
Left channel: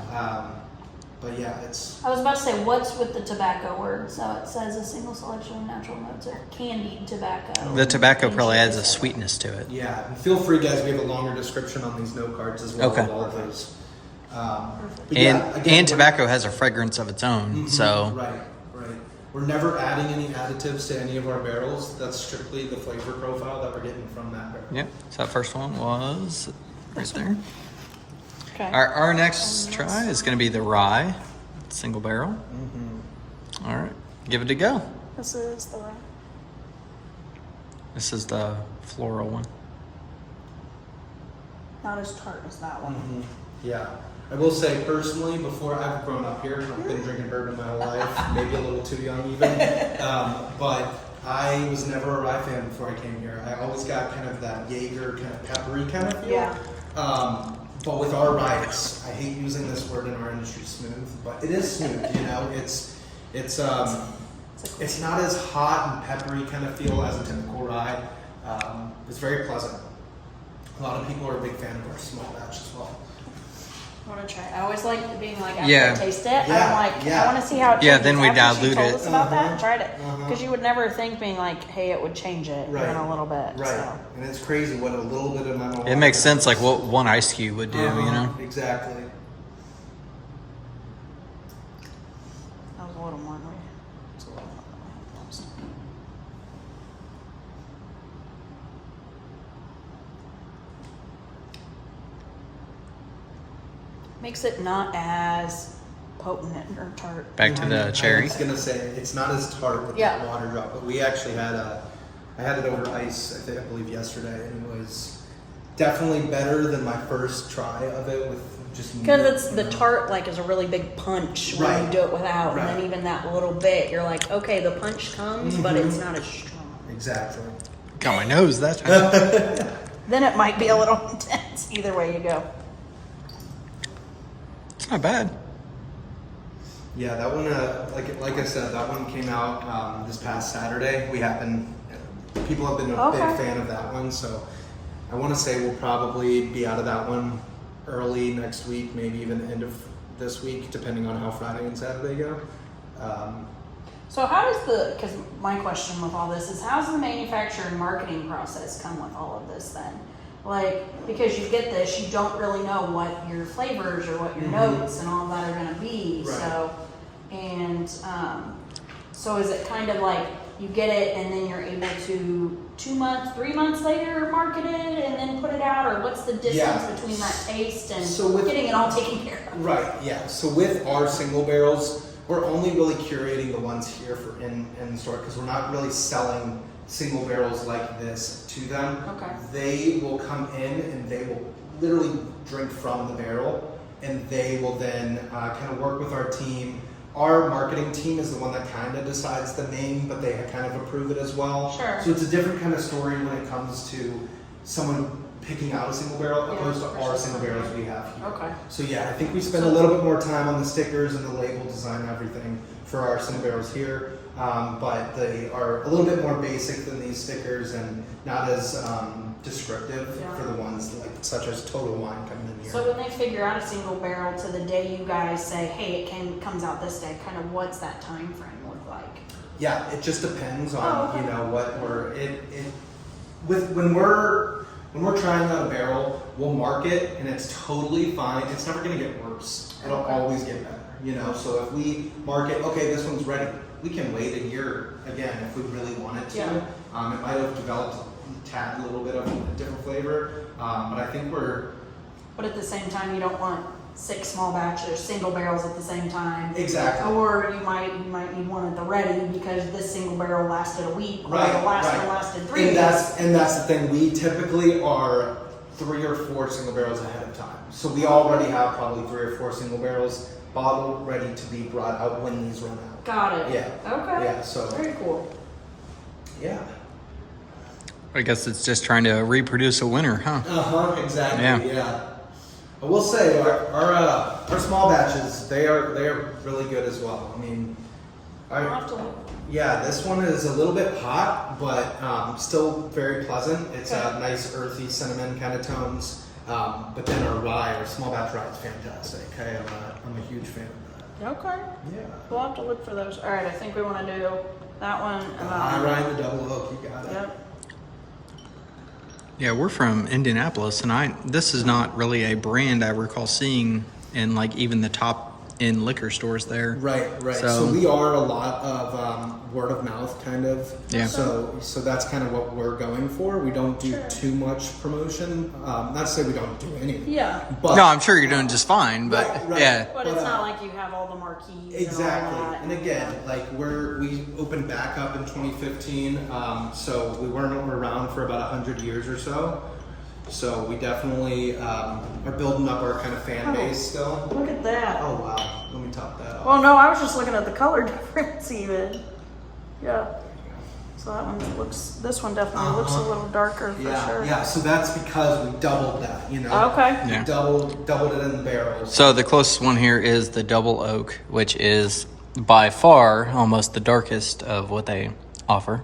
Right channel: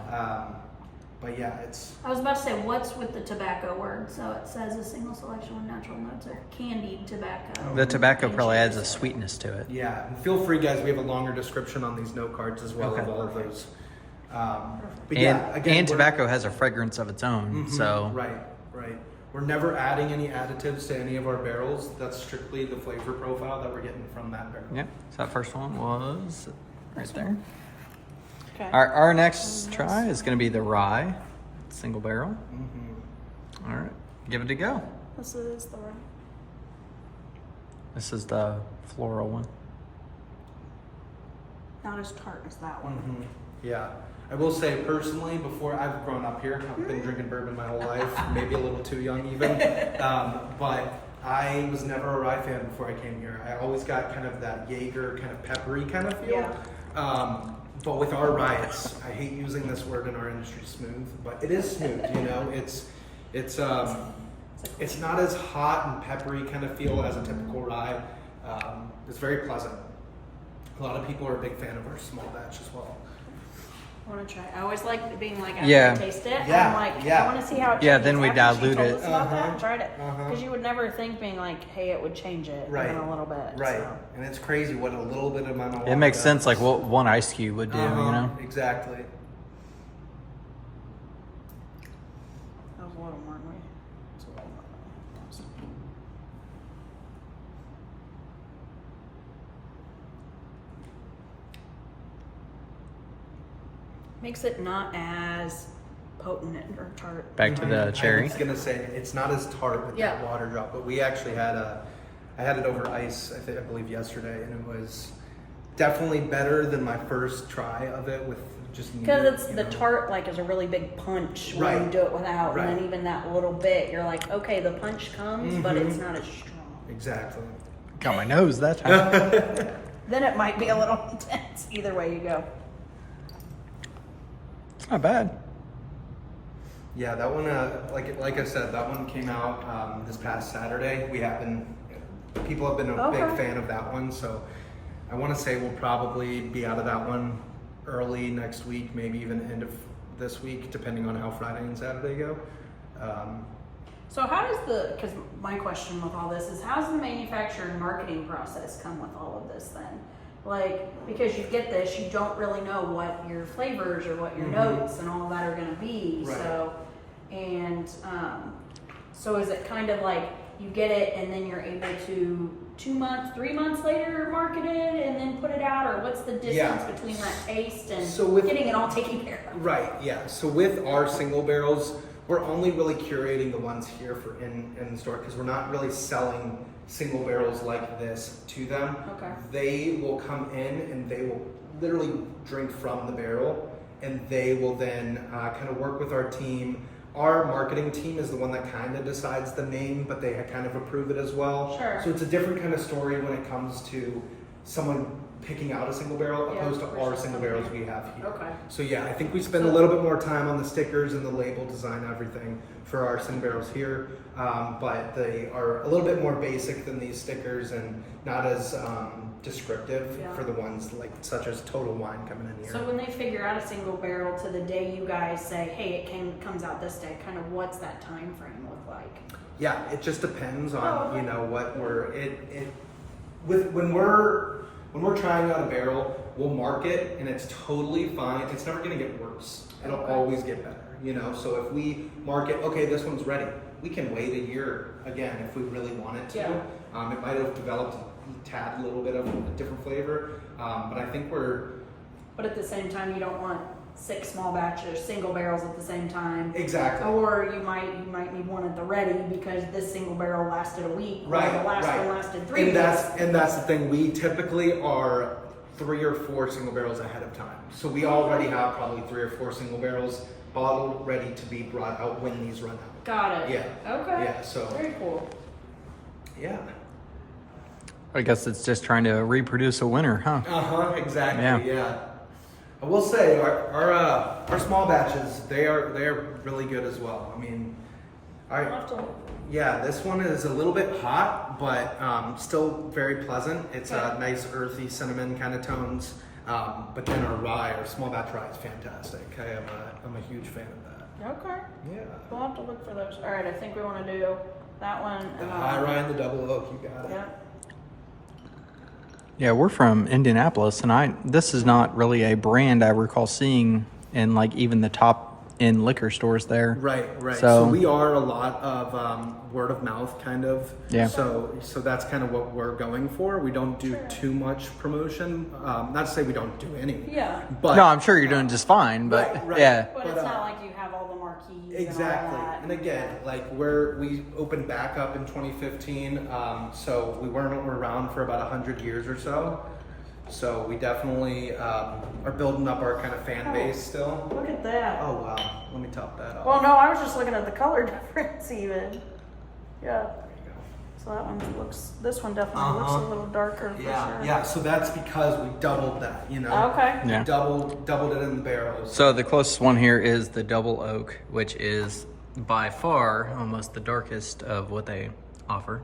But yeah, it's I was about to say, what's with the tobacco word? So it says a single selection with natural notes of candied tobacco. The tobacco probably adds a sweetness to it. yeah. And feel free, guys. We have a longer description on these note cards as well. Okay. With all of those. But And yeah, again, and tobacco has a fragrance of its own. Mhm, So right. We're never adding any additives to any of our barrels. That's strictly the flavor profile that we're getting from that barrel. yep. So that first one was right there. Okay. Our next try is going to be the rye single barrel. Mm-hmm. All right, give it a go. This is the one. This is the floral one. Not as tart as that one. Mm-hmm. Yeah. I will say personally, before I've grown up here, I've been drinking bourbon my whole life, maybe a little too young even. But I was never a rye fan before I came here. I always got kind of that Jaeger kind of peppery kind of feel. Yeah. But with our rye, I hate using this word in our industry, smooth, but it is smooth. It's not as hot and peppery kind of feel as a typical rye. It's very pleasant. A lot of people are a big fan of our small batch as well. I want to try. I always like being like, after Yeah. I taste it, Yeah, I'm like, yeah. I want to see how it Yeah, changes then we after she dilute told it. us about that and Uh-huh, tried it. uh-huh. Because you would never think being like, hey, it would change it Right. a little bit. Right. So. And it's crazy what a little bit of amount of It makes sense, like what one ice cube would do. Exactly. That was a little more than me. Makes it not as potent or tart. Back to the I cherry. was gonna say it's not as tart with Yeah. that water drop, but we actually I had it over ice, I believe yesterday, and it was definitely better than my first try of it with just Because meat, it's you the know? tart like is a really big punch Right. when you do it without, Right. and then even that little bit, you're like, okay, the punch comes, but it's not as strong. Exactly. Got my nose that time. Then it might be a little intense. Either way you go. It's not bad. Yeah, that one, like I said, that one came out this past Saturday. People have been a big Okay. fan of that one, so I want to say we'll probably be out of that one early next week, maybe even end of this week, depending on how Friday and Saturday go. So how does because my question with all this is, how's the manufacturer and marketing process come with all of this then? Like, because you get this, you don't really know what your flavors or what your notes and all that are gonna be, Right. so, and, so is it kind of like, you get it and then you're able to 2 months, 3 months later market it and then put it out, or what's the distance Yeah. between that taste and So with- getting it all taken care of? Right, yeah. So with our single barrels, we're only really curating the ones here for in the store because we're not really selling single barrels like this to them. Okay. They will come in and they will literally drink from the barrel, and they will then kind of work with our team. Our marketing team is the one that kind of decides the name, but they kind of approve it as well. Sure. So it's a different kind of story when it comes to someone picking out a single barrel Yeah, opposed to for our sure. single barrels we have here. Okay. So yeah, I think we spend a little bit more time on the stickers and the label design, everything for our single barrels here, but they are a little bit more basic than these stickers and not as descriptive Yeah. for the ones like such as Total Wine coming in here. So when they figure out a single barrel to the day you guys say, hey, it comes out this day, kind of what's that time frame look like? Yeah, it just depends on Oh, okay. what when we're trying out a barrel, we'll mark it and it's totally fine. It's never gonna get worse. It'll Okay. always get better. So if we mark it, okay, this one's ready, we can wait a year again if we really wanted to. Yeah. It might have developed a tad little bit of a different flavor, but I think But at the same time, you don't want 6 small batches, single barrels at the same time. exactly. Or you might need one at the ready because this single barrel lasted a week, or Right, the last right. one lasted 3 And weeks. that's the thing. We typically are 3 or 4 single barrels ahead of time. So we already have probably 3 or 4 single barrels bottled, ready to be brought out when these run out. Got it. Yeah. Okay. Yeah. So Very cool. yeah. I guess it's just trying to reproduce a winner, huh? Exactly. Yeah. Yeah. I will say our small batches they are really good as well. I mean, this one is a little bit hot, but still very pleasant. It's a nice earthy cinnamon kind of tones. But then our small batch rye is fantastic. I'm a huge fan of that. Okay. Yeah. We'll have to look for those. All right, I think we want to do that one. The high rye and the double oak, you got it. Yep. Yeah, we're from Indianapolis, and this is not really a brand I recall seeing in like even the top end liquor stores there. Right. So we are a lot of word of mouth kind of. Yeah. So that's kind of what we're going for. We don't do too much promotion. Not to say we don't do any. Yeah. But no, I'm sure you're doing just fine, but Right. yeah. But it's not like you have all the marquees. Exactly. And all that. And again, like we opened back up in 2015, so we weren't around for about 100 years or so. So we definitely are building up our kind of fan base still. Look at that. Oh wow, let me top that off. Well, no, I was just looking at the color difference even. Yeah. There you So that one this one definitely looks a little darker for go. sure. Yeah. So that's because we doubled that, you know. Okay. Yeah. We doubled it in the barrels. So the closest one here is the double oak, which is by far almost the darkest of what they offer.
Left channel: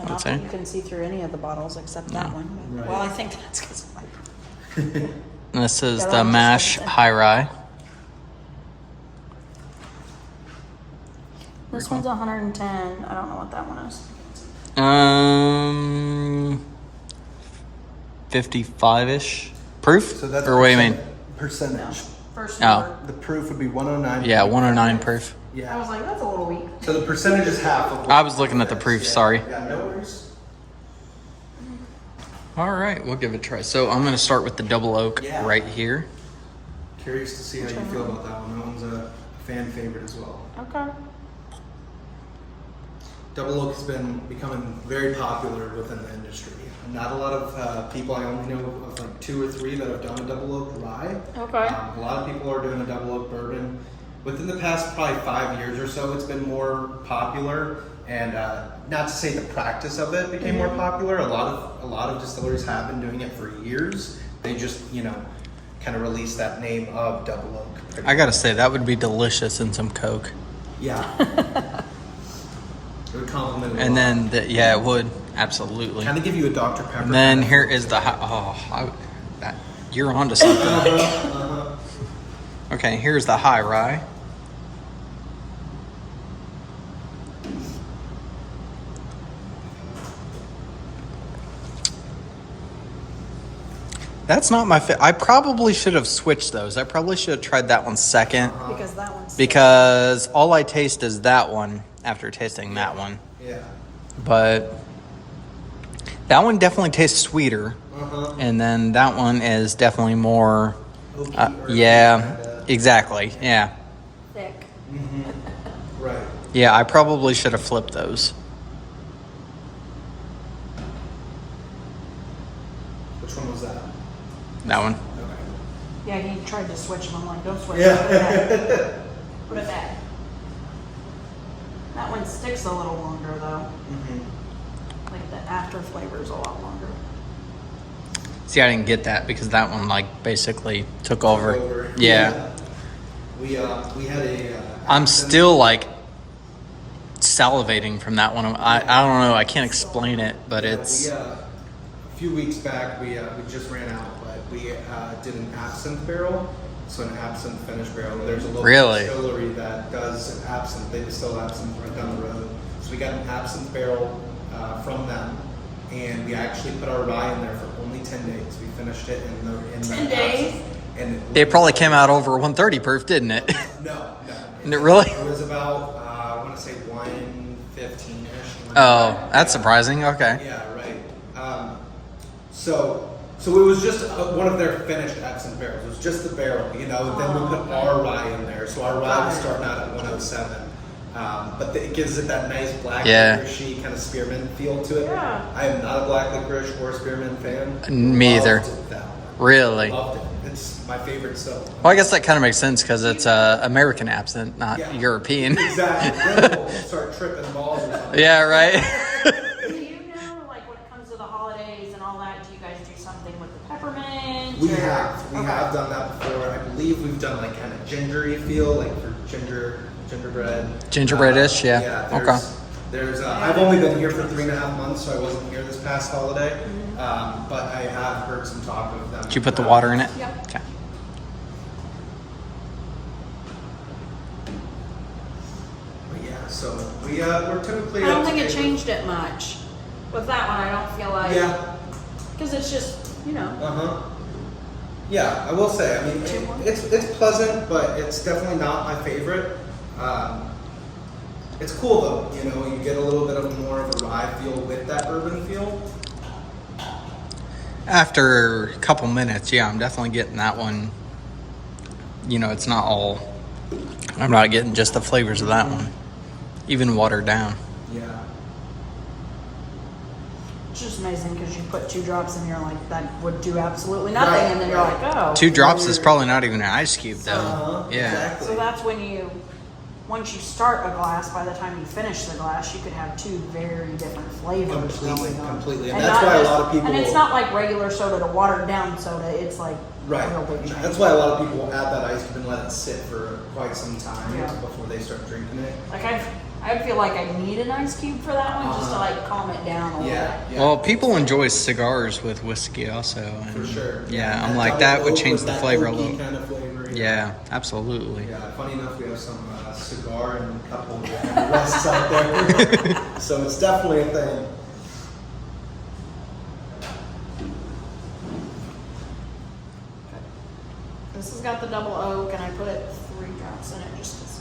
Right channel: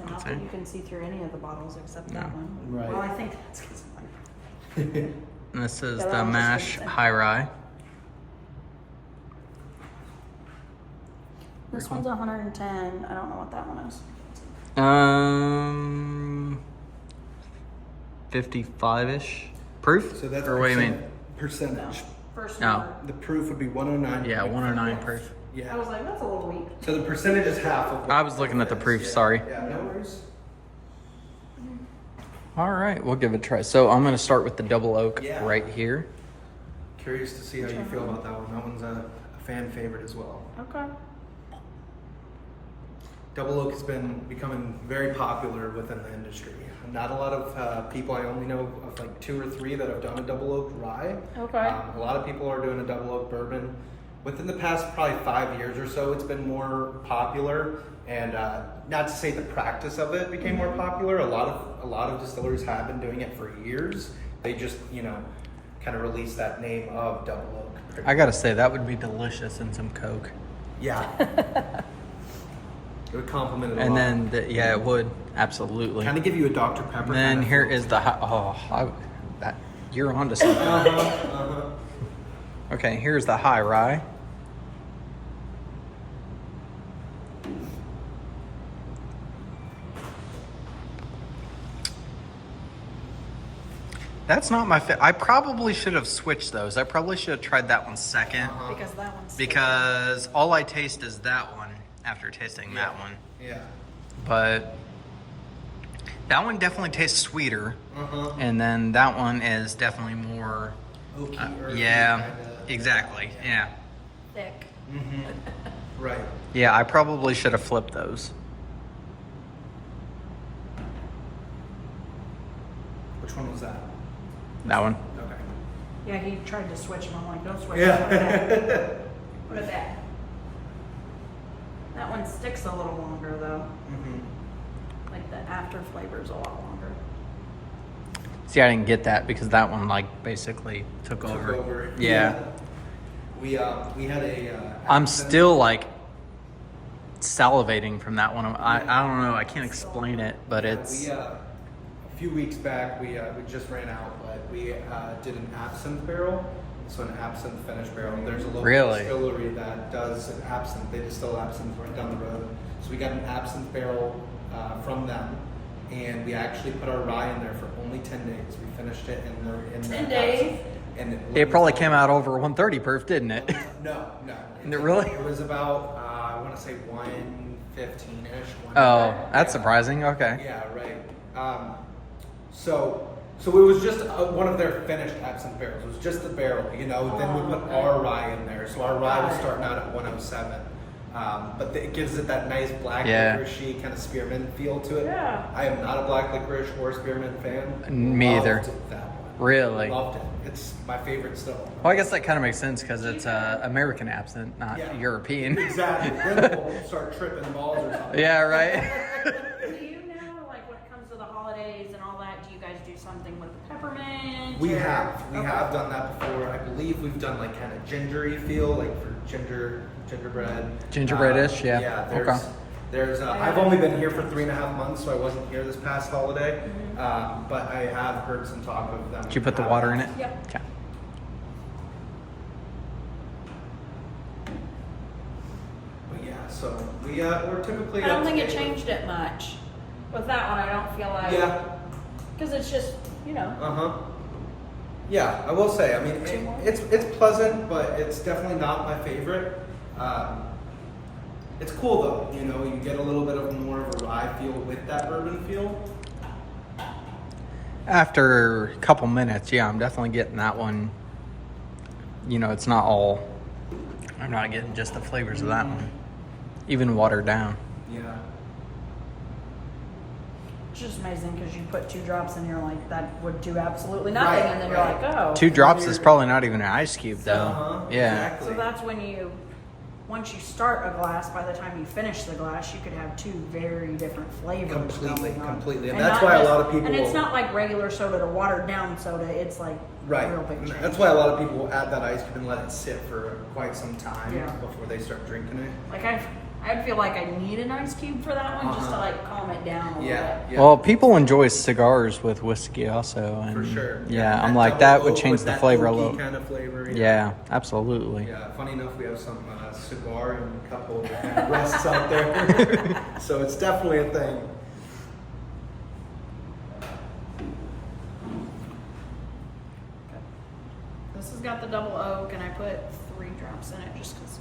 I would say. You can see through any of the bottles except No. that one. Right. Well, I think that's because This is the mash high rye. This one's 110. I don't know what that one is. 55-ish proof. So that's or what do you mean? percentage. First Oh. number. The proof would be 109. Yeah, 109 proof. I Yeah. was like, that's a little weak. So the percentage is half of. I was looking at the proof, sorry. Yeah, no worries. All right, we'll give it a try. So I'm going to start with the double oak Yeah. right here. Curious to see how you feel about that one. That one's a fan favorite as well. Okay. Double oak has been becoming very popular within the industry. Not a lot of people, I only know of like 2 or 3 that have done a double oak rye. Okay. A lot of people are doing a double oak bourbon. Within the past probably 5 years or so, it's been more popular. And not to say the practice of it became more popular. A lot of distilleries have been doing it for years. They just, kind of released that name of double oak. I got to say, that would be delicious in some Coke. Yeah. It would complement it. And then, yeah, it would. Absolutely. kind of give you a Dr. Pepper. And then kind of here feel is to the it. you're onto something. Okay, here's the high rye. That's not my I probably should have switched those. I probably should have tried that one second because that one's because all I taste is that one after tasting that one. Yeah. But that one definitely tastes sweeter. And then that one is definitely more, Oaky, earthy, yeah, kinda. exactly, yeah. Thick. Right. Yeah, I probably should have flipped those. Which one was that? That one. Okay. Yeah, he tried to switch them. I'm like, don't switch Yeah. them. Put it back. That one sticks a little longer though. Like the after flavor is a lot longer. See, I didn't get that because that one like basically took over. Yeah. We had a. I'm accident. still like salivating from that one. I don't know. I can't explain it, but it's We, a few weeks back, we just ran out, but we did an absinthe barrel. So an absinthe finish barrel. There's a local Really? distillery that does absinthe. They distill absinthe right down the road. So we got an absinthe barrel from them, and we actually put our rye in there for only 10 days. We finished it in 10 the days? absinthe, and it probably came out over 130 proof, didn't it? No. Did it really? It was about I want to say 115-ish. Oh, that's surprising. Okay. Yeah, right. So it was just one of their finished absinthe barrels. It was just the barrel, Then we put our rye in there. So our rye was starting out at 107. But it gives it that nice black licoricey kind of spearmint feel to it. Yeah. I am not a black licorice or spearmint fan. Me either. Loved that one. Really? Loved it. It's my favorite still. Well, I guess that kind of makes sense because it's American absinthe, not Yeah. European. Exactly. Then we'll start tripping balls or something. Yeah, right. We have done that before. I believe we've done like kind of gingery feel, like for gingerbread. Gingerbreadish, yeah. Yeah. There's I've only been here for 3.5 months, so I wasn't here this past holiday. But I have heard some talk of them. Did you put the water in it? Yep. Okay. But yeah, so we're typically. I don't think it changed it much. With that one, I don't feel like. Yeah. Because it's just, you know. Yeah, I will say. I mean, it's pleasant, but it's definitely not my favorite. It's cool though. You know, you get a little bit of more of a rye feel with that bourbon feel. After a couple minutes, yeah, I'm definitely getting that one. You know, it's not all. I'm not getting just the flavors of that one, even watered down. Yeah. It's just amazing because you put 2 drops in here, like that would do absolutely nothing, Right, and then you're right. like, oh. 2 drops is probably not even an ice cube, though. Yeah. Exactly. So that's when once you start a glass, by the time you finish the glass, you could have 2 very different flavors Completely. going on. And And that's not why a just- lot of people. And it's will- not like regular soda to watered down soda. It's like Right. a real big change. That's why a lot of people will add that ice cube and let it sit for quite some time Yeah. before they start drinking it. Like I feel like I need an ice cube for that one just to like calm it down a little Yeah. bit. Yeah. Well, people enjoy cigars with whiskey also. And For sure. Yeah, I'm And like, double that would oak change with the that flavor a oaky little. kind of flavor. Yeah, absolutely. Yeah. Funny enough, we have some cigar and cup holder kind of rests out there, so it's definitely a thing. This has got the double oak, and I put 3 drops in it just because.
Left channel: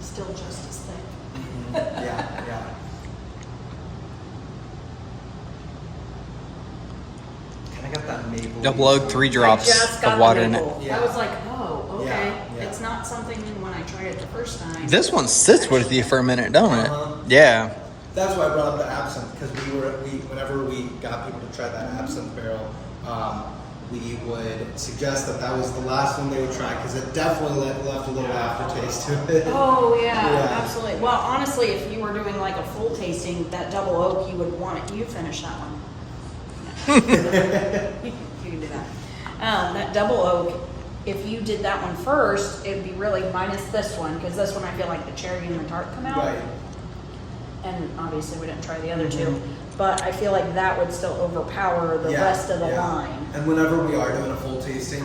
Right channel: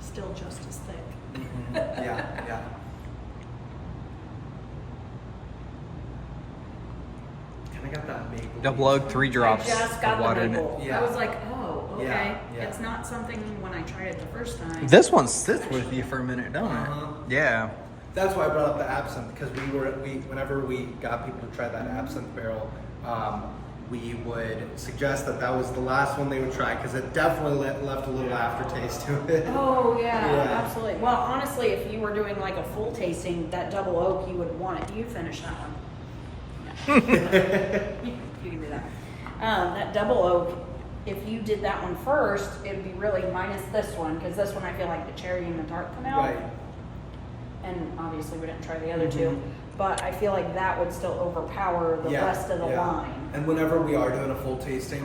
Still just as thick. Yeah. Kind of got that maple. Double oak, 3 I drops just got of the water in it. maple. Yeah. I was like, oh, okay. Yeah. It's not something when I tried it the first time. This one sits with you for a minute, don't it? Uh-huh. Yeah. That's why I brought up the absinthe, because whenever we got people to try that absinthe barrel, we would suggest that was the last one they would try, because it definitely left a little aftertaste to it. Oh yeah, Yeah. absolutely. Well, honestly, if you were doing like a full tasting, that double oak, you would want it. You finish that one. You can do that. That double oak, if you did that one first, it'd be really minus this one, because this one I feel like the cherry and the tart come out. Right. And obviously we didn't try the other two, but I feel like that would still overpower the rest of the line. And whenever we are doing a full tasting,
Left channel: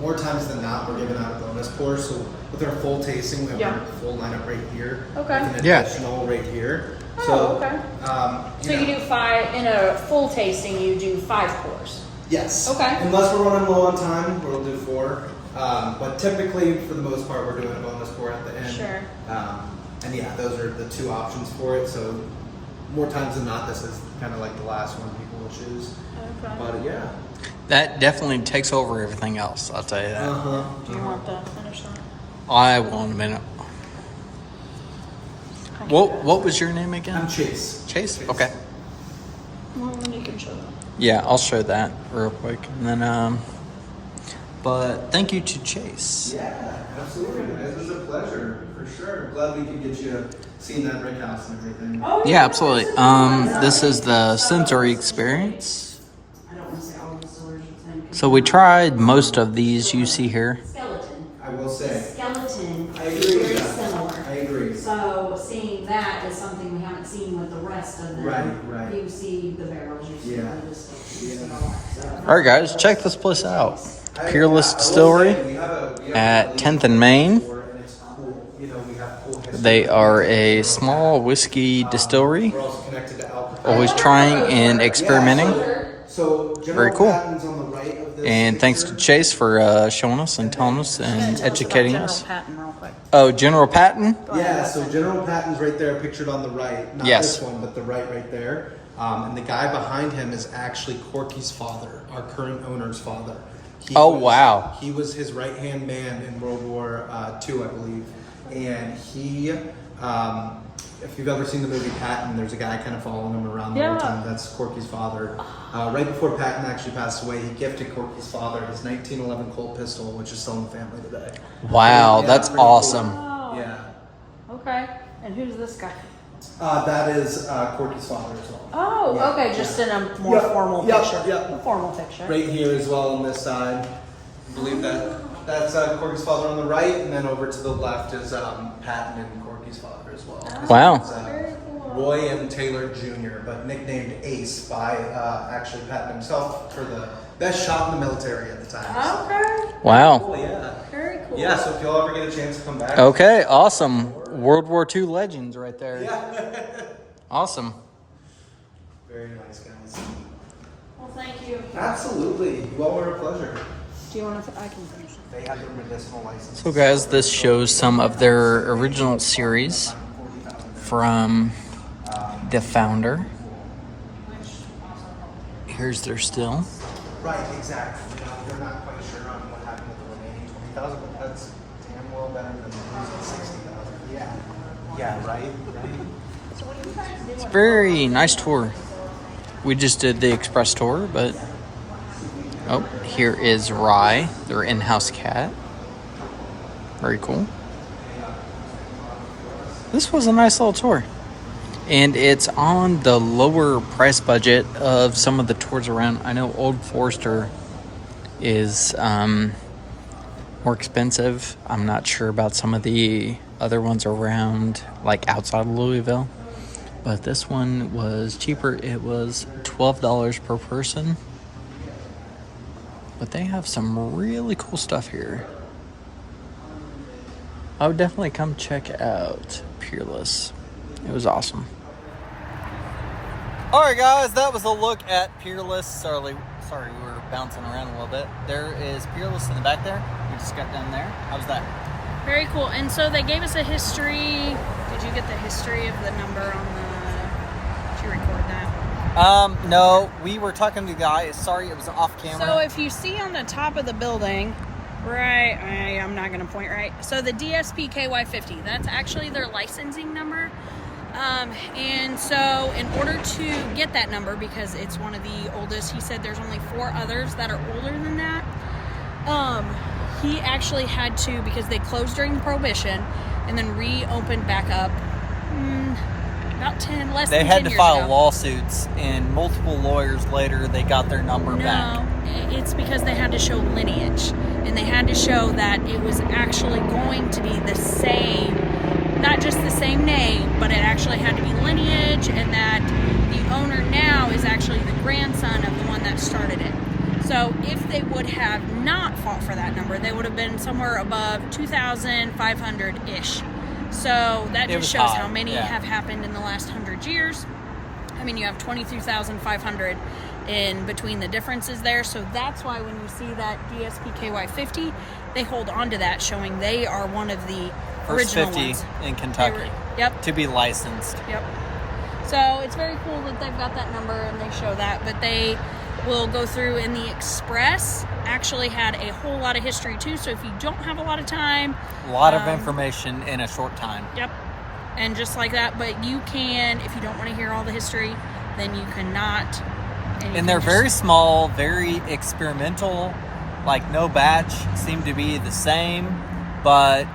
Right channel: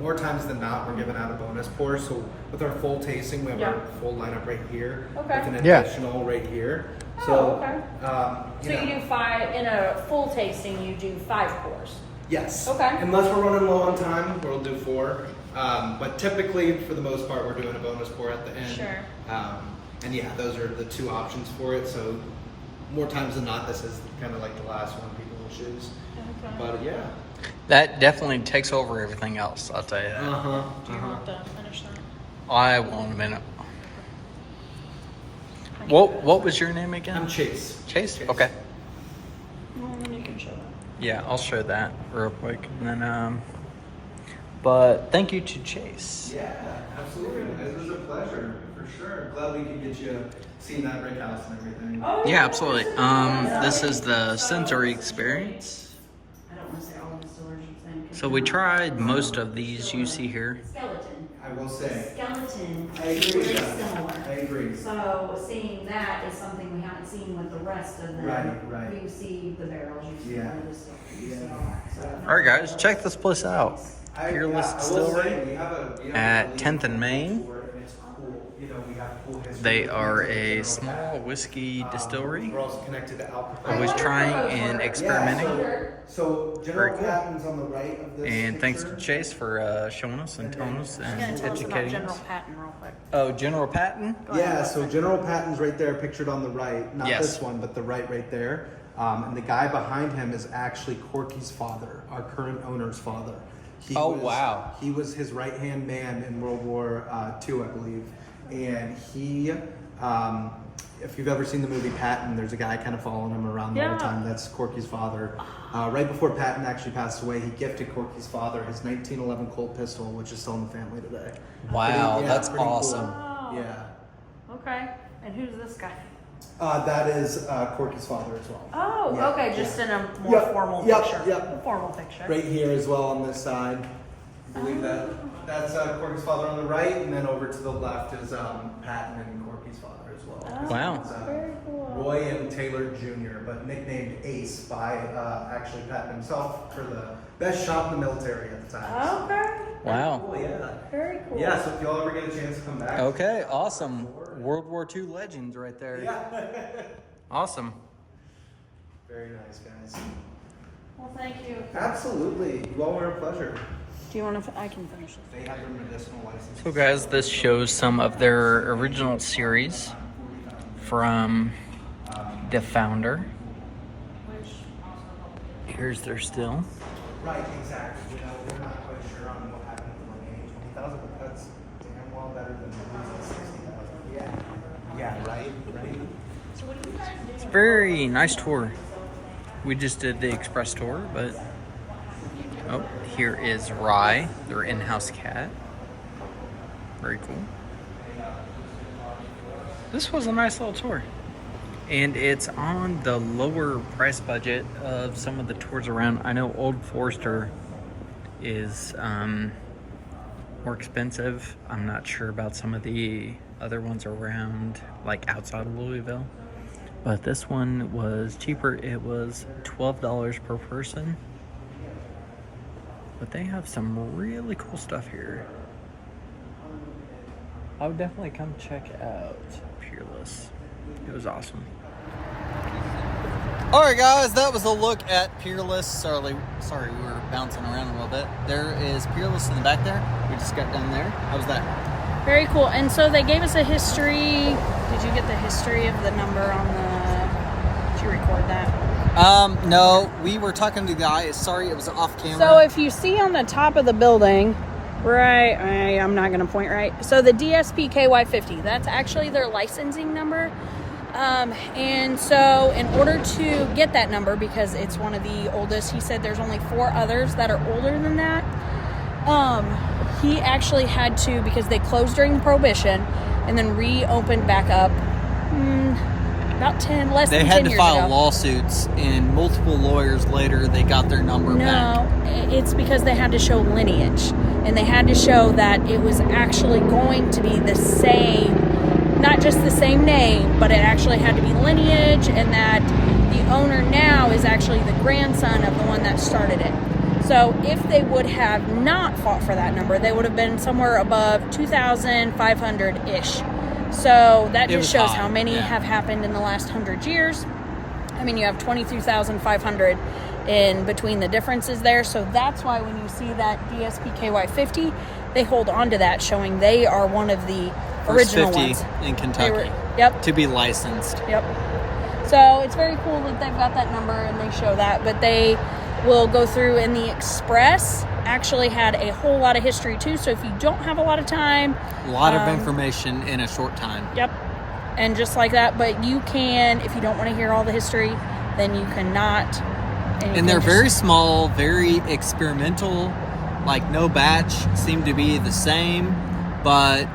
more times than not, we're giving out a bonus pour. So with our full tasting, we have our full lineup right here. Okay. With an Yeah. additional right here. Oh, So, okay. So you know, you do 5 in a full tasting. You do 5 pours. yes. Okay. Unless we're running low on time, we'll do 4. But typically, for the most part, we're doing a bonus pour at the end. Sure. And yeah, those are the 2 options for it. So more times than not, this is kind of like the last one people will choose. But yeah. That definitely takes over everything else, I'll tell you that. Do you want to finish that? I will in a minute. What was your name again? I'm Chase. Chase? Okay. You can show them. Yeah, I'll show that real quick. And then, but thank you to Chase. Yeah, absolutely. It was a pleasure, for sure. Glad we could get you seeing that brick house and everything. Oh, Yeah, absolutely. This is the sensory experience. I don't want to say all the stores are saying. So we tried most of these you see here. Skeleton. I will say. Skeleton. I agree with Very that. similar. I agree. So seeing that is something we haven't seen with the rest of them. Right. You see the barrels, you see Yeah. the distance, you see all that. So- All right, guys, check this place out. Peerless I will Distillery say, we have a at really 10th and Main. and it's cool. You know, we have cool history. They are a small whiskey distillery, We're also connected to alcohol. always trying and experimenting. So Very General cool. Patton's on the right of this And thanks to picture. Chase for showing us and telling us and educating us. Patent real quick. Oh, General Patton? Yeah, so General Patton's right there, pictured on the right. Not Yes. this one, but the right there. And the guy behind him is actually Corky's father, our current owner's father. He Oh, wow. He was his right-hand man in World War II, I believe. And he, if you've ever seen the movie Patton, there's a guy kind of following him around the whole Yeah. time. That's Corky's father. Right before Patton actually passed away, he gifted Corky's father his 1911 Colt pistol, which is still in the family today. Wow, Yeah, that's pretty cool. awesome. Oh. Yeah. Okay. And who's this guy? That is Corky's father as well. Oh, Yeah, okay, just in a more Yep, formal yep, picture. yep. Formal picture. Right here as well on this side. I believe that's Corky's father on the right, and then over to the left is Patton and Corky's father as well. Wow. It's, Very cool. Roy and Taylor Jr., but nicknamed Ace by actually Patton himself for the best shot in the military at the time. Okay. Wow. Cool, yeah. Very cool. Yeah, so if you'll ever get a chance to come back. Okay, awesome. World War II legends right there. Yeah. Awesome. Very nice, guys. Well, thank you. Absolutely. You all were a pleasure. Do you want to? I can finish it. They have their medicinal license. So guys, this shows some of their original series from the founder. Here's their still. Right, exactly. You know, we're not quite sure on what happened with the remaining 20,000, but that's damn well better than losing 60,000. Yeah. Yeah, right? It's a very nice tour. We just did the express tour, but oh, here is Rye, their in-house cat. Very cool. This was a nice little tour. And it's on the lower price budget of some of the tours around. I know Old Forester is more expensive. I'm not sure about some of the other ones around, like outside of Louisville. But this one was cheaper. It was $12 per person. But they have some really cool stuff here. I would definitely come check out Peerless. It was awesome. All right, guys, that was a look at Peerless. Sorry, we were bouncing around a little bit. There is Peerless in the back there. We just got down there. How was that? Very cool. And so they gave us a history. Did you get the history of the number on the? Did you record that? No, we were talking to the guy. Sorry, it was off camera. So if you see on the top of the building, right, I'm not going to point right. So the DSP KY50, that's actually their licensing number. And so in order to get that number, because it's one of the oldest, he said there's only 4 others that are older than that. He actually had to, because they closed during Prohibition and then reopened back up about 10, less they than 10 had to years file ago. lawsuits, and multiple lawyers later, they got their number back. No, it's because they had to show lineage, and they had to show that it was actually going to be the same, not just the same name, but it actually had to be lineage, and that the owner now is actually the grandson of the one that started it. So if they would have not fought for that number, they would have been somewhere above 2,500-ish. So that It was just shows high, how many yeah. have happened in the last 100 years. I mean, you have 22,500 in between the differences there. So that's why when you see that DSP KY50, they hold on to that, showing they are one of the First original 50 ones. in Kentucky Yep. to be licensed. Yep. So it's very cool that they've got that number and they show that, but they will go through, and the Express actually had a whole lot of history too. So if you don't have a lot of time, A lot of information in a short time. yep, and just like that. But you can, if you don't want to hear all the history, then you cannot. And they're very small, very experimental. Like no batch seem to be the same, but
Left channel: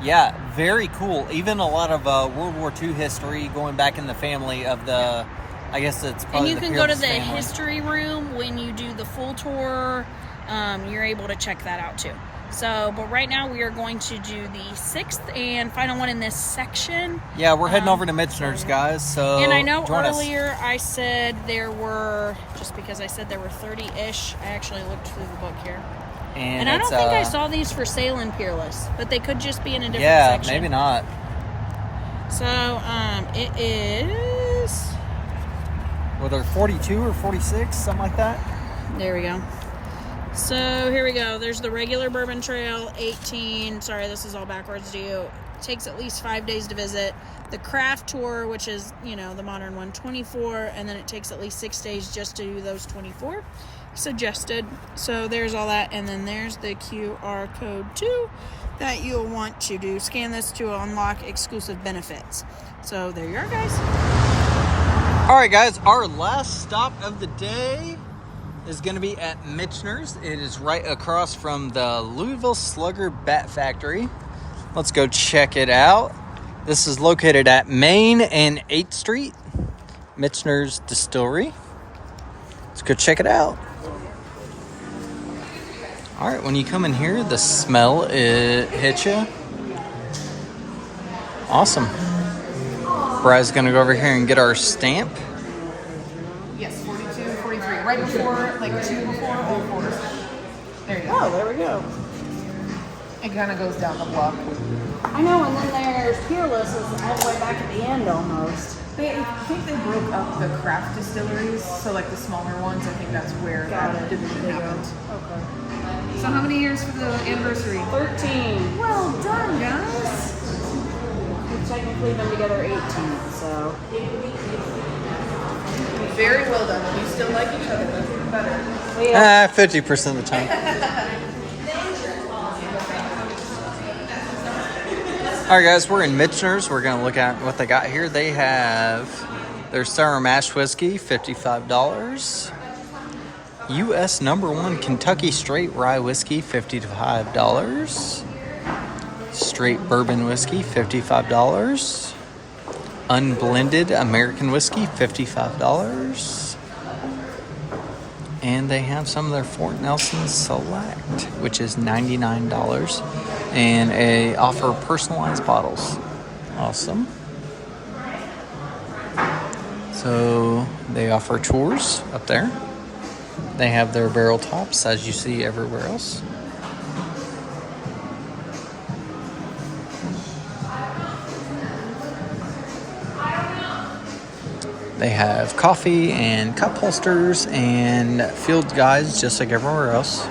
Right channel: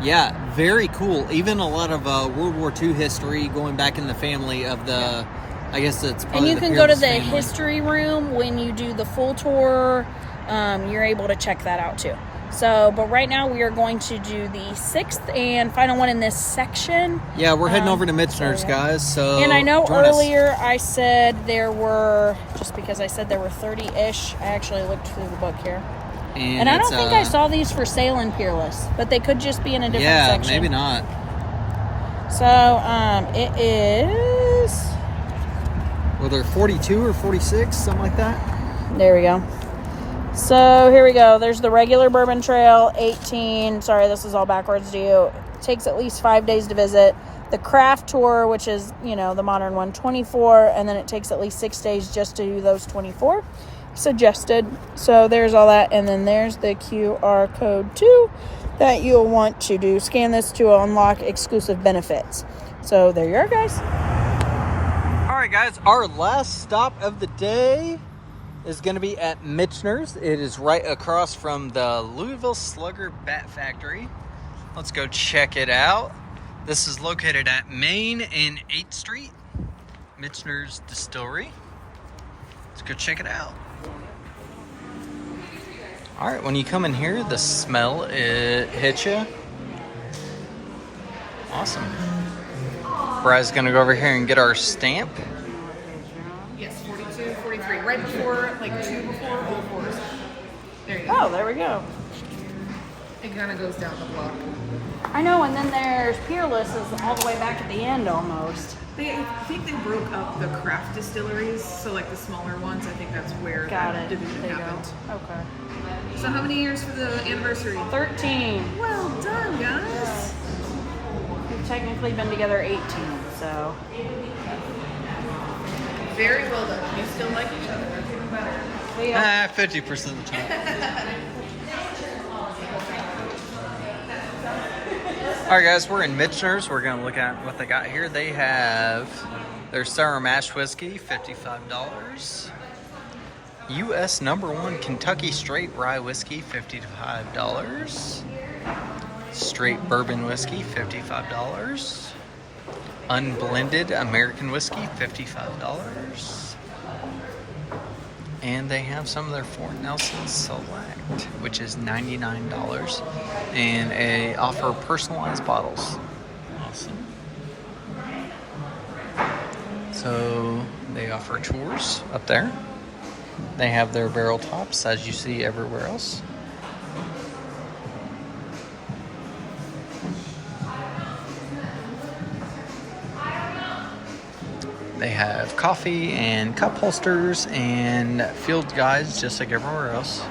yeah, very cool. Even a lot of World War II history going back in the family of the, I guess it's And probably you the can go to Peerless the family. history room when you do the full tour. You're able to check that out too. So, but right now we are going to do the 6th and final one in this section. Yeah, we're heading over to Michters, guys. So And I know join us. earlier I said there were, just because I said there were 30-ish, I actually looked through the book here. And I don't it's, think I saw these for sale in Peerless, but they could just be in a different Yeah, section. maybe not. So, it is, Whether 42 or 46, something like that. there we go. So here we go. There's the regular Bourbon Trail, 18. Sorry, this is all backwards to you. It takes at least 5 days to visit. The craft tour, which is, you know, the modern one, 24. And then it takes at least 6 days just to do those 24 suggested. So there's all that. And then there's the QR code too that you'll want to do. Scan this to unlock exclusive benefits. So there you are, guys. All right, guys, our last stop of the day is going to be at Michters. It is right across from the Louisville Slugger Bat Factory. Let's go check it out. This is located at Main and 8th Street, Michters Distillery. Let's go check it out. All right, when you come in here, the smell, it hits you. Awesome. Bry's gonna go over here and get our stamp. Yes, 42, 43. Right before, like 2 before, all fours. There you go. Oh, there we go. It kind of goes down the block. I know, and then there's Peerless is all the way back at the end almost. I think they broke up the craft distilleries, so like the smaller ones, I think that's where that division happened. Okay. So how many years for the anniversary? 13. Well done, guys. We've technically been together 18, so. Very well done. You still like each other. Better. 50% of the time. All right, guys, we're in Michters. We're gonna look at what they got here. They have their sour mash whiskey, $55. U.S. #1 Kentucky straight rye whiskey, $55. Straight bourbon whiskey, $55. Unblended American whiskey, $55. And they have some of their Fort Nelson Select, which is $99. And they offer personalized bottles. Awesome. So they offer tours up there. They have their barrel tops, as you see everywhere else. They have coffee and cup holsters and field guides just like everywhere else.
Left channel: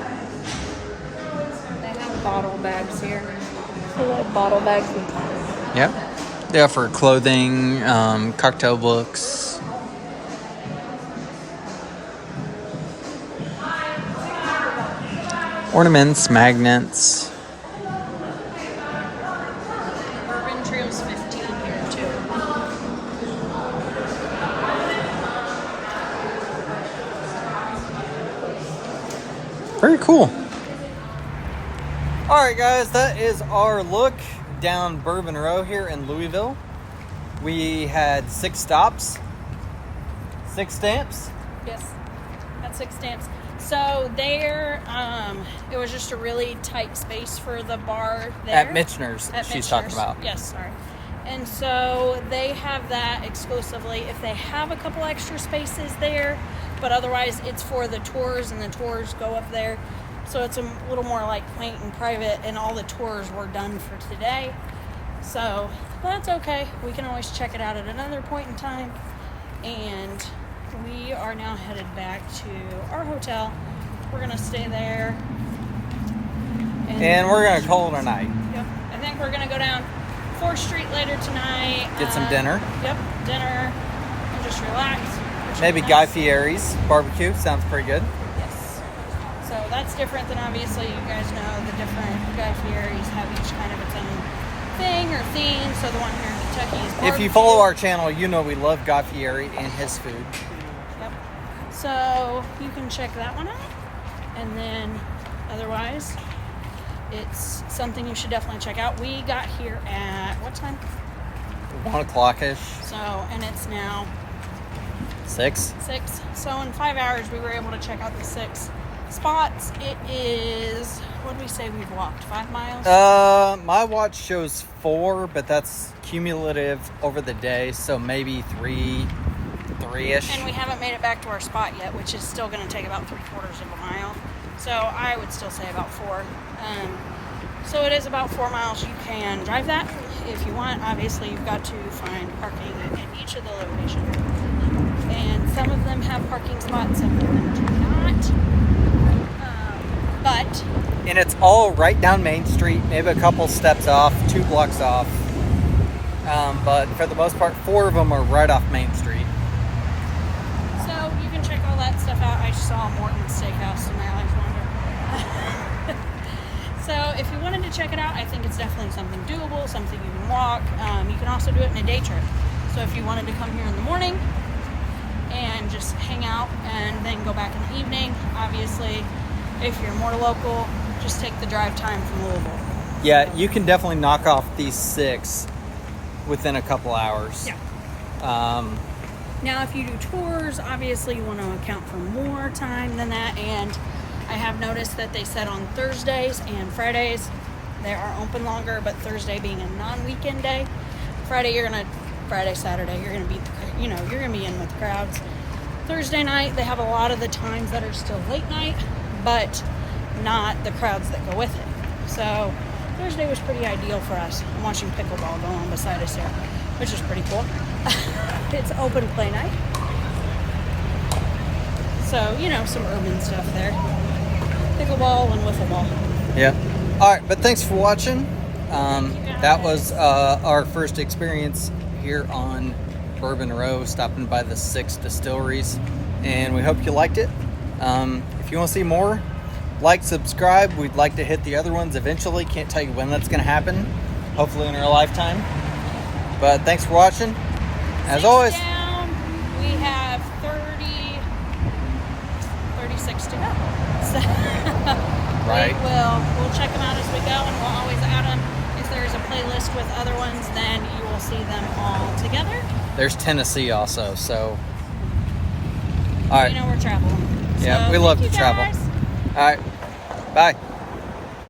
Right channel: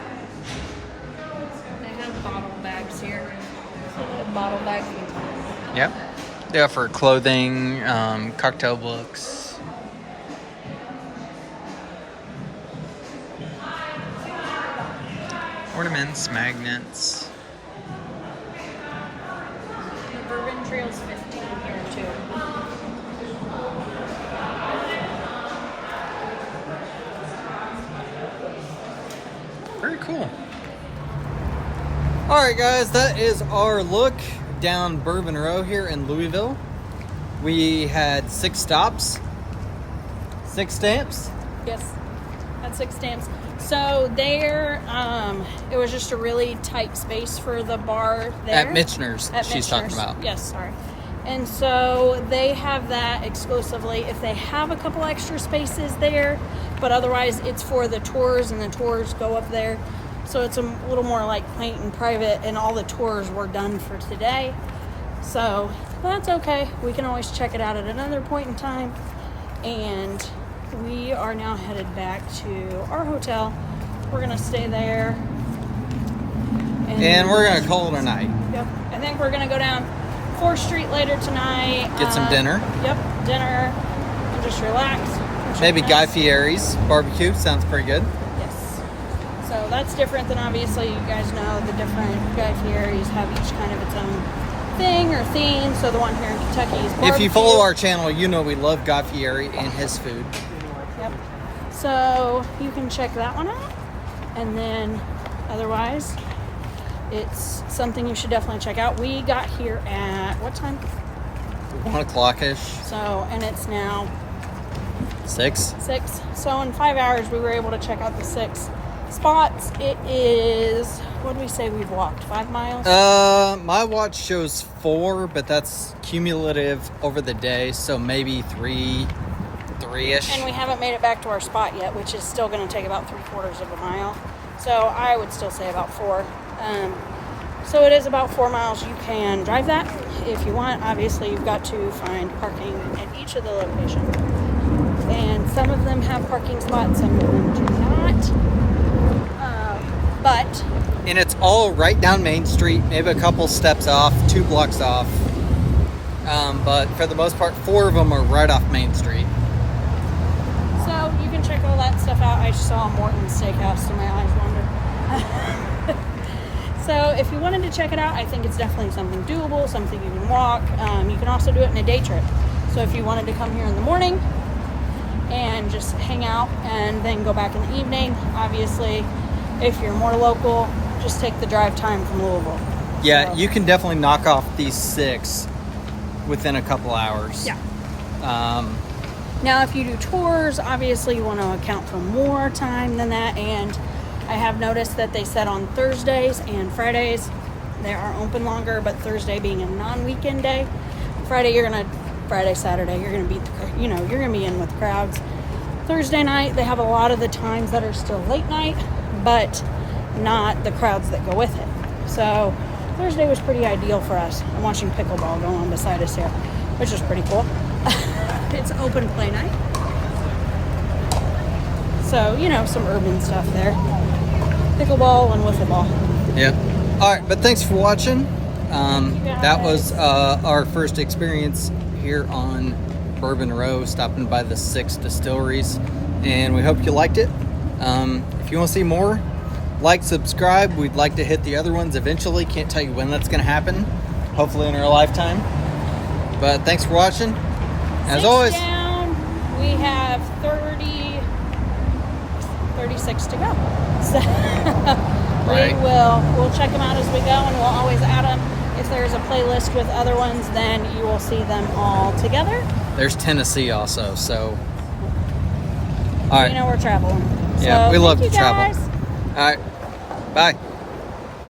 They have bottle bags here. Little bottle bags. Yep. They offer clothing, cocktail books. Ornaments, magnets. Bourbon Trail's 15 here too. Very cool. All right, guys, that is our look down Bourbon Row here in Louisville. We had 6 stops, 6 stamps. Yes, had 6 stamps. So there, it was just a really tight space for the bar there. At Michters, At she's Michters. talking about. Yes, sorry. And so they have that exclusively if they have a couple extra spaces there, but otherwise it's for the tours, and the tours go up there. So it's a little more like quaint and private, and all the tours were done for today. So that's okay. We can always check it out at another point in time. And we are now headed back to our hotel. We're gonna stay there. And we're gonna call it a night. Yep. I think we're gonna go down 4th Street later tonight. Get some dinner. Yep, dinner, and just relax. Maybe Guy Fieri's barbecue. Sounds pretty good. Yes. So that's different than, obviously, you guys know the different Guy Fieri's have each kind of its own thing or theme. So the one here in Kentucky is barbecue. If you follow our channel, you know we love Guy Fieri and his food. Yep. So you can check that one out. And then otherwise, it's something you should definitely check out. We got here at what time? 1 o'clock-ish. So, and it's now 6. 6. So in 5 hours, we were able to check out the 6 spots. It is, what did we say we've walked? 5 miles? My watch shows 4, but that's cumulative over the day, so maybe 3-ish. And we haven't made it back to our spot yet, which is still going to take about 3/4 of a mile. So I would still say about 4. So it is about 4 miles. You can drive that if you want. Obviously, you've got to find parking at each of the locations. And some of them have parking spots, some of them do not. But And it's all right down Main Street, maybe a couple steps off, 2 blocks off. But for the most part, 4 of them are right off Main Street. so you can check all that stuff out. I saw Morton's Steakhouse and my eyes wandered. So if you wanted to check it out, I think it's definitely something doable, something you can walk. You can also do it in a day trip. So if you wanted to come here in the morning and just hang out and then go back in the evening, obviously, if you're more local, just take the drive time from Louisville. Yeah, you can definitely knock off these 6 within a couple hours. Yeah. Um, Now, if you do tours, obviously you want to account for more time than that. And I have noticed that they said on Thursdays and Fridays they are open longer, but Thursday being a non-weekend day, Saturday, you're gonna be, you're gonna be in with crowds. Thursday night, they have a lot of the times that are still late night, but not the crowds that go with it. So Thursday was pretty ideal for us. I'm watching pickleball go on beside us here, which is pretty cool. It's open play night. So, some urban stuff there. Pickleball and wiffle ball. yeah. All right, but thanks for watching. That was our first experience here on Bourbon Row, stopping by the 6 distilleries, and we hope you liked it. If you want to see more, like, subscribe. We'd like to hit the other ones eventually. Can't tell you when that's going to happen. Hopefully in our lifetime. But thanks for watching. As always. Down, we have 36 to go. So Right. we'll check them out as we go, and we'll always add them. If there's a playlist with other ones, then you will see them all together. There's Tennessee also, so. All right. We're traveling. Yeah, So, we love thank to you travel. guys. All right. Bye.